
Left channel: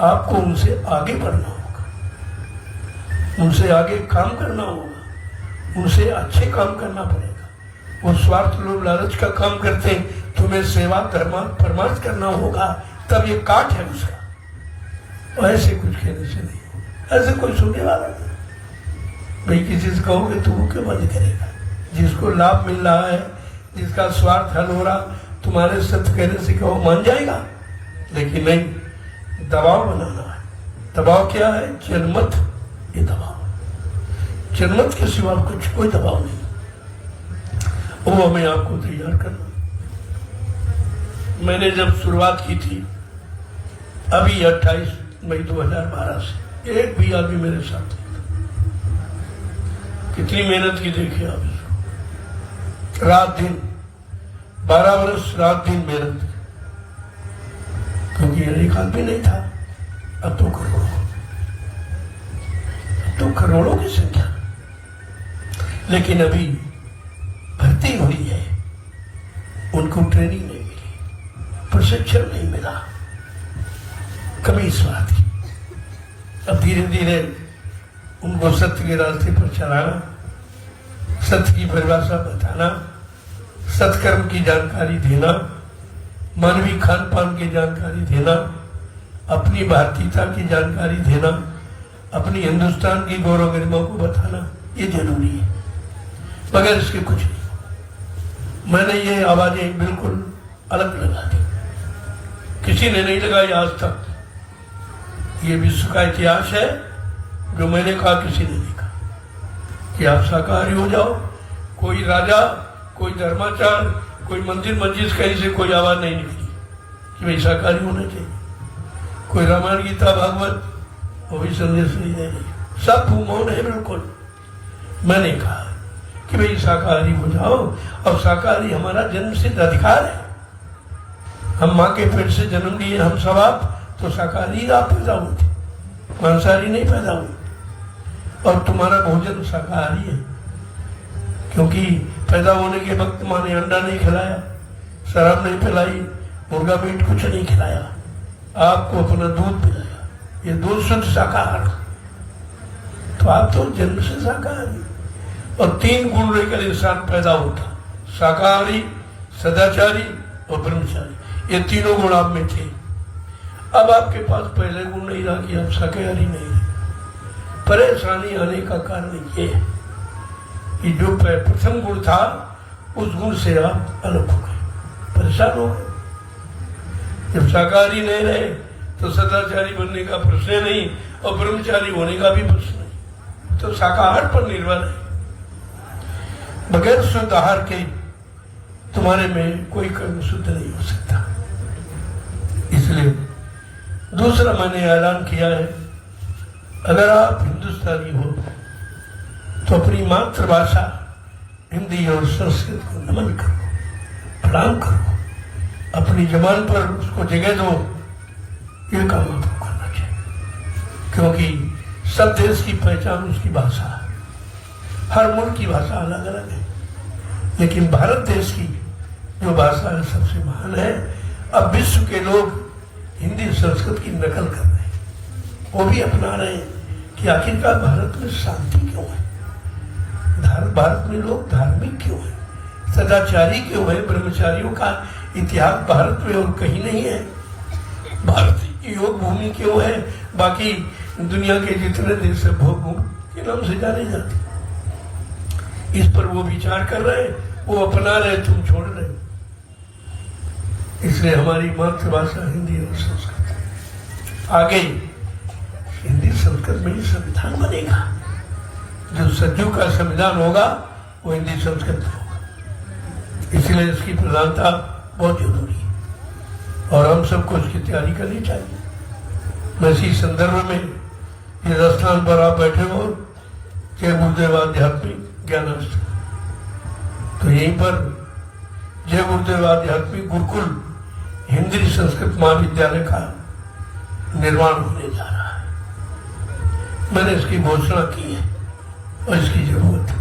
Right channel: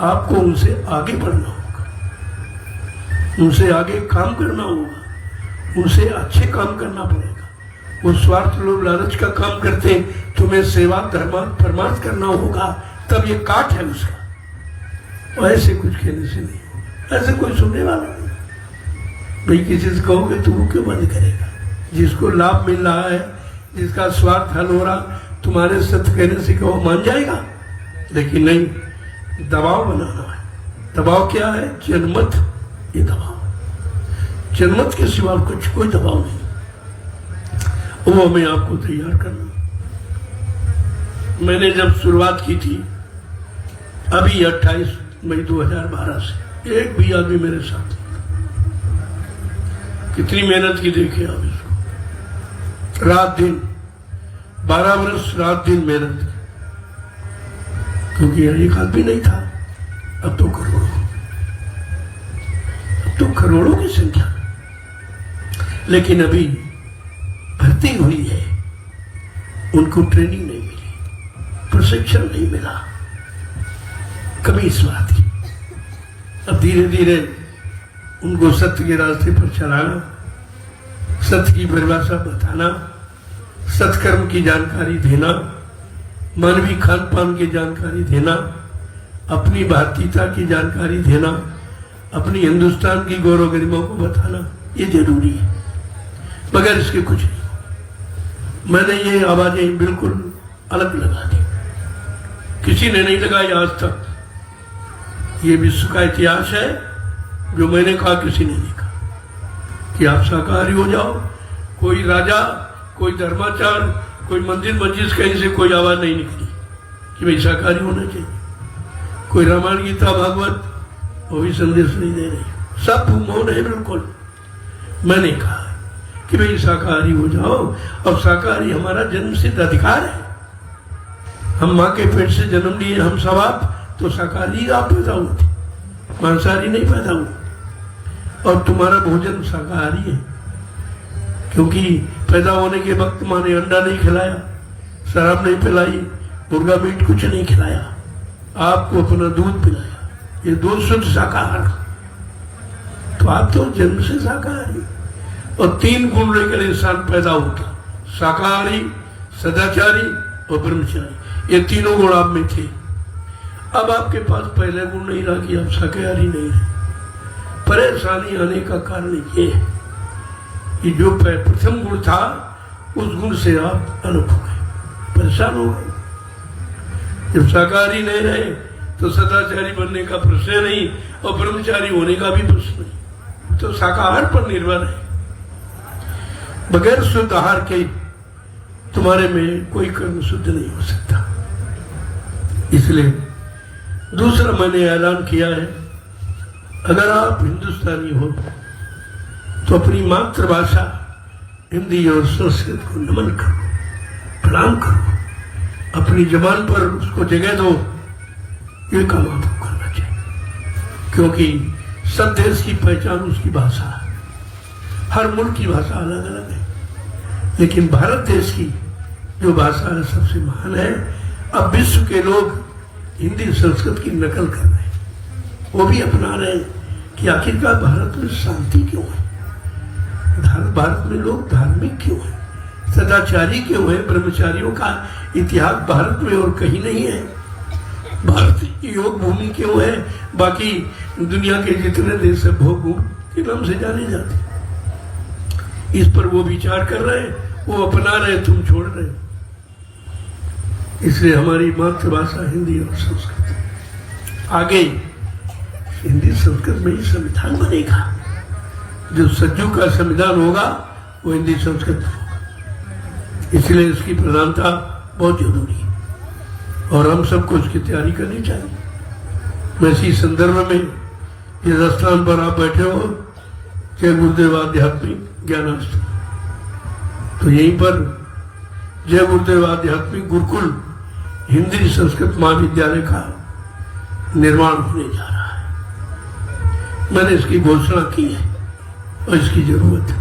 आपको उनसे आगे बढ़ना होगा, उनसे आगे काम करना होगा, उनसे अच्छे काम करना पड़ेगा। वो स्वार्थ लोभ लालच का काम करते, तुम्हें सेवा धर्म परमार्थ करना होगा, तब ये काट है उसका। और ऐसे कुछ कहने से नहीं, ऐसे कोई सुनने वाला नहीं। भाई किसी से कहोगे तो वो क्यों बंद करेगा? जिसको लाभ मिल रहा है, जिसका स्वार्थ हल हो रहा, तुम्हारे सत्य कहने से कहो मान जाएगा? लेकिन नहीं, दबाव बनाना है। दबाव क्या है? जनमत। ये दबाव जनमत के सिवा कुछ कोई दबाव नहीं, वो हमें आपको तैयार करना। मैंने जब शुरुआत की थी अभी 28 मई 2012 से, एक भी आदमी मेरे साथ नहीं। कितनी मेहनत की देखिए आप, रात दिन 12 वर्ष रात दिन मेहनत, क्योंकि एक आदमी नहीं था। अब तो करोड़ों की संख्या। लेकिन अभी भर्ती हुई है, उनको ट्रेनिंग नहीं मिली, प्रशिक्षण नहीं मिला, कभी इस बात की। अब धीरे धीरे उनको सत्य के रास्ते पर चलाना, सत्य की परिभाषा बताना, सत्कर्म की जानकारी देना, मानवीय खान पान की जानकारी देना, अपनी भारतीयता की जानकारी देना, अपनी हिंदुस्तान की गौरव गरिमा को बताना, ये जरूरी है। मगर इसके कुछ नहीं। मैंने ये आवाजें बिल्कुल अलग लगा दी, किसी ने नहीं लगाई आज तक। ये विश्व का इतिहास है जो मैंने कहा, किसी ने नहीं कहा कि आप शाकाहारी हो जाओ। कोई राजा, कोई धर्माचार, कोई मंदिर मस्जिद कहीं से कोई आवाज नहीं निकली कि भाई शाकाहारी होना चाहिए। कोई रामायण गीता भागवत वो भी संदेश नहीं दे रही, सब मौन है बिल्कुल। मैंने कहा कि भाई शाकाहारी हो जाओ, और शाकाहारी हमारा जन्म सिद्ध अधिकार है। हम माँ के पेट से जन्म लिए, हम सब आप तो शाकाहारी आप पैदा हुए थे, मांसाहारी नहीं पैदा हुए। और तुम्हारा भोजन शाकाहारी है, क्योंकि पैदा होने के वक्त माँ ने अंडा नहीं खिलाया, शराब नहीं पिलाई, मुर्गा मीट कुछ नहीं खिलाया, आपको अपना दूध पिलाया। ये दो शुद्ध शाकाहार। तो आप तो जन्म से शाकाहारी, और 3 गुण लेकर इंसान पैदा होता, शाकाहारी, सदाचारी और ब्रह्मचारी। ये तीनों गुण आप में थे। अब आपके पास पहले गुण नहीं रहा कि आप शाकाहारी नहीं है। परेशानी आने का कारण ये है कि जो प्रथम गुण था उस गुण से आप अलग हो गए, परेशान हो गए। जब शाकाहारी नहीं रहे तो सदाचारी बनने का प्रश्न नहीं, और ब्रह्मचारी होने का भी प्रश्न नहीं। तो शाकाहार पर निर्भर है। बगैर शुद्ध आहार के तुम्हारे में कोई कर्म शुद्ध नहीं हो सकता। इसलिए दूसरा मैंने ऐलान किया है अगर आप हिंदुस्तानी हो तो अपनी मातृभाषा हिंदी और संस्कृत को नमन करो, प्रणाम करो, अपनी जबान पर उसको जगह दो। ये काम तो करना चाहिए, क्योंकि सब देश की पहचान उसकी भाषा है। हर मुल्क की भाषा अलग अलग है, लेकिन भारत देश की जो भाषा है सबसे महान है। अब विश्व के लोग हिंदी संस्कृत की नकल कर रहे हैं, वो भी अपना रहे हैं कि आखिरकार भारत में शांति क्यों है, भारत में लोग धार्मिक क्यों है, सदाचारी क्यों है, ब्रह्मचारियों का इतिहास भारत में और कहीं नहीं है, भारत योग भूमि क्यों है, बाकी दुनिया के जितने देश है भोग के नाम से जाने जाते। इस पर वो विचार कर रहे हैं, वो अपना रहे, तुम छोड़ रहे हो। इसलिए हमारी मातृभाषा हिंदी और संस्कृत आगे हिंदी संस्कृत में ही संविधान बनेगा। जो सज्जू का संविधान होगा वो हिंदी संस्कृत होगा। इसलिए इसकी प्रधानता बहुत जरूरी है और हम सबको उसकी तैयारी करनी चाहिए। मैं इसी संदर्भ में इस स्थान पर आप बैठे हो, जय गुरुदेव आध्यात्मिक ज्ञानाश्रम, तो यहीं पर जय गुरुदेव आध्यात्मिक गुरुकुल हिंदी संस्कृत महाविद्यालय का निर्माण होने जा रहा है। मैंने इसकी घोषणा की है और इसकी जरूरत है,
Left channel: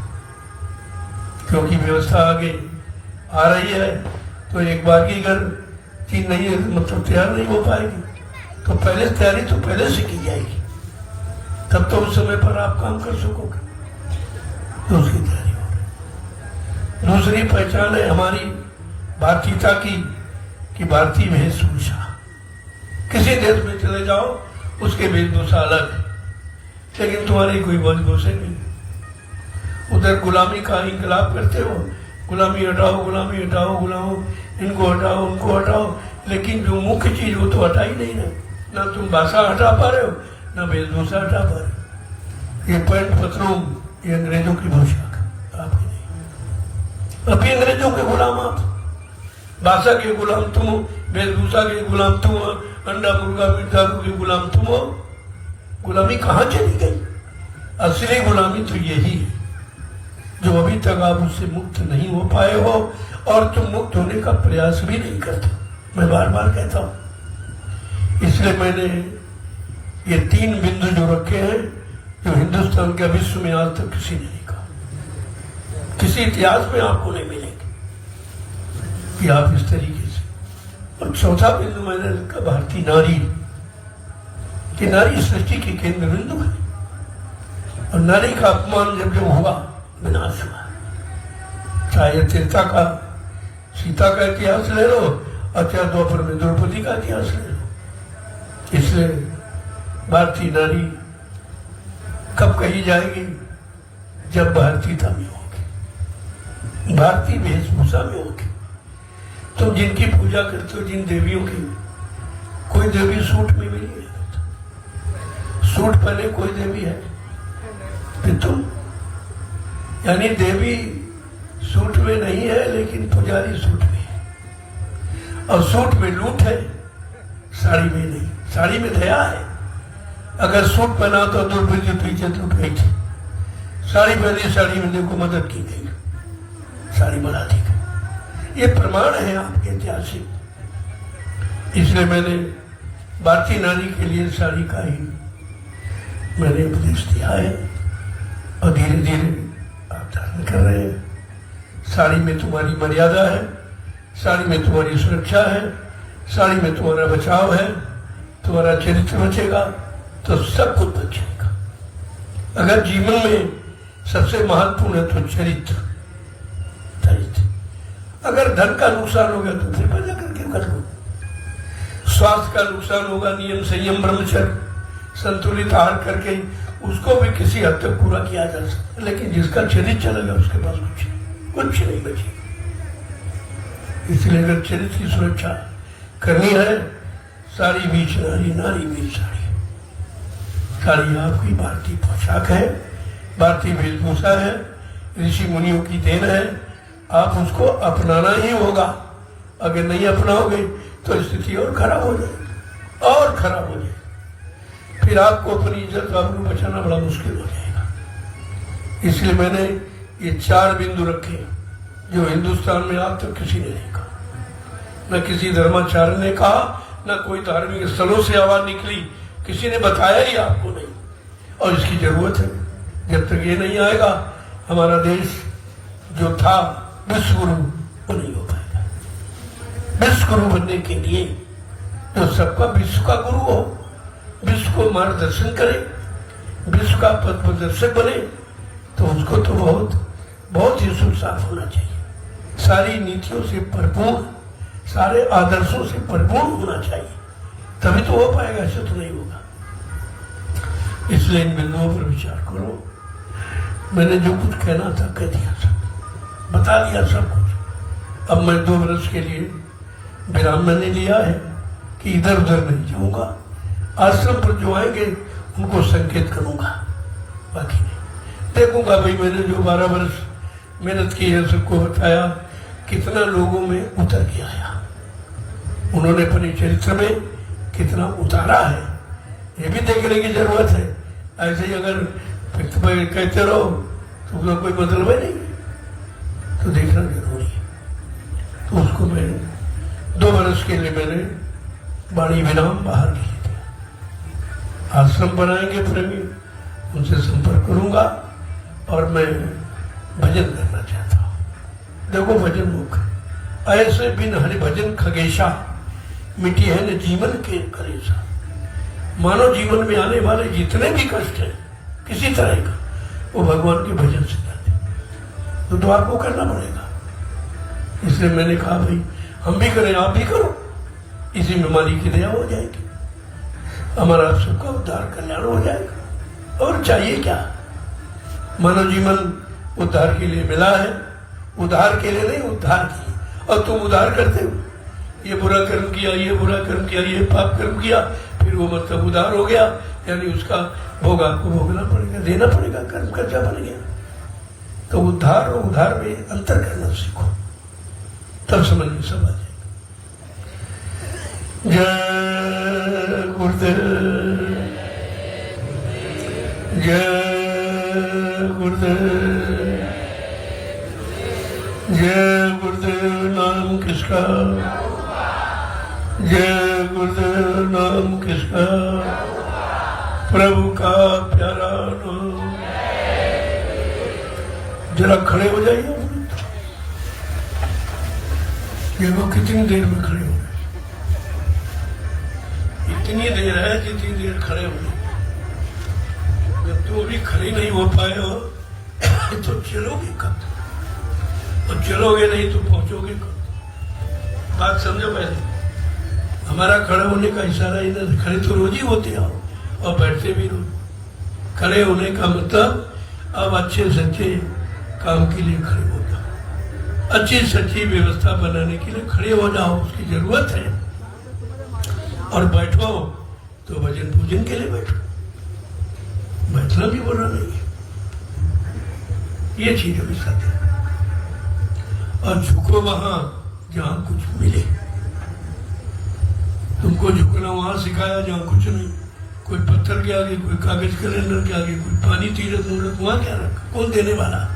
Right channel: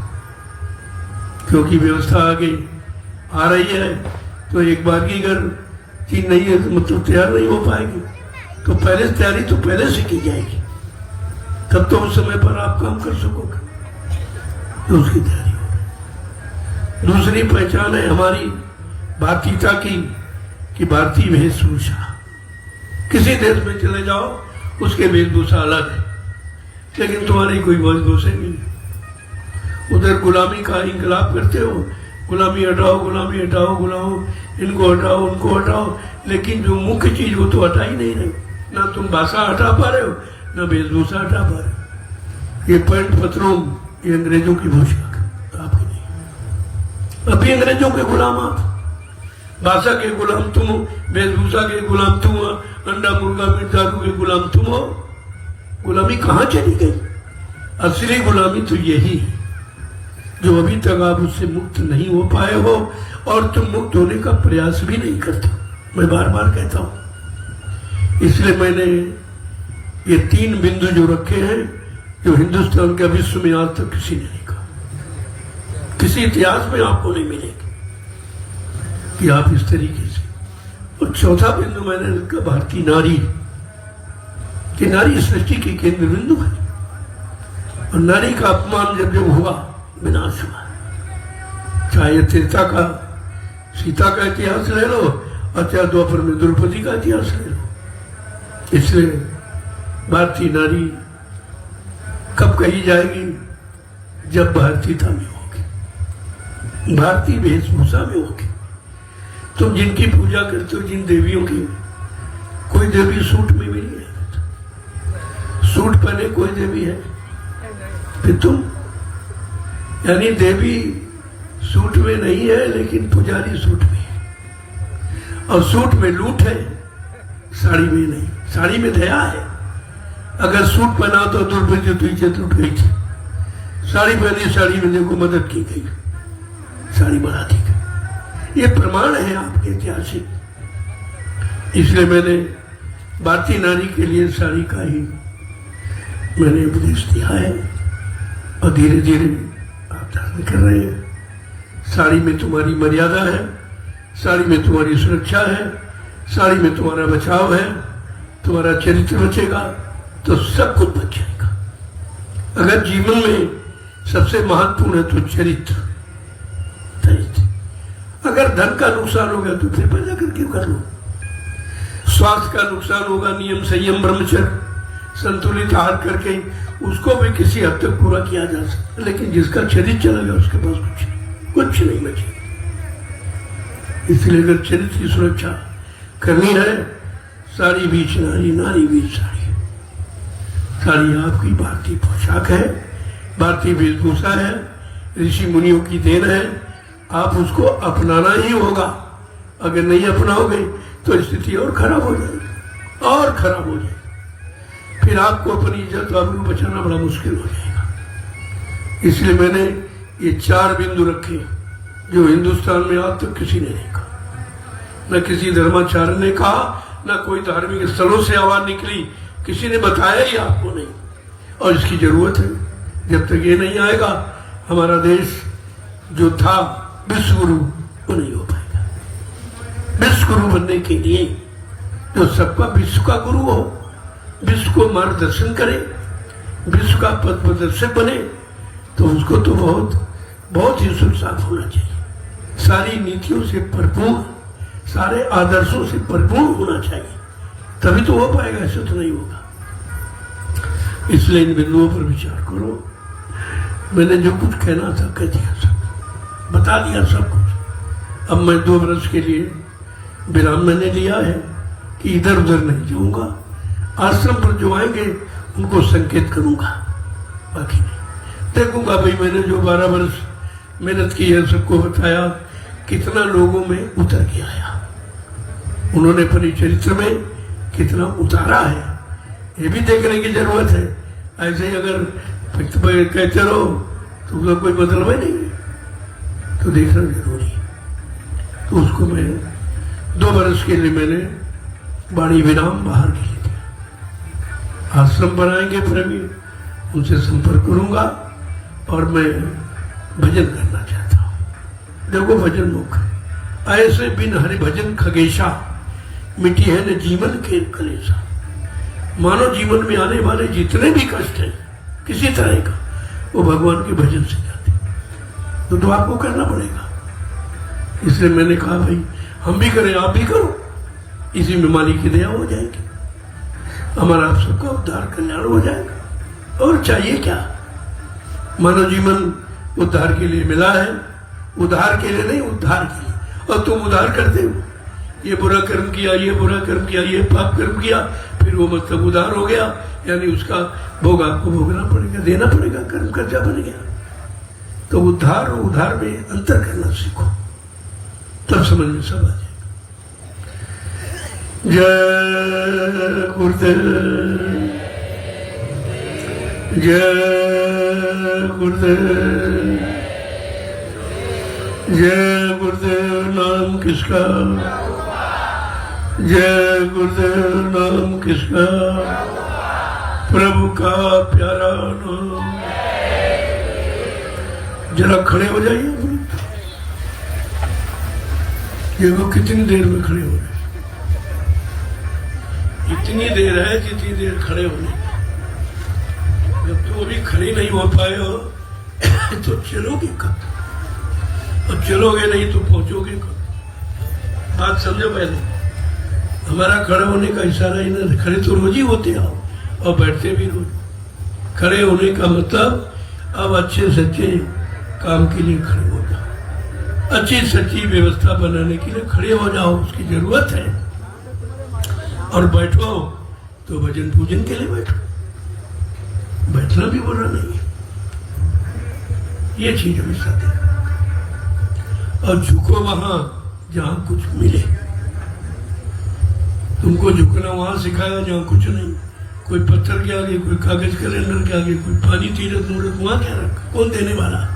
क्योंकि व्यवस्था आगे आ रही है। तो एक बार की अगर चीज नहीं है तो मतलब तैयार नहीं हो पाएगी, तो पहले तैयारी तो पहले से की जाएगी, तब तो उस समय पर आप काम कर सकोगे, तो उसकी तैयारी होगी। दूसरी पहचान है हमारी भारतीयता की कि भारतीय वेशभूषा। किसी देश में चले जाओ उसके वेशभूषा अलग है, लेकिन तुम्हारी कोई वेशभूषा नहीं है। उधर गुलामी का इंकलाब करते हो, गुलामी हटाओ, गुलामी हटाओ, गुलाम इनको हटाओ, उनको हटाओ, लेकिन जो मुख्य चीज वो तो हटा ही नहीं रहे। ना तुम भाषा हटा पा रहे हो, ना वेशभूषा हटा पा रहे हो। ये पैंट पत्रों ये अंग्रेजों की पोशाक आपकी नहीं। अभी अंग्रेजों के गुलाम आप, भाषा के गुलाम तुम, वेशभूषा के गुलाम तुम, अंडा मुर्गा मीट दारू के गुलाम तुम हो। गुलामी कहाँ चली गई? असली गुलामी तो यही है जो अभी तक आप उससे मुक्त नहीं हो पाए हो और तुम मुक्त होने का प्रयास भी नहीं करते। मैं बार बार कहता हूं, इसलिए मैंने ये 3 बिंदु जो रखे हैं जो हिंदुस्तान के विश्व में आज तक किसी ने नहीं कहा, किसी इतिहास में आपको नहीं मिलेगी कि आप इस तरीके से। और चौथा बिंदु मैंने रखा भारतीय नारी, कि नारी सृष्टि की केंद्र बिंदु है और नारी का अपमान जब जब हुआ विनाश हुआ। चाहे त्रेता का सीता का इतिहास ले लो, अत्या द्वापर में द्रौपदी का इतिहास ले लो। इसलिए भारतीय नारी कब कही जाएगी? जब भारतीयता में होगी, भारतीय वेशभूषा में होगी। तुम जिनकी पूजा करते हो, जिन देवियों की, कोई देवी सूट में भी नहीं है। सूट पहने कोई देवी है? फिर तुम, यानी देवी सूट में नहीं है लेकिन पुजारी सूट में है। और सूट में लूट है, साड़ी में नहीं। साड़ी में दया है। अगर सूट पहना तो द्रौपदी पीछे टूट गई थी, साड़ी पहनी, साड़ी में देखो मदद की गई, साड़ी बना दी गई। ये प्रमाण है आपके ऐतिहासिक। इसलिए मैंने भारतीय नारी के लिए साड़ी का ही मैंने उपदेश दिया है और धीरे धीरे आप धारण कर रहे हैं। साड़ी में तुम्हारी मर्यादा है, साड़ी में तुम्हारी सुरक्षा है, साड़ी में तुम्हारा बचाव है, तुम्हारा चरित्र बचेगा तो सब कुछ बच जाएगा। अगर जीवन में सबसे महत्वपूर्ण है तो चरित्र। अगर धन का नुकसान होगा तो फिर पैदा करके कर लो। स्वास्थ्य का नुकसान होगा, नियम संयम ब्रह्मचर्य संतुलित आहार करके उसको भी किसी हद तक पूरा किया जा सकता, लेकिन जिसका चरित्र चलेगा उसके पास कुछ नहीं बचेगा। इसलिए अगर चरित्र की सुरक्षा करनी है, सारी बीच नारी, नारी बीच साड़ी। साड़ी आपकी भारतीय पोशाक है, भारतीय वेशभूषा है, ऋषि मुनियों की देन है। आप उसको अपनाना ही होगा। अगर नहीं अपनाओगे तो स्थिति और खराब हो जाएगी, और खराब हो जाएगी। फिर आपको अपनी इज्जत वालों को बचाना बड़ा मुश्किल हो जाएगा। इसलिए मैंने ये 4 बिंदु रखे जो हिंदुस्तान में आज तक किसी ने नहीं कहा, न किसी धर्माचार्य ने कहा, न कोई धार्मिक स्थलों से आवाज निकली, किसी ने बताया ही आपको नहीं। और इसकी जरूरत है। जब तक ये नहीं आएगा हमारा देश जो था विश्व गुरु वो नहीं हो पाएगा। विश्व गुरु बनने के लिए तो सबका विश्व का गुरु हो, विश्व को मार्गदर्शन करे, विश्व का पथ प्रदर्शक बने, तो उसको तो बहुत ही सुरसाफ होना चाहिए। सारी नीतियों से भरपूर, सारे आदर्शों से भरपूर होना चाहिए, तभी तो हो पाएगा। ऐसा तो नहीं होगा। इसलिए इन बिंदुओं पर विचार करो। मैंने जो कुछ कहना था कह दिया, सब बता दिया सब कुछ। अब मैं 2 वर्ष के लिए विराम मैंने लिया है कि इधर उधर नहीं जाऊंगा। आश्रम पर जो आएंगे उनको संकेत करूंगा, बाकी नहीं। देखूंगा भाई मैंने जो 12 वर्ष मेहनत की है, सबको बताया कितना लोगों में उतर के आया, उन्होंने अपने चरित्र में कितना उतारा है, ये भी देखने की जरूरत है। ऐसे ही अगर कहते रहो तो उसका कोई मतलब है नहीं, तो देखना जरूरी है। तो उसको मैं 2 वर्ष के लिए मैंने बाड़ी विराम बाहर के लिए दिया। आश्रम बनाएंगे प्रेमी, उनसे संपर्क करूंगा और मैं भजन करना चाहता हूं। देखो भजन मुख ऐसे बिन हरि भजन खगेशा, मिट्टी है न जीवन के कलेशा। मानव जीवन में आने वाले जितने भी कष्ट हैं किसी तरह का, वो भगवान के भजन से जाते, तो आपको करना पड़ेगा। इसलिए मैंने कहा भाई हम भी करें, आप भी करो, इसी में मालिक की दया हो जाएगी, हमारा सबका उद्धार कल्याण हो जाएगा। और चाहिए क्या? मानव जीवन उद्धार के लिए मिला है, उद्धार के लिए नहीं, उद्धार के लिए। और तुम उद्धार करते हो, ये बुरा कर्म किया, ये बुरा कर्म किया, ये पाप कर्म किया, फिर वो मतलब उद्धार हो गया, यानी उसका भोग आपको भोगना पड़ेगा, देना पड़ेगा, कर्म कर्जा बन गया। तो उद्धार और उद्धार में अंतर करना सीखो, तब समझ में सब आ जाए। जय गुरुदेव, जय गुरुदेव, जय गुरुदेव नाम किसका, जय गुरुदेव नाम किसका, प्रभु का प्यारा नाम। जरा खड़े हो जाइए। ये लोग कितनी देर में खड़े हो गए? इतनी देर है जितनी देर खड़े होने, तो अभी खड़े नहीं हो पाए हो तो चलोगे कब? अब चलोगे नहीं तो पहुंचोगे कब? बात समझो पहले। हमारा खड़े होने का इशारा ही ना, खड़े तो रोज ही होते हैं और बैठते भी रोज। खड़े होने का मतलब अब अच्छे सच्चे काम के लिए खड़े हो जाओ, अच्छी सच्ची व्यवस्था बनाने के लिए खड़े हो जाओ, उसकी जरूरत है। और बैठो तो भजन पूजन के लिए बैठो, बैठना भी बुरा नहीं है, ये चीज हमेशा दे। और झुको वहां जहां कुछ मिले। तुमको झुकना वहां सिखाया जहां कुछ नहीं, कोई पत्थर के आगे, कोई कागज कैलेंडर के आगे, कोई पानी तीरथ नूरत, वहां क्या रखा? कौन देने वाला है?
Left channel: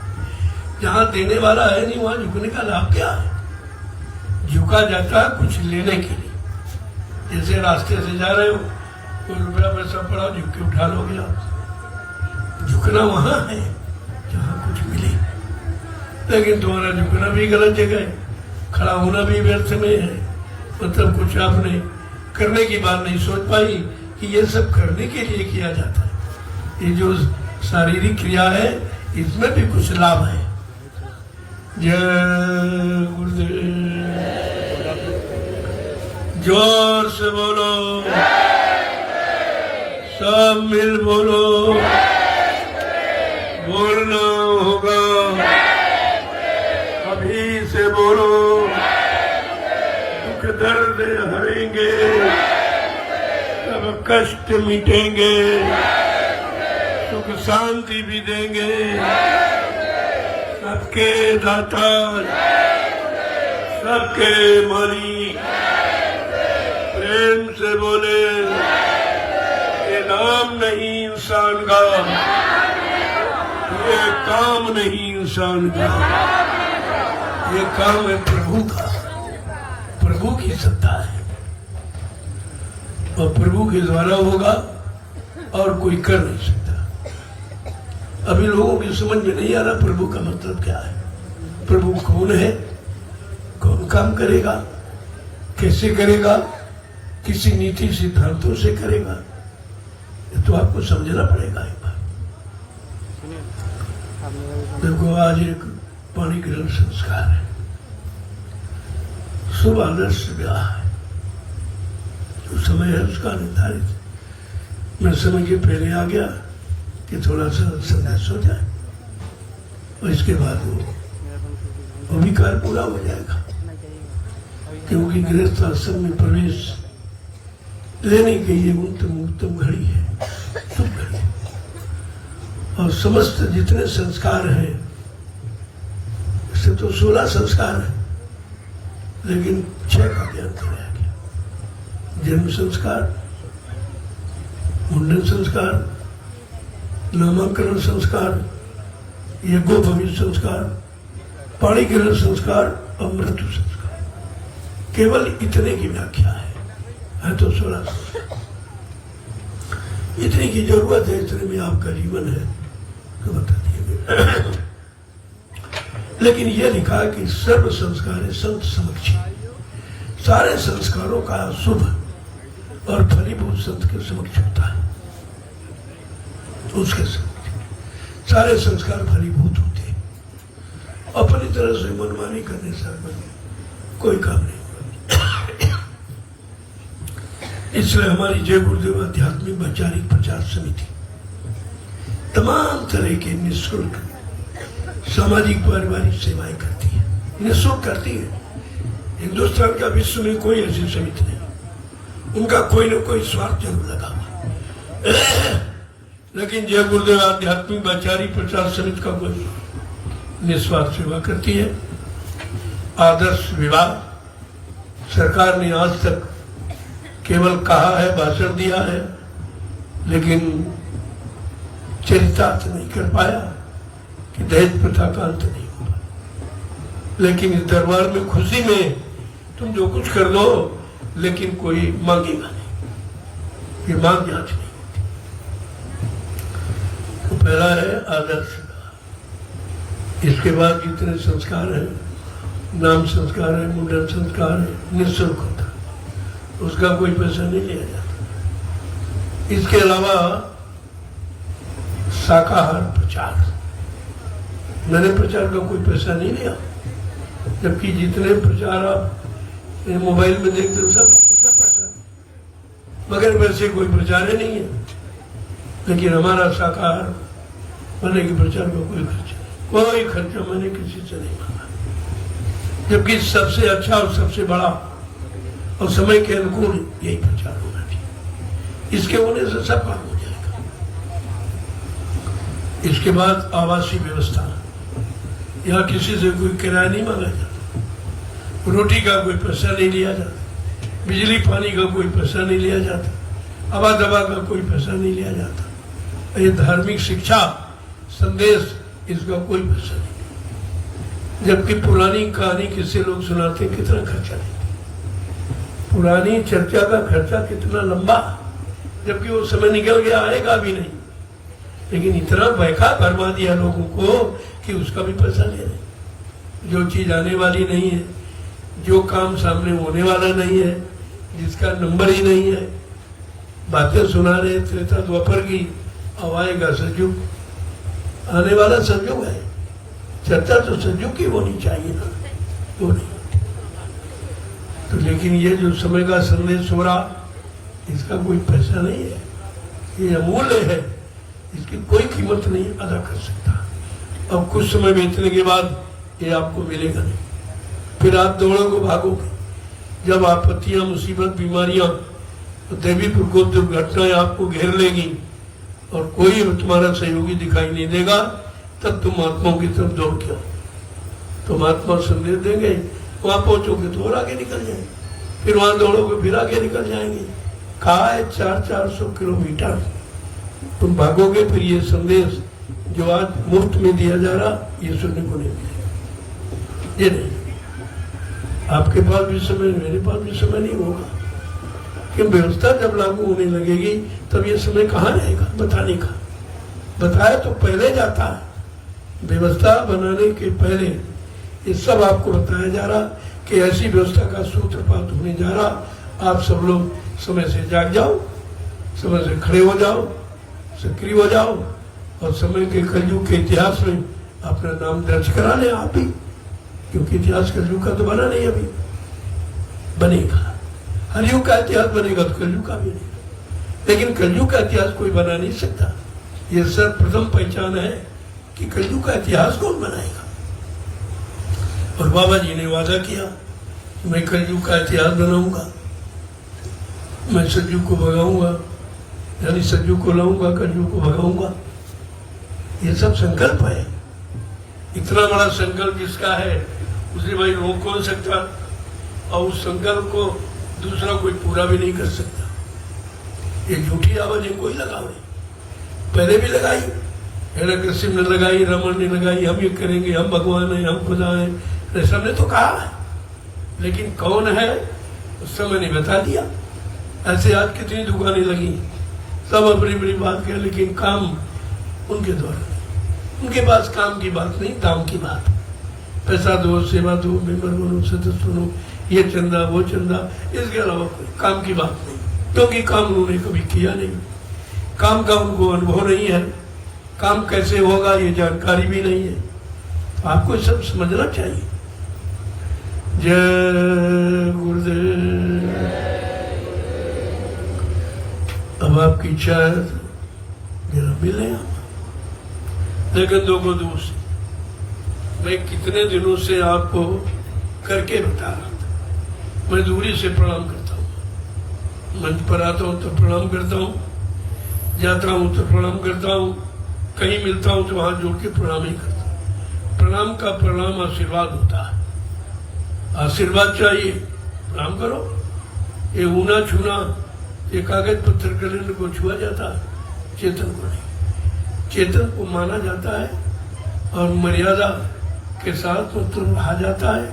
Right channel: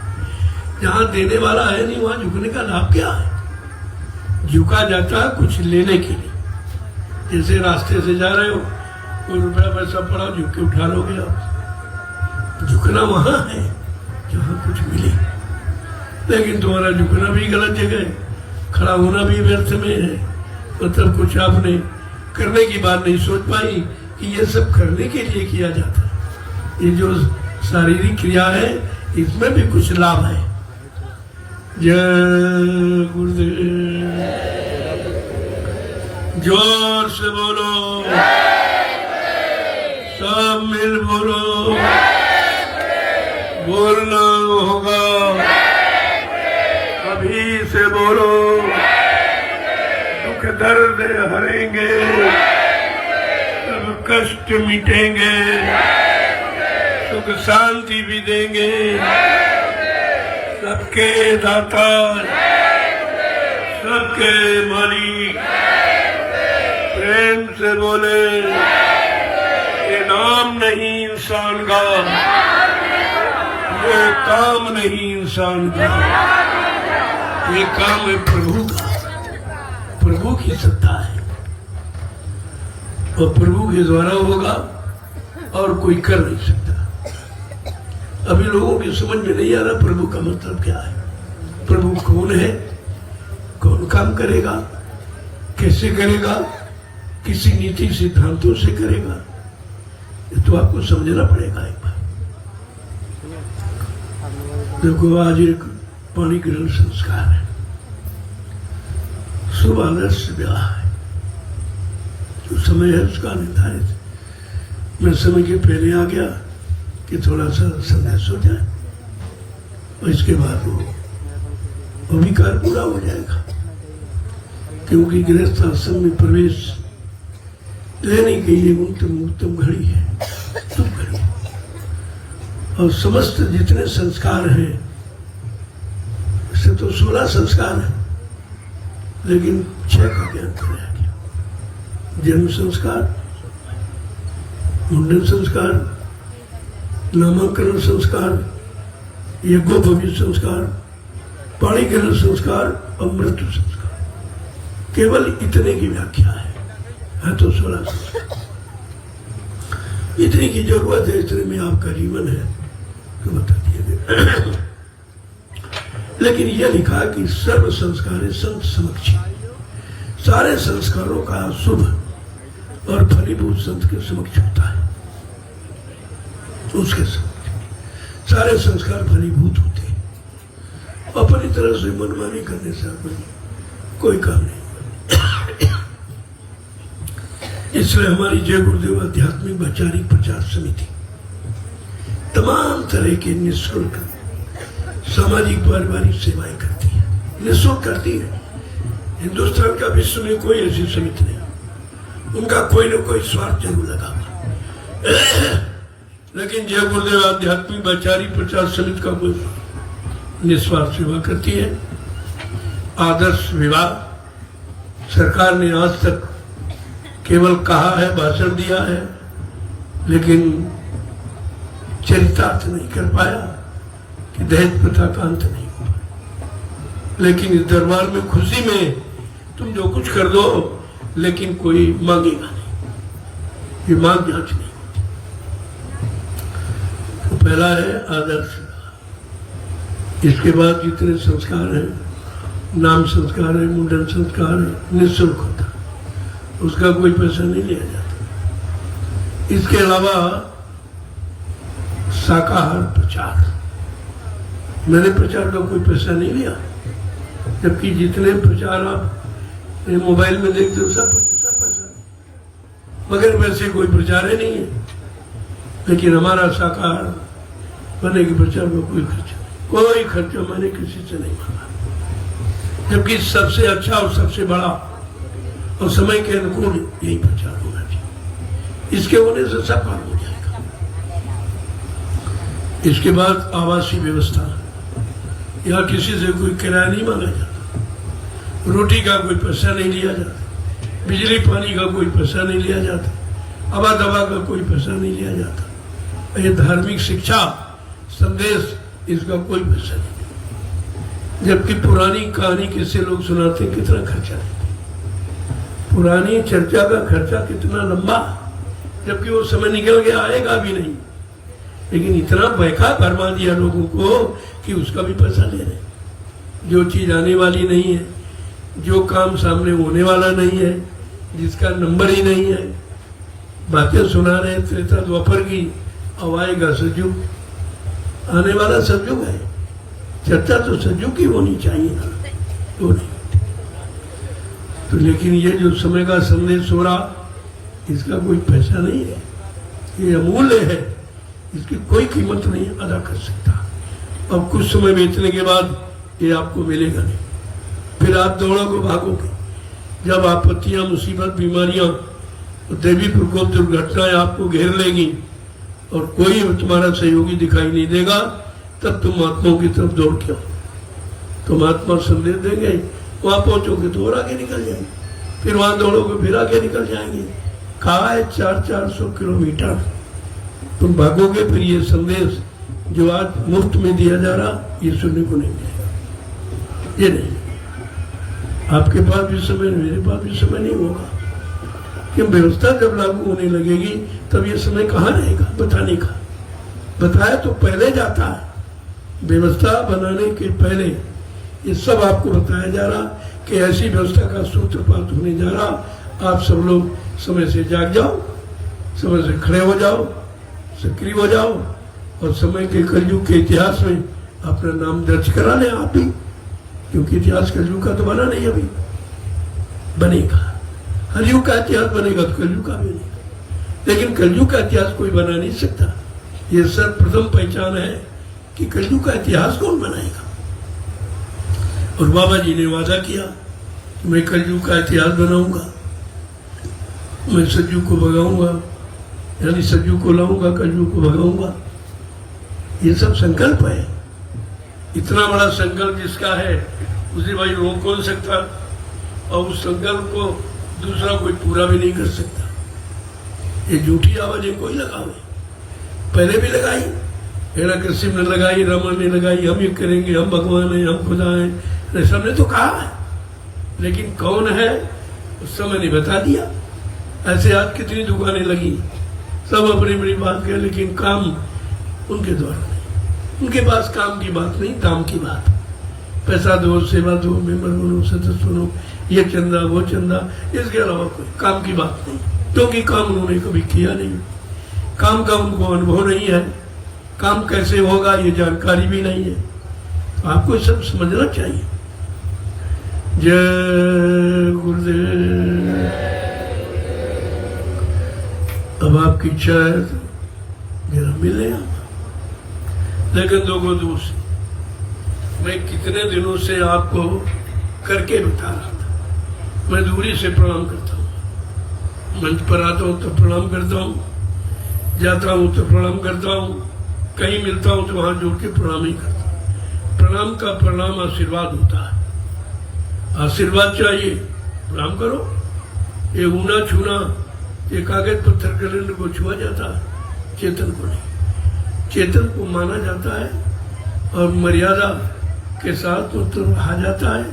जहां देने वाला है नहीं वहां झुकने का लाभ क्या है? झुका जाता कुछ लेने के लिए। जैसे रास्ते से जा रहे हो, कोई रुपया पैसा पड़ा, झुक के उठा लोगे आप। झुकना वहां है जहां कुछ मिले। लेकिन तुम्हारा झुकना भी गलत जगह, खड़ा होना भी व्यर्थ में है। मतलब कुछ आपने करने की बात नहीं सोच पाई कि ये सब करने के लिए किया जाता है। ये जो शारीरिक क्रिया है इसमें भी कुछ लाभ है। जय गुरुदेव, जोर से बोलो, सब मिल बोलो, बोलना होगा, अभी से बोलो, दुख दर्द हरेंगे, सब कष्ट मिटेंगे, सुख शांति भी देंगे, सबके दाता, सबके मालिक, प्रेम से बोले, ये नाम काम नहीं इंसान का, ये काम नहीं इंसान का, ये काम है प्रभु का। प्रभु की सत्ता है और प्रभु के द्वारा होगा और कोई कर नहीं सकता। अभी लोगों की समझ में नहीं आ रहा प्रभु का मतलब क्या है, प्रभु कौन है, कौन काम करेगा, कैसे करेगा, किसी नीति सिद्धांतों से करेगा, ये तो आपको समझना पड़ेगा एक बार। देखो आज एक पाणी ग्रहण संस्कार है, शुभ आदर्श ब्याह है, तो समय है उसका निर्धारित। मैं समय के पहले आ गया कि थोड़ा सा संदेश हो जाए और इसके बाद वो अभिकार पूरा हो जाएगा, क्योंकि गृहस्थ आश्रम में प्रवेश लेने के लिए उत्तम घड़ी है, शुभ घड़ी है। और समस्त जितने संस्कार हैं वैसे तो 16 संस्कार है, लेकिन 6 का अंतर रह गया। जन्म संस्कार, मुंडन संस्कार, नामकरण संस्कार, यज्ञोपवीत संस्कार, पाणी ग्रहण संस्कार और मृत्यु संस्कार, केवल इतने की व्याख्या है तो 16 संस्कार। इतनी की जरूरत है, इतने में आपका जीवन है तो बता दिया। लेकिन यह लिखा कि सर्व संस्कार संत समक्ष, सारे संस्कारों का शुभ और फलीभूत संत के समक्ष होता है, उसके समक्ष सारे संस्कार फलीभूत होते हैं। अपनी तरह से मनमानी करने से कोई काम नहीं। इसलिए हमारी जय गुरुदेव आध्यात्मिक वैचारिक प्रचार समिति तमाम तरह के निःशुल्क सामाजिक पारिवारिक सेवाएं करती है, निःशुल्क करती है। हिंदुस्तान का विश्व में कोई ऐसी समिति नहीं, उनका कोई न कोई स्वार्थ जरूर लगा, लेकिन जय गुरुदेव आध्यात्मिक वैचारिक प्रचार समिति का कोई निस्वार्थ सेवा करती है। आदर्श विवाह सरकार ने आज तक केवल कहा है, भाषण दिया है, लेकिन चरितार्थ नहीं कर पाया कि दहेज प्रथा का अंत नहीं होगा। लेकिन इस दरबार में खुशी में तुम जो कुछ कर दो, लेकिन कोई मांगेगा नहीं, ये मांग जांच नहीं होती। तो पहला है आदर्श, इसके बाद जितने संस्कार हैं, नाम संस्कार है, मुंडन संस्कार है, निःशुल्क होता है, उसका कोई पैसा नहीं लिया जाता। इसके अलावा शाकाहार प्रचार, मैंने प्रचार का कोई पैसा नहीं लिया, जबकि जितने प्रचार आप मोबाइल में देखते हो सब पैसा, मगर वैसे कोई प्रचार ही नहीं है। लेकिन हमारा शाकाहार बने के प्रचार में कोई खर्चा मैंने किसी से नहीं मांगा, जबकि सबसे अच्छा और सबसे बड़ा और समय के अनुकूल यही प्रचार होना चाहिए। इसके होने से सब काम हो जाएगा। इसके बाद आवासीय व्यवस्था, यहाँ किसी से कोई किराया नहीं मांगा जाता, रोटी का कोई पैसा नहीं लिया जाता, बिजली पानी का कोई पैसा नहीं लिया जाता, हवा दवा का कोई पैसा नहीं लिया जाता। ये धार्मिक शिक्षा संदेश, इसका कोई पैसा नहीं। जबकि पुरानी कहानी किससे लोग सुनाते, कितना खर्चा है, पुरानी चर्चा का खर्चा कितना लंबा, जबकि वो समय निकल गया, आएगा भी नहीं। लेकिन इतना बैठा करवा दिया लोगों को कि उसका भी पैसा दे रहे। जो चीज आने वाली नहीं है, जो काम सामने होने वाला नहीं है, जिसका नंबर ही नहीं है, बातें सुना रहे त्रेता द्वापर की, अब आएगा सतयुग, आने वाला सतयुग है। चर्चा तो सतयुग की होनी चाहिए, तो नहीं। तो लेकिन ये जो समय का संदेश हो रहा, इसका कोई पैसा नहीं है, ये अमूल्य है, इसकी कोई कीमत नहीं अदा कर सकता। और कुछ समय बीतने के बाद ये आपको मिलेगा नहीं, फिर आप दौड़ोगे भागोगे। जब आपत्तियां, मुसीबत, बीमारियां, देवी प्रकोप, दुर्घटनाएं आपको घेर लेगी और कोई तुम्हारा सहयोगी दिखाई नहीं देगा, तब तुम महात्माओं की तरफ दौड़ के, तो महात्मा संदेश देंगे, वहां पहुंचोगे तो और आगे निकल जाएंगे, फिर वहां दौड़ोगे फिर आगे निकल जाएंगे। कहा है 400-400 किलोमीटर तुम भागोगे फिर ये संदेश जो आज मुफ्त में दिया जा रहा ये सुनने को नहीं मिलेगा। ये नहीं, आपके पास भी समय, मेरे पास भी समय नहीं होगा कि व्यवस्था जब लागू होने लगेगी तब ये समय कहाँ रहेगा बताने का। बताया तो पहले जाता है, व्यवस्था बनाने के पहले ये सब आपको बताया जा रहा कि ऐसी व्यवस्था का सूत्रपात होने जा रहा। आप सब लोग समय से जाग जाओ, समय से खड़े हो जाओ, सक्रिय हो जाओ और समय के कलयुग के इतिहास में अपना नाम दर्ज करा लें आप ही, क्योंकि इतिहास कलयुग का तो बना नहीं, अभी बनेगा। हर युग का इतिहास बनेगा तो कलयुग का भी नहीं, लेकिन कलयुग का इतिहास कोई बना नहीं सकता। ये सर्वप्रथम पहचान है कि कलयुग का इतिहास कौन बनाएगा। और बाबा जी ने वादा किया मैं कलयुग का इतिहास बनाऊंगा, मैं सज्जू को भगाऊंगा, यानी सज्जू को लाऊंगा, कलयुग को भगाऊंगा। ये सब संकल्प है। इतना बड़ा संकल्प जिसका है उसे भाई रोक कौन सकता, और उस संकल्प को दूसरा कोई पूरा भी नहीं कर सकता। ये झूठी आवाजें कोई लगावे, पहले भी लगाई, हिरण्यकशिप ने लगाई, रमन ने लगाई, हम ये करेंगे, हम भगवान हैं, हम खुदा हैं, सबने तो कहा, लेकिन कौन है उस समय ने बता दिया। ऐसे आज कितनी दुकानें लगी, सब अपनी अपनी बात करें, लेकिन काम उनके द्वारा, उनके पास काम की बात नहीं, दाम की बात। पैसा दो, सेवा दो, मेंबर बनो, सदस्य बनो, ये चंदा वो चंदा, इसके अलावा कोई काम की बात नहीं, क्योंकि काम उन्होंने कभी किया नहीं, काम का उनको अनुभव नहीं है, काम कैसे होगा ये जानकारी भी नहीं है। आपको सब समझना चाहिए। जय गुरुदेव। अब आपकी इच्छा है मेरा मिले, लेकिन लोगों दोस्त मैं कितने दिनों से आपको करके बता रहा था। मैं दूरी से प्रणाम करता हूँ, मंच पर आता हूँ तो प्रणाम करता हूँ, जाता हूँ तो प्रणाम करता हूँ, कहीं मिलता हूँ तो वहां जोड़ के प्रणाम ही करता हूँ। प्रणाम का प्रणाम आशीर्वाद होता है, आशीर्वाद चाहिए, प्रणाम करो। ये ऊना छूना, ये कागज पत्थर कलेंडर को छुआ जाता है, चेतन को नहीं। चेतन को माना जाता है और मर्यादा के साथ तो रहा जाता है,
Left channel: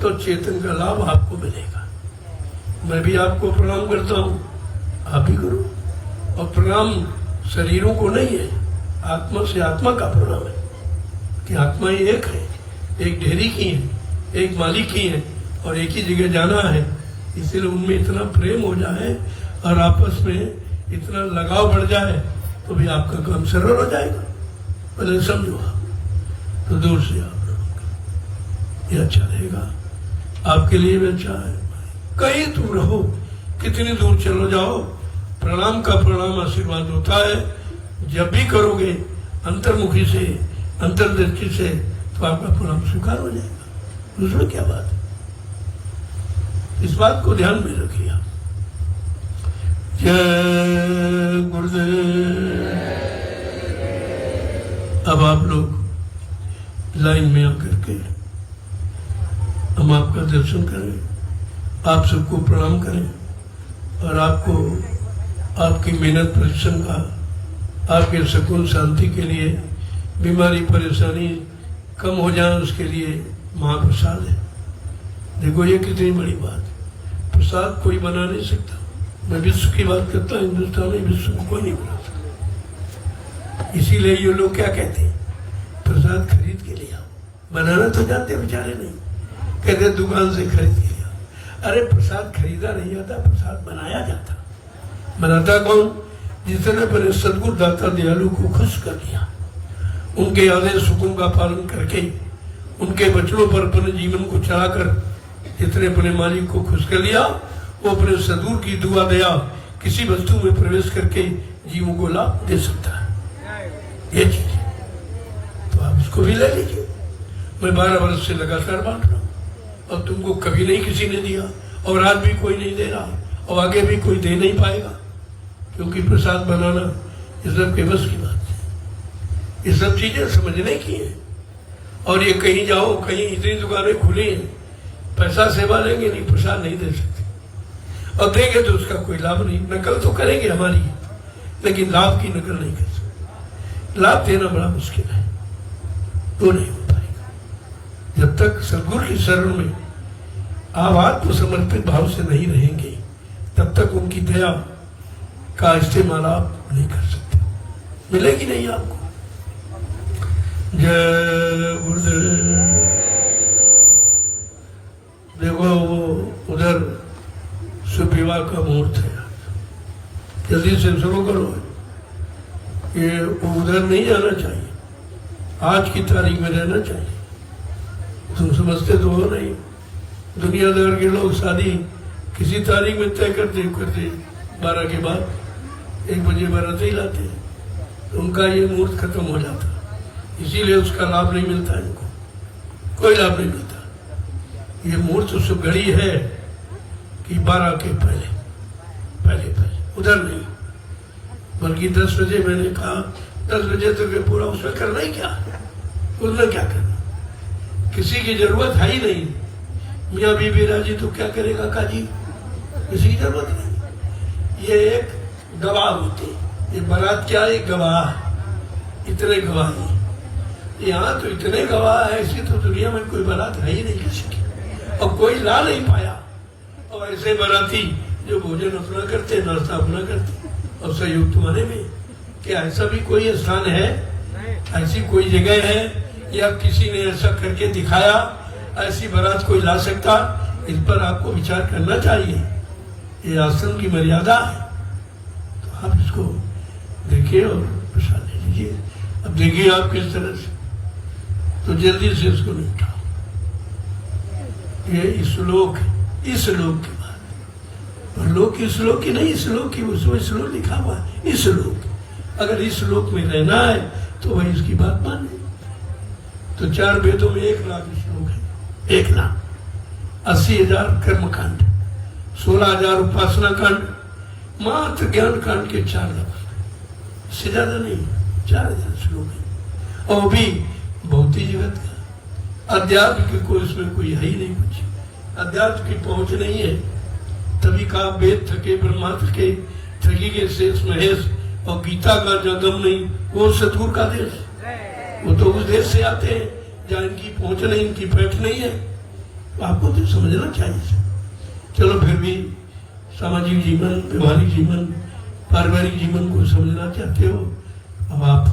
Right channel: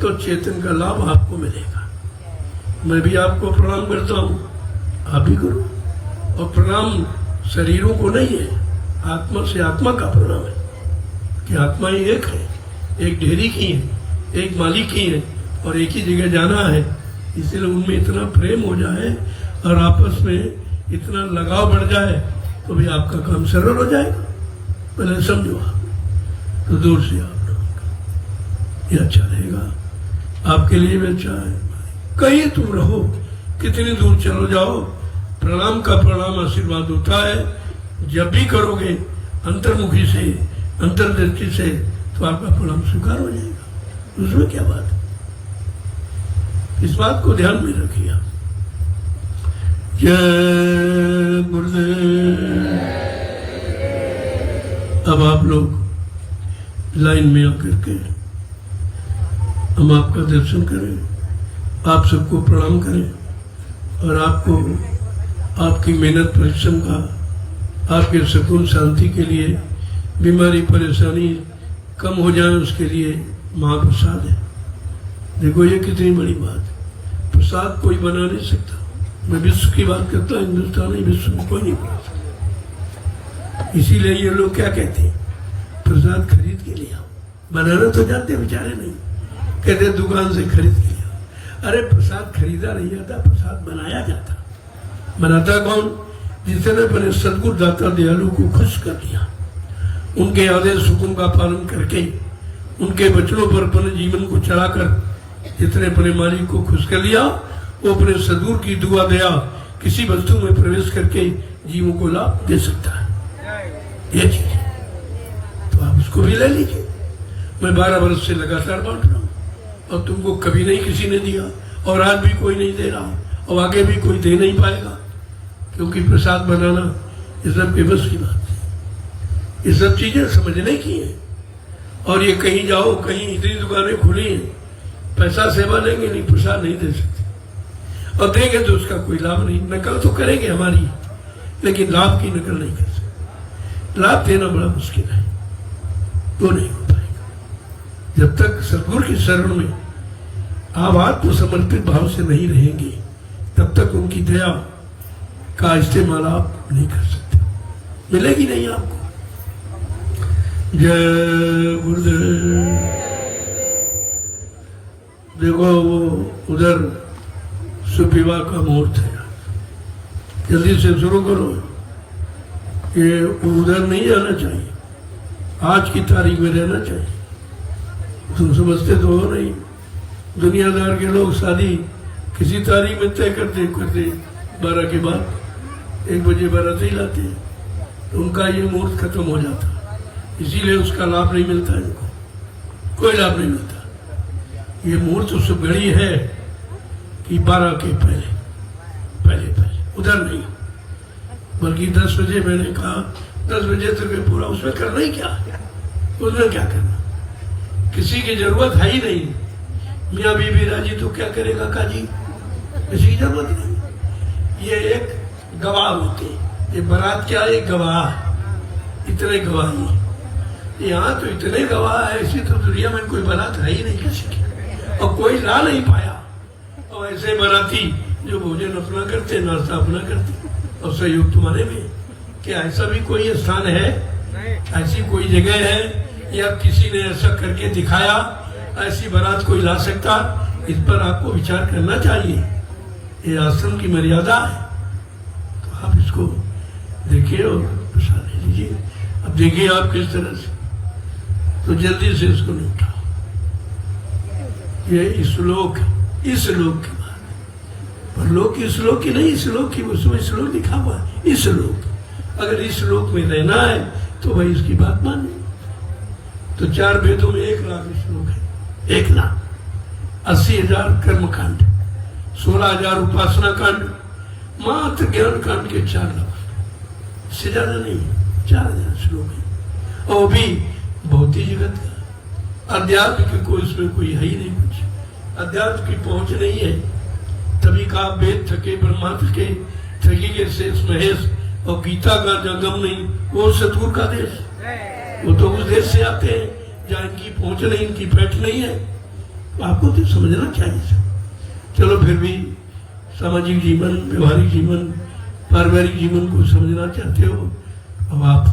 तो चेतन का लाभ आपको मिलेगा। मैं भी आपको प्रणाम करता हूँ, आप भी करो। और प्रणाम शरीरों को नहीं है, आत्मा से आत्मा का प्रणाम है कि आत्मा ही एक है, एक ढेरी की है, एक मालिक ही है और एक ही जगह जाना है। इसलिए उनमें इतना प्रेम हो जाए और आपस में इतना लगाव बढ़ जाए तो भी आपका काम सरल हो जाएगा। पहले समझो, तो दूर से आप लोग ये अच्छा रहेगा, आपके लिए भी अच्छा है। कहीं तुम रहो, कितनी दूर चलो जाओ, प्रणाम का प्रणाम आशीर्वाद होता है। जब भी करोगे अंतर्मुखी से, अंतर्दृष्टि से, तो आपका प्रणाम स्वीकार हो जाएगा। उसमें क्या बात है, इस बात को ध्यान में रखिए। जय गुरुदेव। अब आप लोग लाइन में आकर के हम आपका दर्शन करें, आप सबको प्रणाम करें और आपको आपकी मेहनत परिश्रम का, आपके सुकून शांति के लिए, बीमारी परेशानी कम हो जाए उसके लिए महाप्रसाद है। देखो ये कितनी बड़ी बात है, प्रसाद कोई बना नहीं सकता। मैं विश्व की बात करता हूँ, हिंदुस्तान नहीं, विश्व को कोई नहीं बनाता। इसीलिए ये लोग क्या कहते हैं, प्रसाद खरीद के लिया, बनाना तो जानते बेचारे नहीं, कहते दुकान से खरीद के लिया। अरे प्रसाद खरीदा नहीं जाता, प्रसाद बनाया जाता। बनाता कौन, जिसने पहले सदगुरु दाता दयालु को खुश कर दिया, उनके आदेश हुक्म का पालन करके, उनके वचनों पर अपने जीवन को चलाकर जितने अपने मालिक को खुश कर लिया, वो अपने सदगुरु की दुआ गया किसी वस्तु में प्रवेश करके जीवों को लाभ दे सकता है। ये चीज है, तो आप इसको भी ले लीजिए। मैं 12 वर्ष से लगातार बांट रहा हूँ, अब तुमको कभी नहीं किसी ने दिया और आज भी कोई नहीं दे रहा और आगे भी कोई दे नहीं पाएगा, क्योंकि प्रसाद बनाना ये सब के बस की बात है। ये सब चीजें समझने की है। और ये कहीं जाओ, कहीं इतनी दुकानें खुली हैं, पैसा सेवा देंगे नहीं, प्रसाद नहीं दे सकते, और देंगे तो उसका कोई लाभ नहीं। नकल तो करेंगे हमारी, लेकिन लाभ की नकल नहीं कर सकते। लाभ देना बड़ा मुश्किल है, वो नहीं हो पाएगा। जब तक सदगुरु के शरण में आप आत्मसमर्पित भाव से नहीं रहेंगे, तब तक उनकी दया का इस्तेमाल आप नहीं कर सकते, मिलेगी नहीं आपको। जय गुरुदेव। देखो वो उधर सुविवाह का मुहूर्त है, जल्दी से शुरू करो। ये उधर नहीं जाना चाहिए, आज की तारीख में रहना चाहिए। तुम समझते तो हो नहीं, दुनियादार के लोग शादी किसी तारीख में तय करते 12 के बाद 1 बजे बारात ही लाते हैं, तो उनका ये मुहूर्त खत्म हो जाता, इसीलिए उसका लाभ नहीं मिलता है, कोई लाभ नहीं मिलता। ये मुहूर्त उस घड़ी है कि 12 के पहले उधर नहीं, बल्कि 10 बजे मैंने कहा 10 बजे तक ये पूरा उसमें करना ही क्या, उसमें क्या करना, किसी की जरूरत है ही नहीं। मियाँ बीबी राजी तो क्या करेगा काजी, किसी की जरूरत नहीं। ये एक गवाह होते, ये बारात क्या है, गवाह, इतने गवाह नहीं। यहाँ तो इतने गवाह है, ऐसी तो दुनिया में कोई बारात है ही नहीं किसी की, और कोई ला नहीं पाया। और ऐसे बाराती जो भोजन अपना करते, नाश्ता अपना करते, और सहयोग तुम्हारे में। क्या ऐसा भी कोई स्थान है, ऐसी कोई जगह है, या किसी ने ऐसा करके दिखाया, ऐसी बारात कोई ला सकता? इस पर आपको विचार करना चाहिए। ये आश्रम की मर्यादा है, तो आप इसको देखिए और प्रसाद ले लीजिए। अब देखिए आप किस तरह से, तो जल्दी से इसको निपटाओ। ये श्लोक की बात, और लोक की श्लोक की नहीं, श्लोक की उसमें श्लोक लिखा हुआ है। इस श्लोक, अगर इस श्लोक में रहना है तो भाई इसकी बात माने। तो 4 वेदों में 1 लाख श्लोक है, 1 लाख, 80,000 कर्मकांड, 16,000 उपासना कांड, मात्र ज्ञान कांड के 4 लाख, इससे ज्यादा नहीं, 4,000 श्लोक है। और भी भौतिक जगत का, अध्यात्म की कोई उसमें कोई है ही नहीं, कुछ अध्यात्म की पहुंच नहीं है। तभी का वेद थके ब्रह्मा थके, थकी के शेष महेश, और गीता का जगम नहीं, वो सतगुरु का देश, वो तो उस देश से आते हैं जहाँ इनकी पहुंच नहीं, इनकी बैठ नहीं है। तो आपको तो समझना चाहिए। चलो फिर भी सामाजिक जीवन, व्यवहारिक जीवन, पारिवारिक जीवन को समझना चाहते हो, अब आप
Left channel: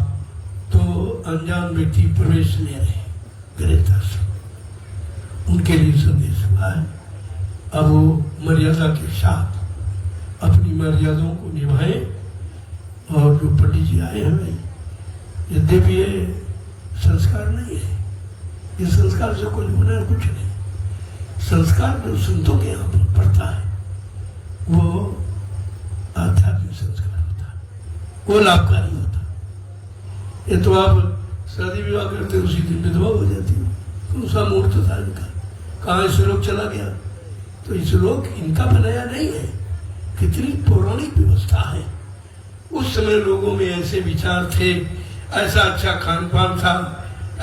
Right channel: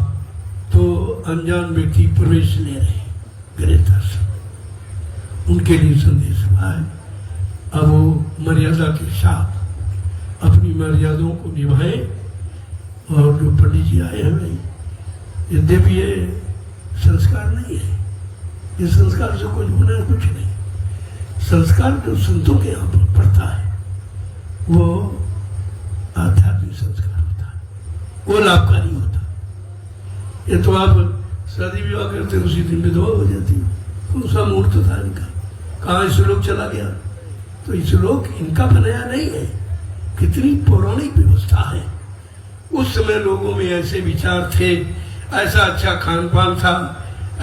तो अनजान व्यक्ति प्रवेश ले रहे गृहस्थ से, उनके लिए संदेश हुआ है। अब वो मर्यादा के साथ अपनी मर्यादाओं को निभाए। और जो पंडित जी आए हमें, यद्यपि ये संस्कार नहीं है, ये संस्कार से कोई होना कुछ नहीं। संस्कार जो संतों के यहाँ पर पड़ता है वो आध्यात्मिक संस्कार होता है, वो लाभकारी होता है। ये तो आप शादी विवाह करते उसी दिन विधवा हो जाती है, कौन सा मुहूर्त था इनका, कहाँ श्लोक चला गया। तो श्लोक इनका बनाया नहीं है, कितनी पौराणिक व्यवस्था है। उस समय लोगों में ऐसे विचार थे, ऐसा अच्छा खान पान था,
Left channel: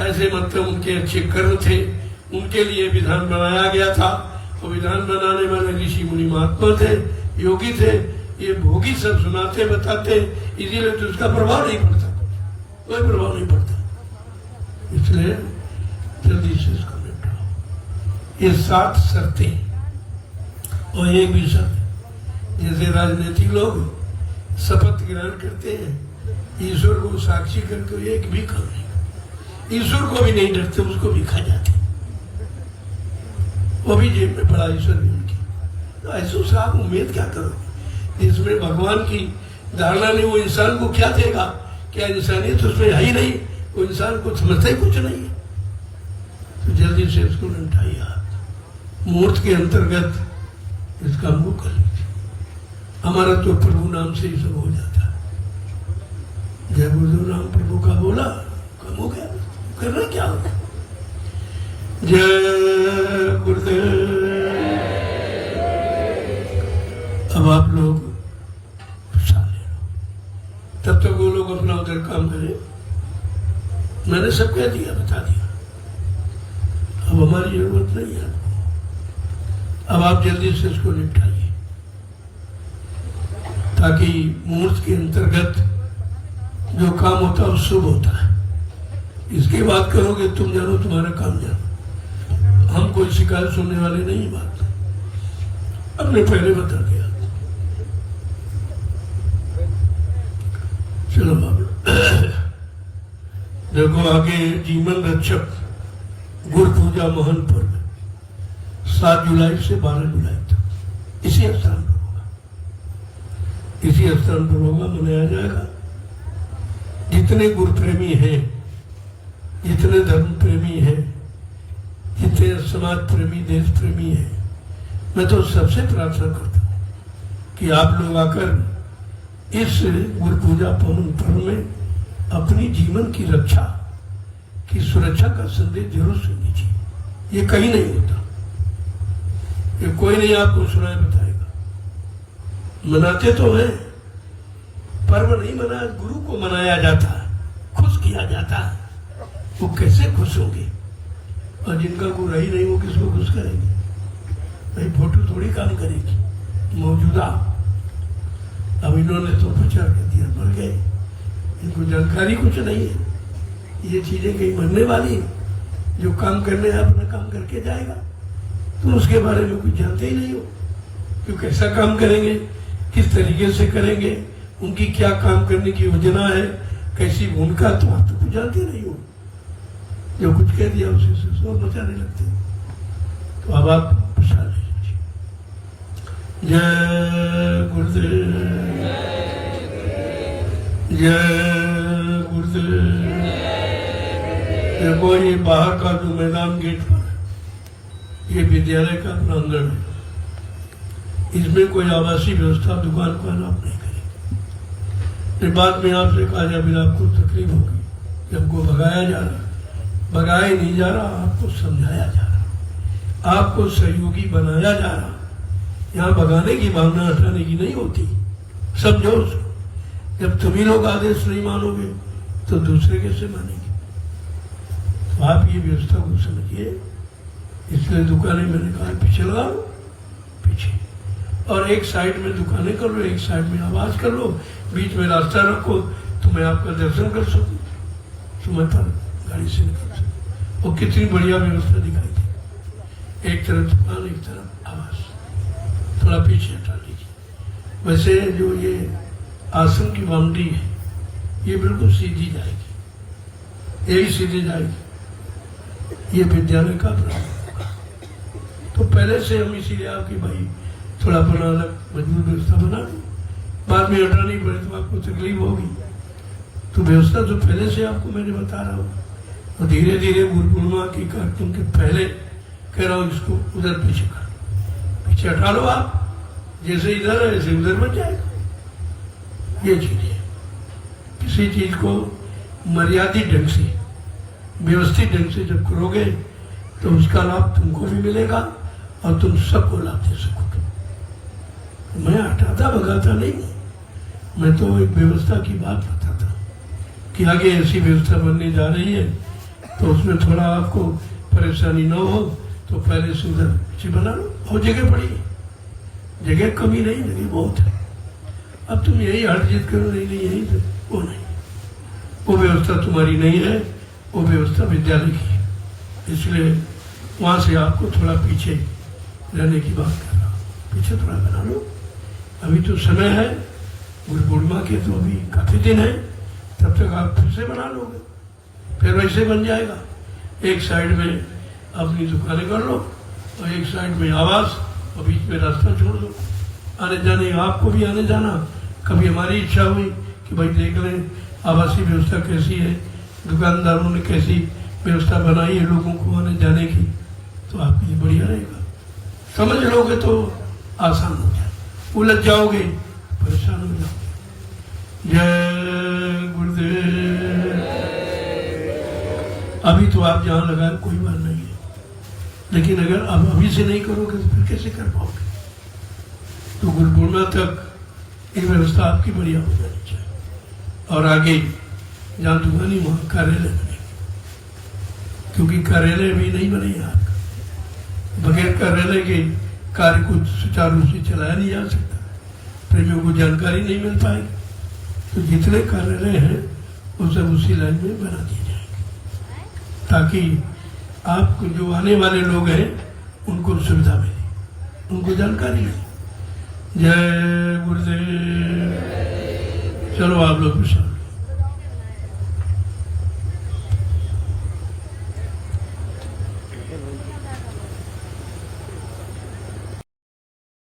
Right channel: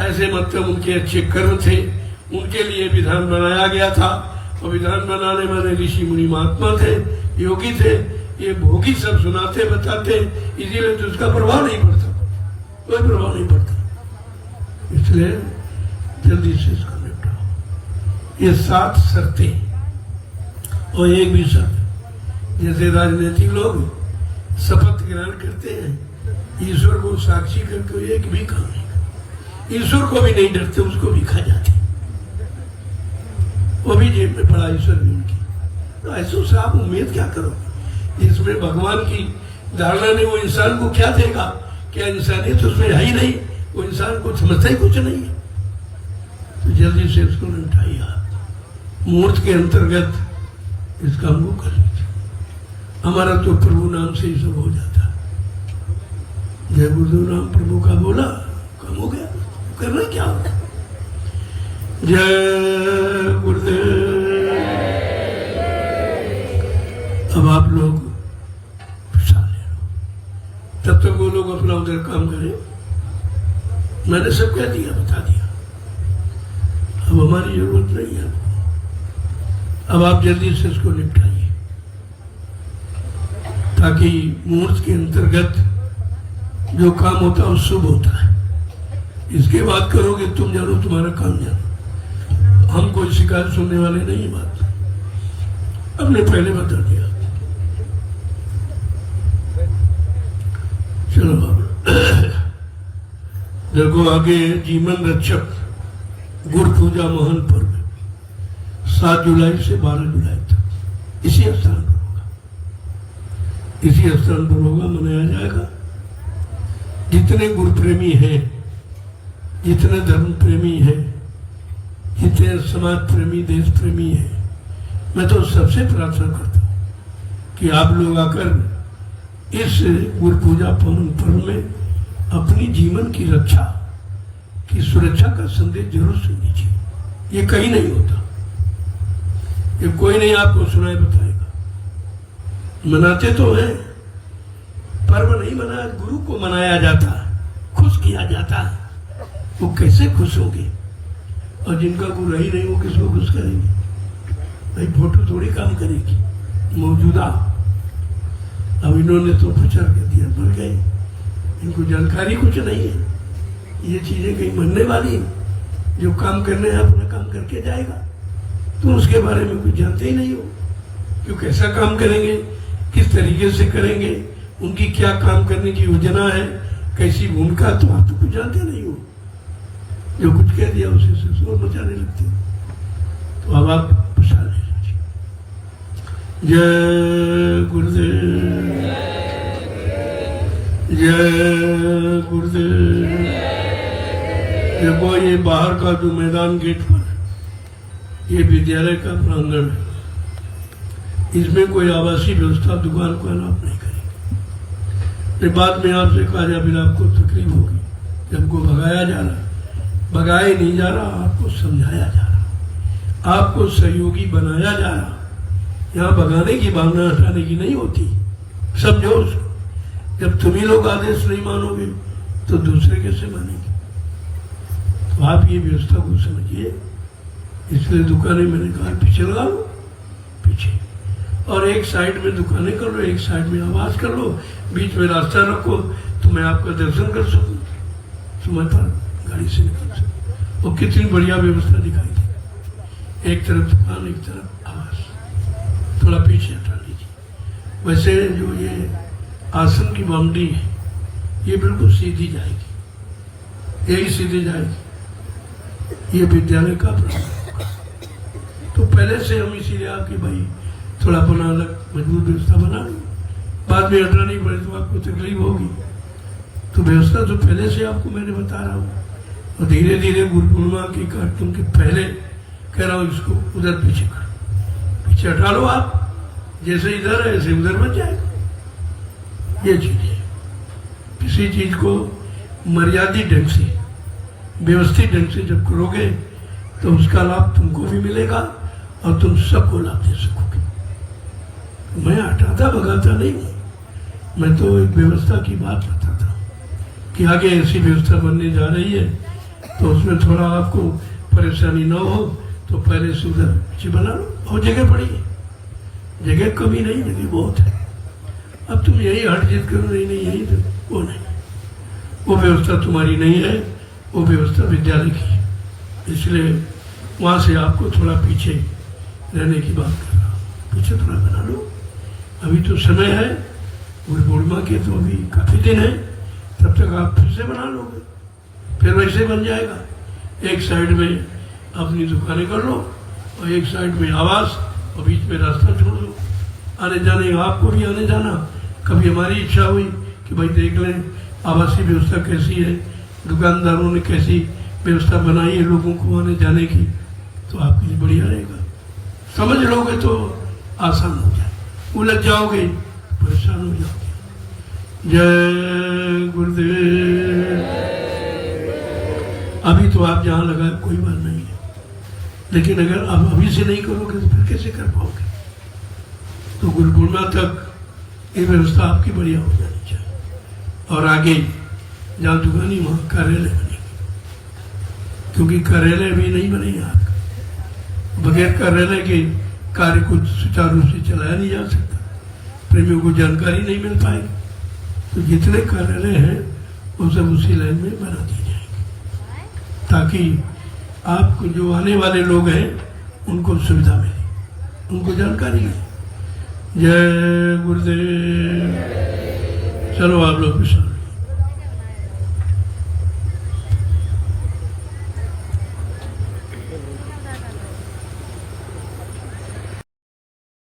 ऐसे मतलब उनके अच्छे कर्म थे, उनके लिए विधान बनाया गया था। और विधान बनाने वाले ऋषि मुनि महात्मा थे, योगी थे, ये भोगी सब सुनाते बताते, इसीलिए तो उसका प्रभाव नहीं पड़ता, कोई प्रभाव नहीं पड़ता। इसलिए जल्दी से इसको निपटाओ। ये 7 शर्तें और एक भी शर्त, जैसे राजनीतिक लोग शपथ ग्रहण करते हैं, ईश्वर को साक्षी करके एक भी काम नहीं, ईश्वर को भी नहीं डरते, उसको भी खा जाते, वो भी जेब में पड़ा ईश्वर भी उनकी। तो ऐसे से आप उम्मीद क्या करो, जिसमें भगवान की धारणा ने वो इंसान को क्या देगा, क्या इंसानियत उसमें है ही नहीं, वो इंसान को समझता ही कुछ नहीं है। तो जल्दी से इसको उठाइए हाथ, मुहूर्त के अंतर्गत इसका मुंह कर लीजिए। हमारा तो प्रभु नाम से ही सब हो जाता है। जय गुरुदेव नाम प्रभु का बोला, कम हो गया, करना क्या होगा। जय गुरुदेव। अब आप लोग प्रसाद ले लो, तब तक वो लोग अपना उधर काम करें। मैंने सब कह दिया, बता दिया, अब हमारी जरूरत नहीं है। अब आप जल्दी से इसको निपटाइए, ताकि मूर्त के अंतर्गत जो काम होता है शुभ होता है। इसके बाद करोगे तुम जानो तुम्हारा काम जानो, हम कोई शिकायत सुनने वाले नहीं। बात हमने पहले बता दिया। चलो देखो आगे जीवन रक्षक गुरु पूजा महान पर्व 7 जुलाई से 12 जुलाई तक इसी स्थान पर होगा, इसी स्थान पर होगा, मनाया जाएगा। जितने गुरु प्रेमी हैं, जितने धर्म प्रेमी हैं, जितने समाज प्रेमी, देश प्रेमी हैं, मैं तो सबसे प्रार्थना करता हूं कि आप लोग आकर इस गुरु पूजा पावन पर्व में अपनी जीवन की रक्षा की सुरक्षा का संदेश जरूर सुनिए। ये कहीं नहीं होता, ये कोई नहीं आपको सुनाए बताएगा। मनाते तो हैं, पर्व नहीं मनाया, गुरु को मनाया जाता, खुश किया जाता। वो कैसे खुश होंगे? और जिनका गुरु ही नहीं, वो किसको खुश करेंगे? भाई फोटो थोड़ी काम करेगी मौजूदा। अब इन्होंने तो प्रचार कर दिया, मर गए, इनको जानकारी कुछ नहीं है। ये चीजें कहीं बनने वाली है। जो काम करने है अपना काम करके जाएगा, तो उसके बारे में कुछ जानते ही नहीं हो। क्यों, कैसा काम करेंगे, किस तरीके से करेंगे, उनकी क्या काम करने की योजना है, कैसी भूमिका, तो आप तो कुछ जानते नहीं हो। जो कुछ कह दिया उसे शोर मचाने लगते हो। तो अब आप प्रसाद ले लीजिए। जय गुरुदेव, जय गुरुदेव। देखो ये बाहर का जो मैदान गेट पर ये विद्यालय का प्रांगण है, इसमें कोई आवासीय व्यवस्था दुकान को अलाउड नहीं करेगी। बाद में आपसे कहा जाए फिर आपको तकलीफ होगी, सबको भगाया जा रहा, भगाया नहीं जा रहा, आपको समझाया जा रहा, आपको सहयोगी बनाया जा रहा। यहाँ भगाने की भावना हटाने की नहीं होती, समझो उसको। जब तुम्ही लोग आदेश नहीं मानोगे तो दूसरे कैसे मानेंगे? तो आप ये व्यवस्था को समझिए। इसलिए दुकानें मैंने कहा पीछे लगाओ, पीछे, और एक साइड में दुकानें कर लो, एक साइड में आवाज कर लो, बीच में रास्ता रखो तो मैं आपका दर्शन कर सकूं, सुमाता गाड़ी से निकल सकूं। और कितनी बढ़िया व्यवस्था दिखाई दी, एक तरफ दुकान, एक तरफ आवाज। थोड़ा पीछे हटा लीजिए। वैसे जो ये आसन की बाउंड्री है ये बिल्कुल सीधी जाएगी, यही सीधी जाएगी। ये विद्यालय का तो पहले से हम इसीलिए आपकी भाई थोड़ा बना अलग मजबूत व्यवस्था बना लो, बाद में हटानी पड़े तो आपको तकलीफ होगी। तो व्यवस्था तो पहले से आपको मैंने बता रहा हूँ। और धीरे धीरे गुरु पूर्णिमा की कार्यक्रम के पहले कह रहा हूँ इसको उधर पीछे कर, पीछे हटा लो आप, जैसे इधर है ऐसे उधर बच जाए। ये चीज है, किसी चीज को मर्यादित ढंग से, व्यवस्थित ढंग से जब करोगे तो उसका लाभ तुमको भी मिलेगा और तुम सबको लाभ दे सकोगे। मैं हटाता भगाता नहीं, मैं तो एक व्यवस्था की बात बताता कि आगे ऐसी व्यवस्था बनने जा रही है, तो उसमें थोड़ा आपको परेशानी न हो तो पहले से उधर पीछे बना लो। और जगह पड़ी है, जगह कमी नहीं, जगह बहुत है। अब तुम यही हट जिद करो, नहीं यही तो वो नहीं, वो व्यवस्था तुम्हारी नहीं है, वो व्यवस्था विद्यालय की है। इसलिए वहां से आपको थोड़ा पीछे रहने की बात कर रहा हूं, पीछे थोड़ा बना लो। अभी तो समय है, गुरु पूर्णिमा के तो अभी काफी दिन है, तब तक आप फिर से बना लोगे, फिर वैसे बन जाएगा। एक साइड में अपनी दुकानें कर लो और एक साइड में आवास और बीच में रास्ता छोड़ दो। आने जाने, आपको भी आने जाना। कभी हमारी इच्छा हुई कि भाई देख लें आवासीय व्यवस्था कैसी है, दुकानदारों ने कैसी व्यवस्था बनाई है लोगों को आने जाने की, तो आपके लिए बढ़िया रहेगा। समझ लोगे तो आसान हो जाए, उलझ जाओगे परेशान हो जाओगे। जय गुरुदेव। अभी तो आप जहां लगाए कोई बात नहीं है, लेकिन अगर आप अभी से नहीं करोगे तो फिर कैसे कर पाओगे? तो गुरु पूर्णिमा तक ये व्यवस्था आपकी बढ़िया हो जानी चाहिए। और आगे जहां दुकानी वहां कार्यालय बनेगी, क्योंकि कार्यालय भी नहीं बनेगा, बगैर कार्यालय के कार्य को सुचारू रूप से चलाया नहीं जा सकता। प्रेमियों को जानकारी नहीं मिल पाई, तो जितने कार्यालय हैं वो सब उसी लाइन में बना दी जाएगी, ताकि आपको जो आने वाले लोग हैं उनको सुविधा मिले, उनको जानकारी मिले। जय गुरुदेव। चलो आप लोग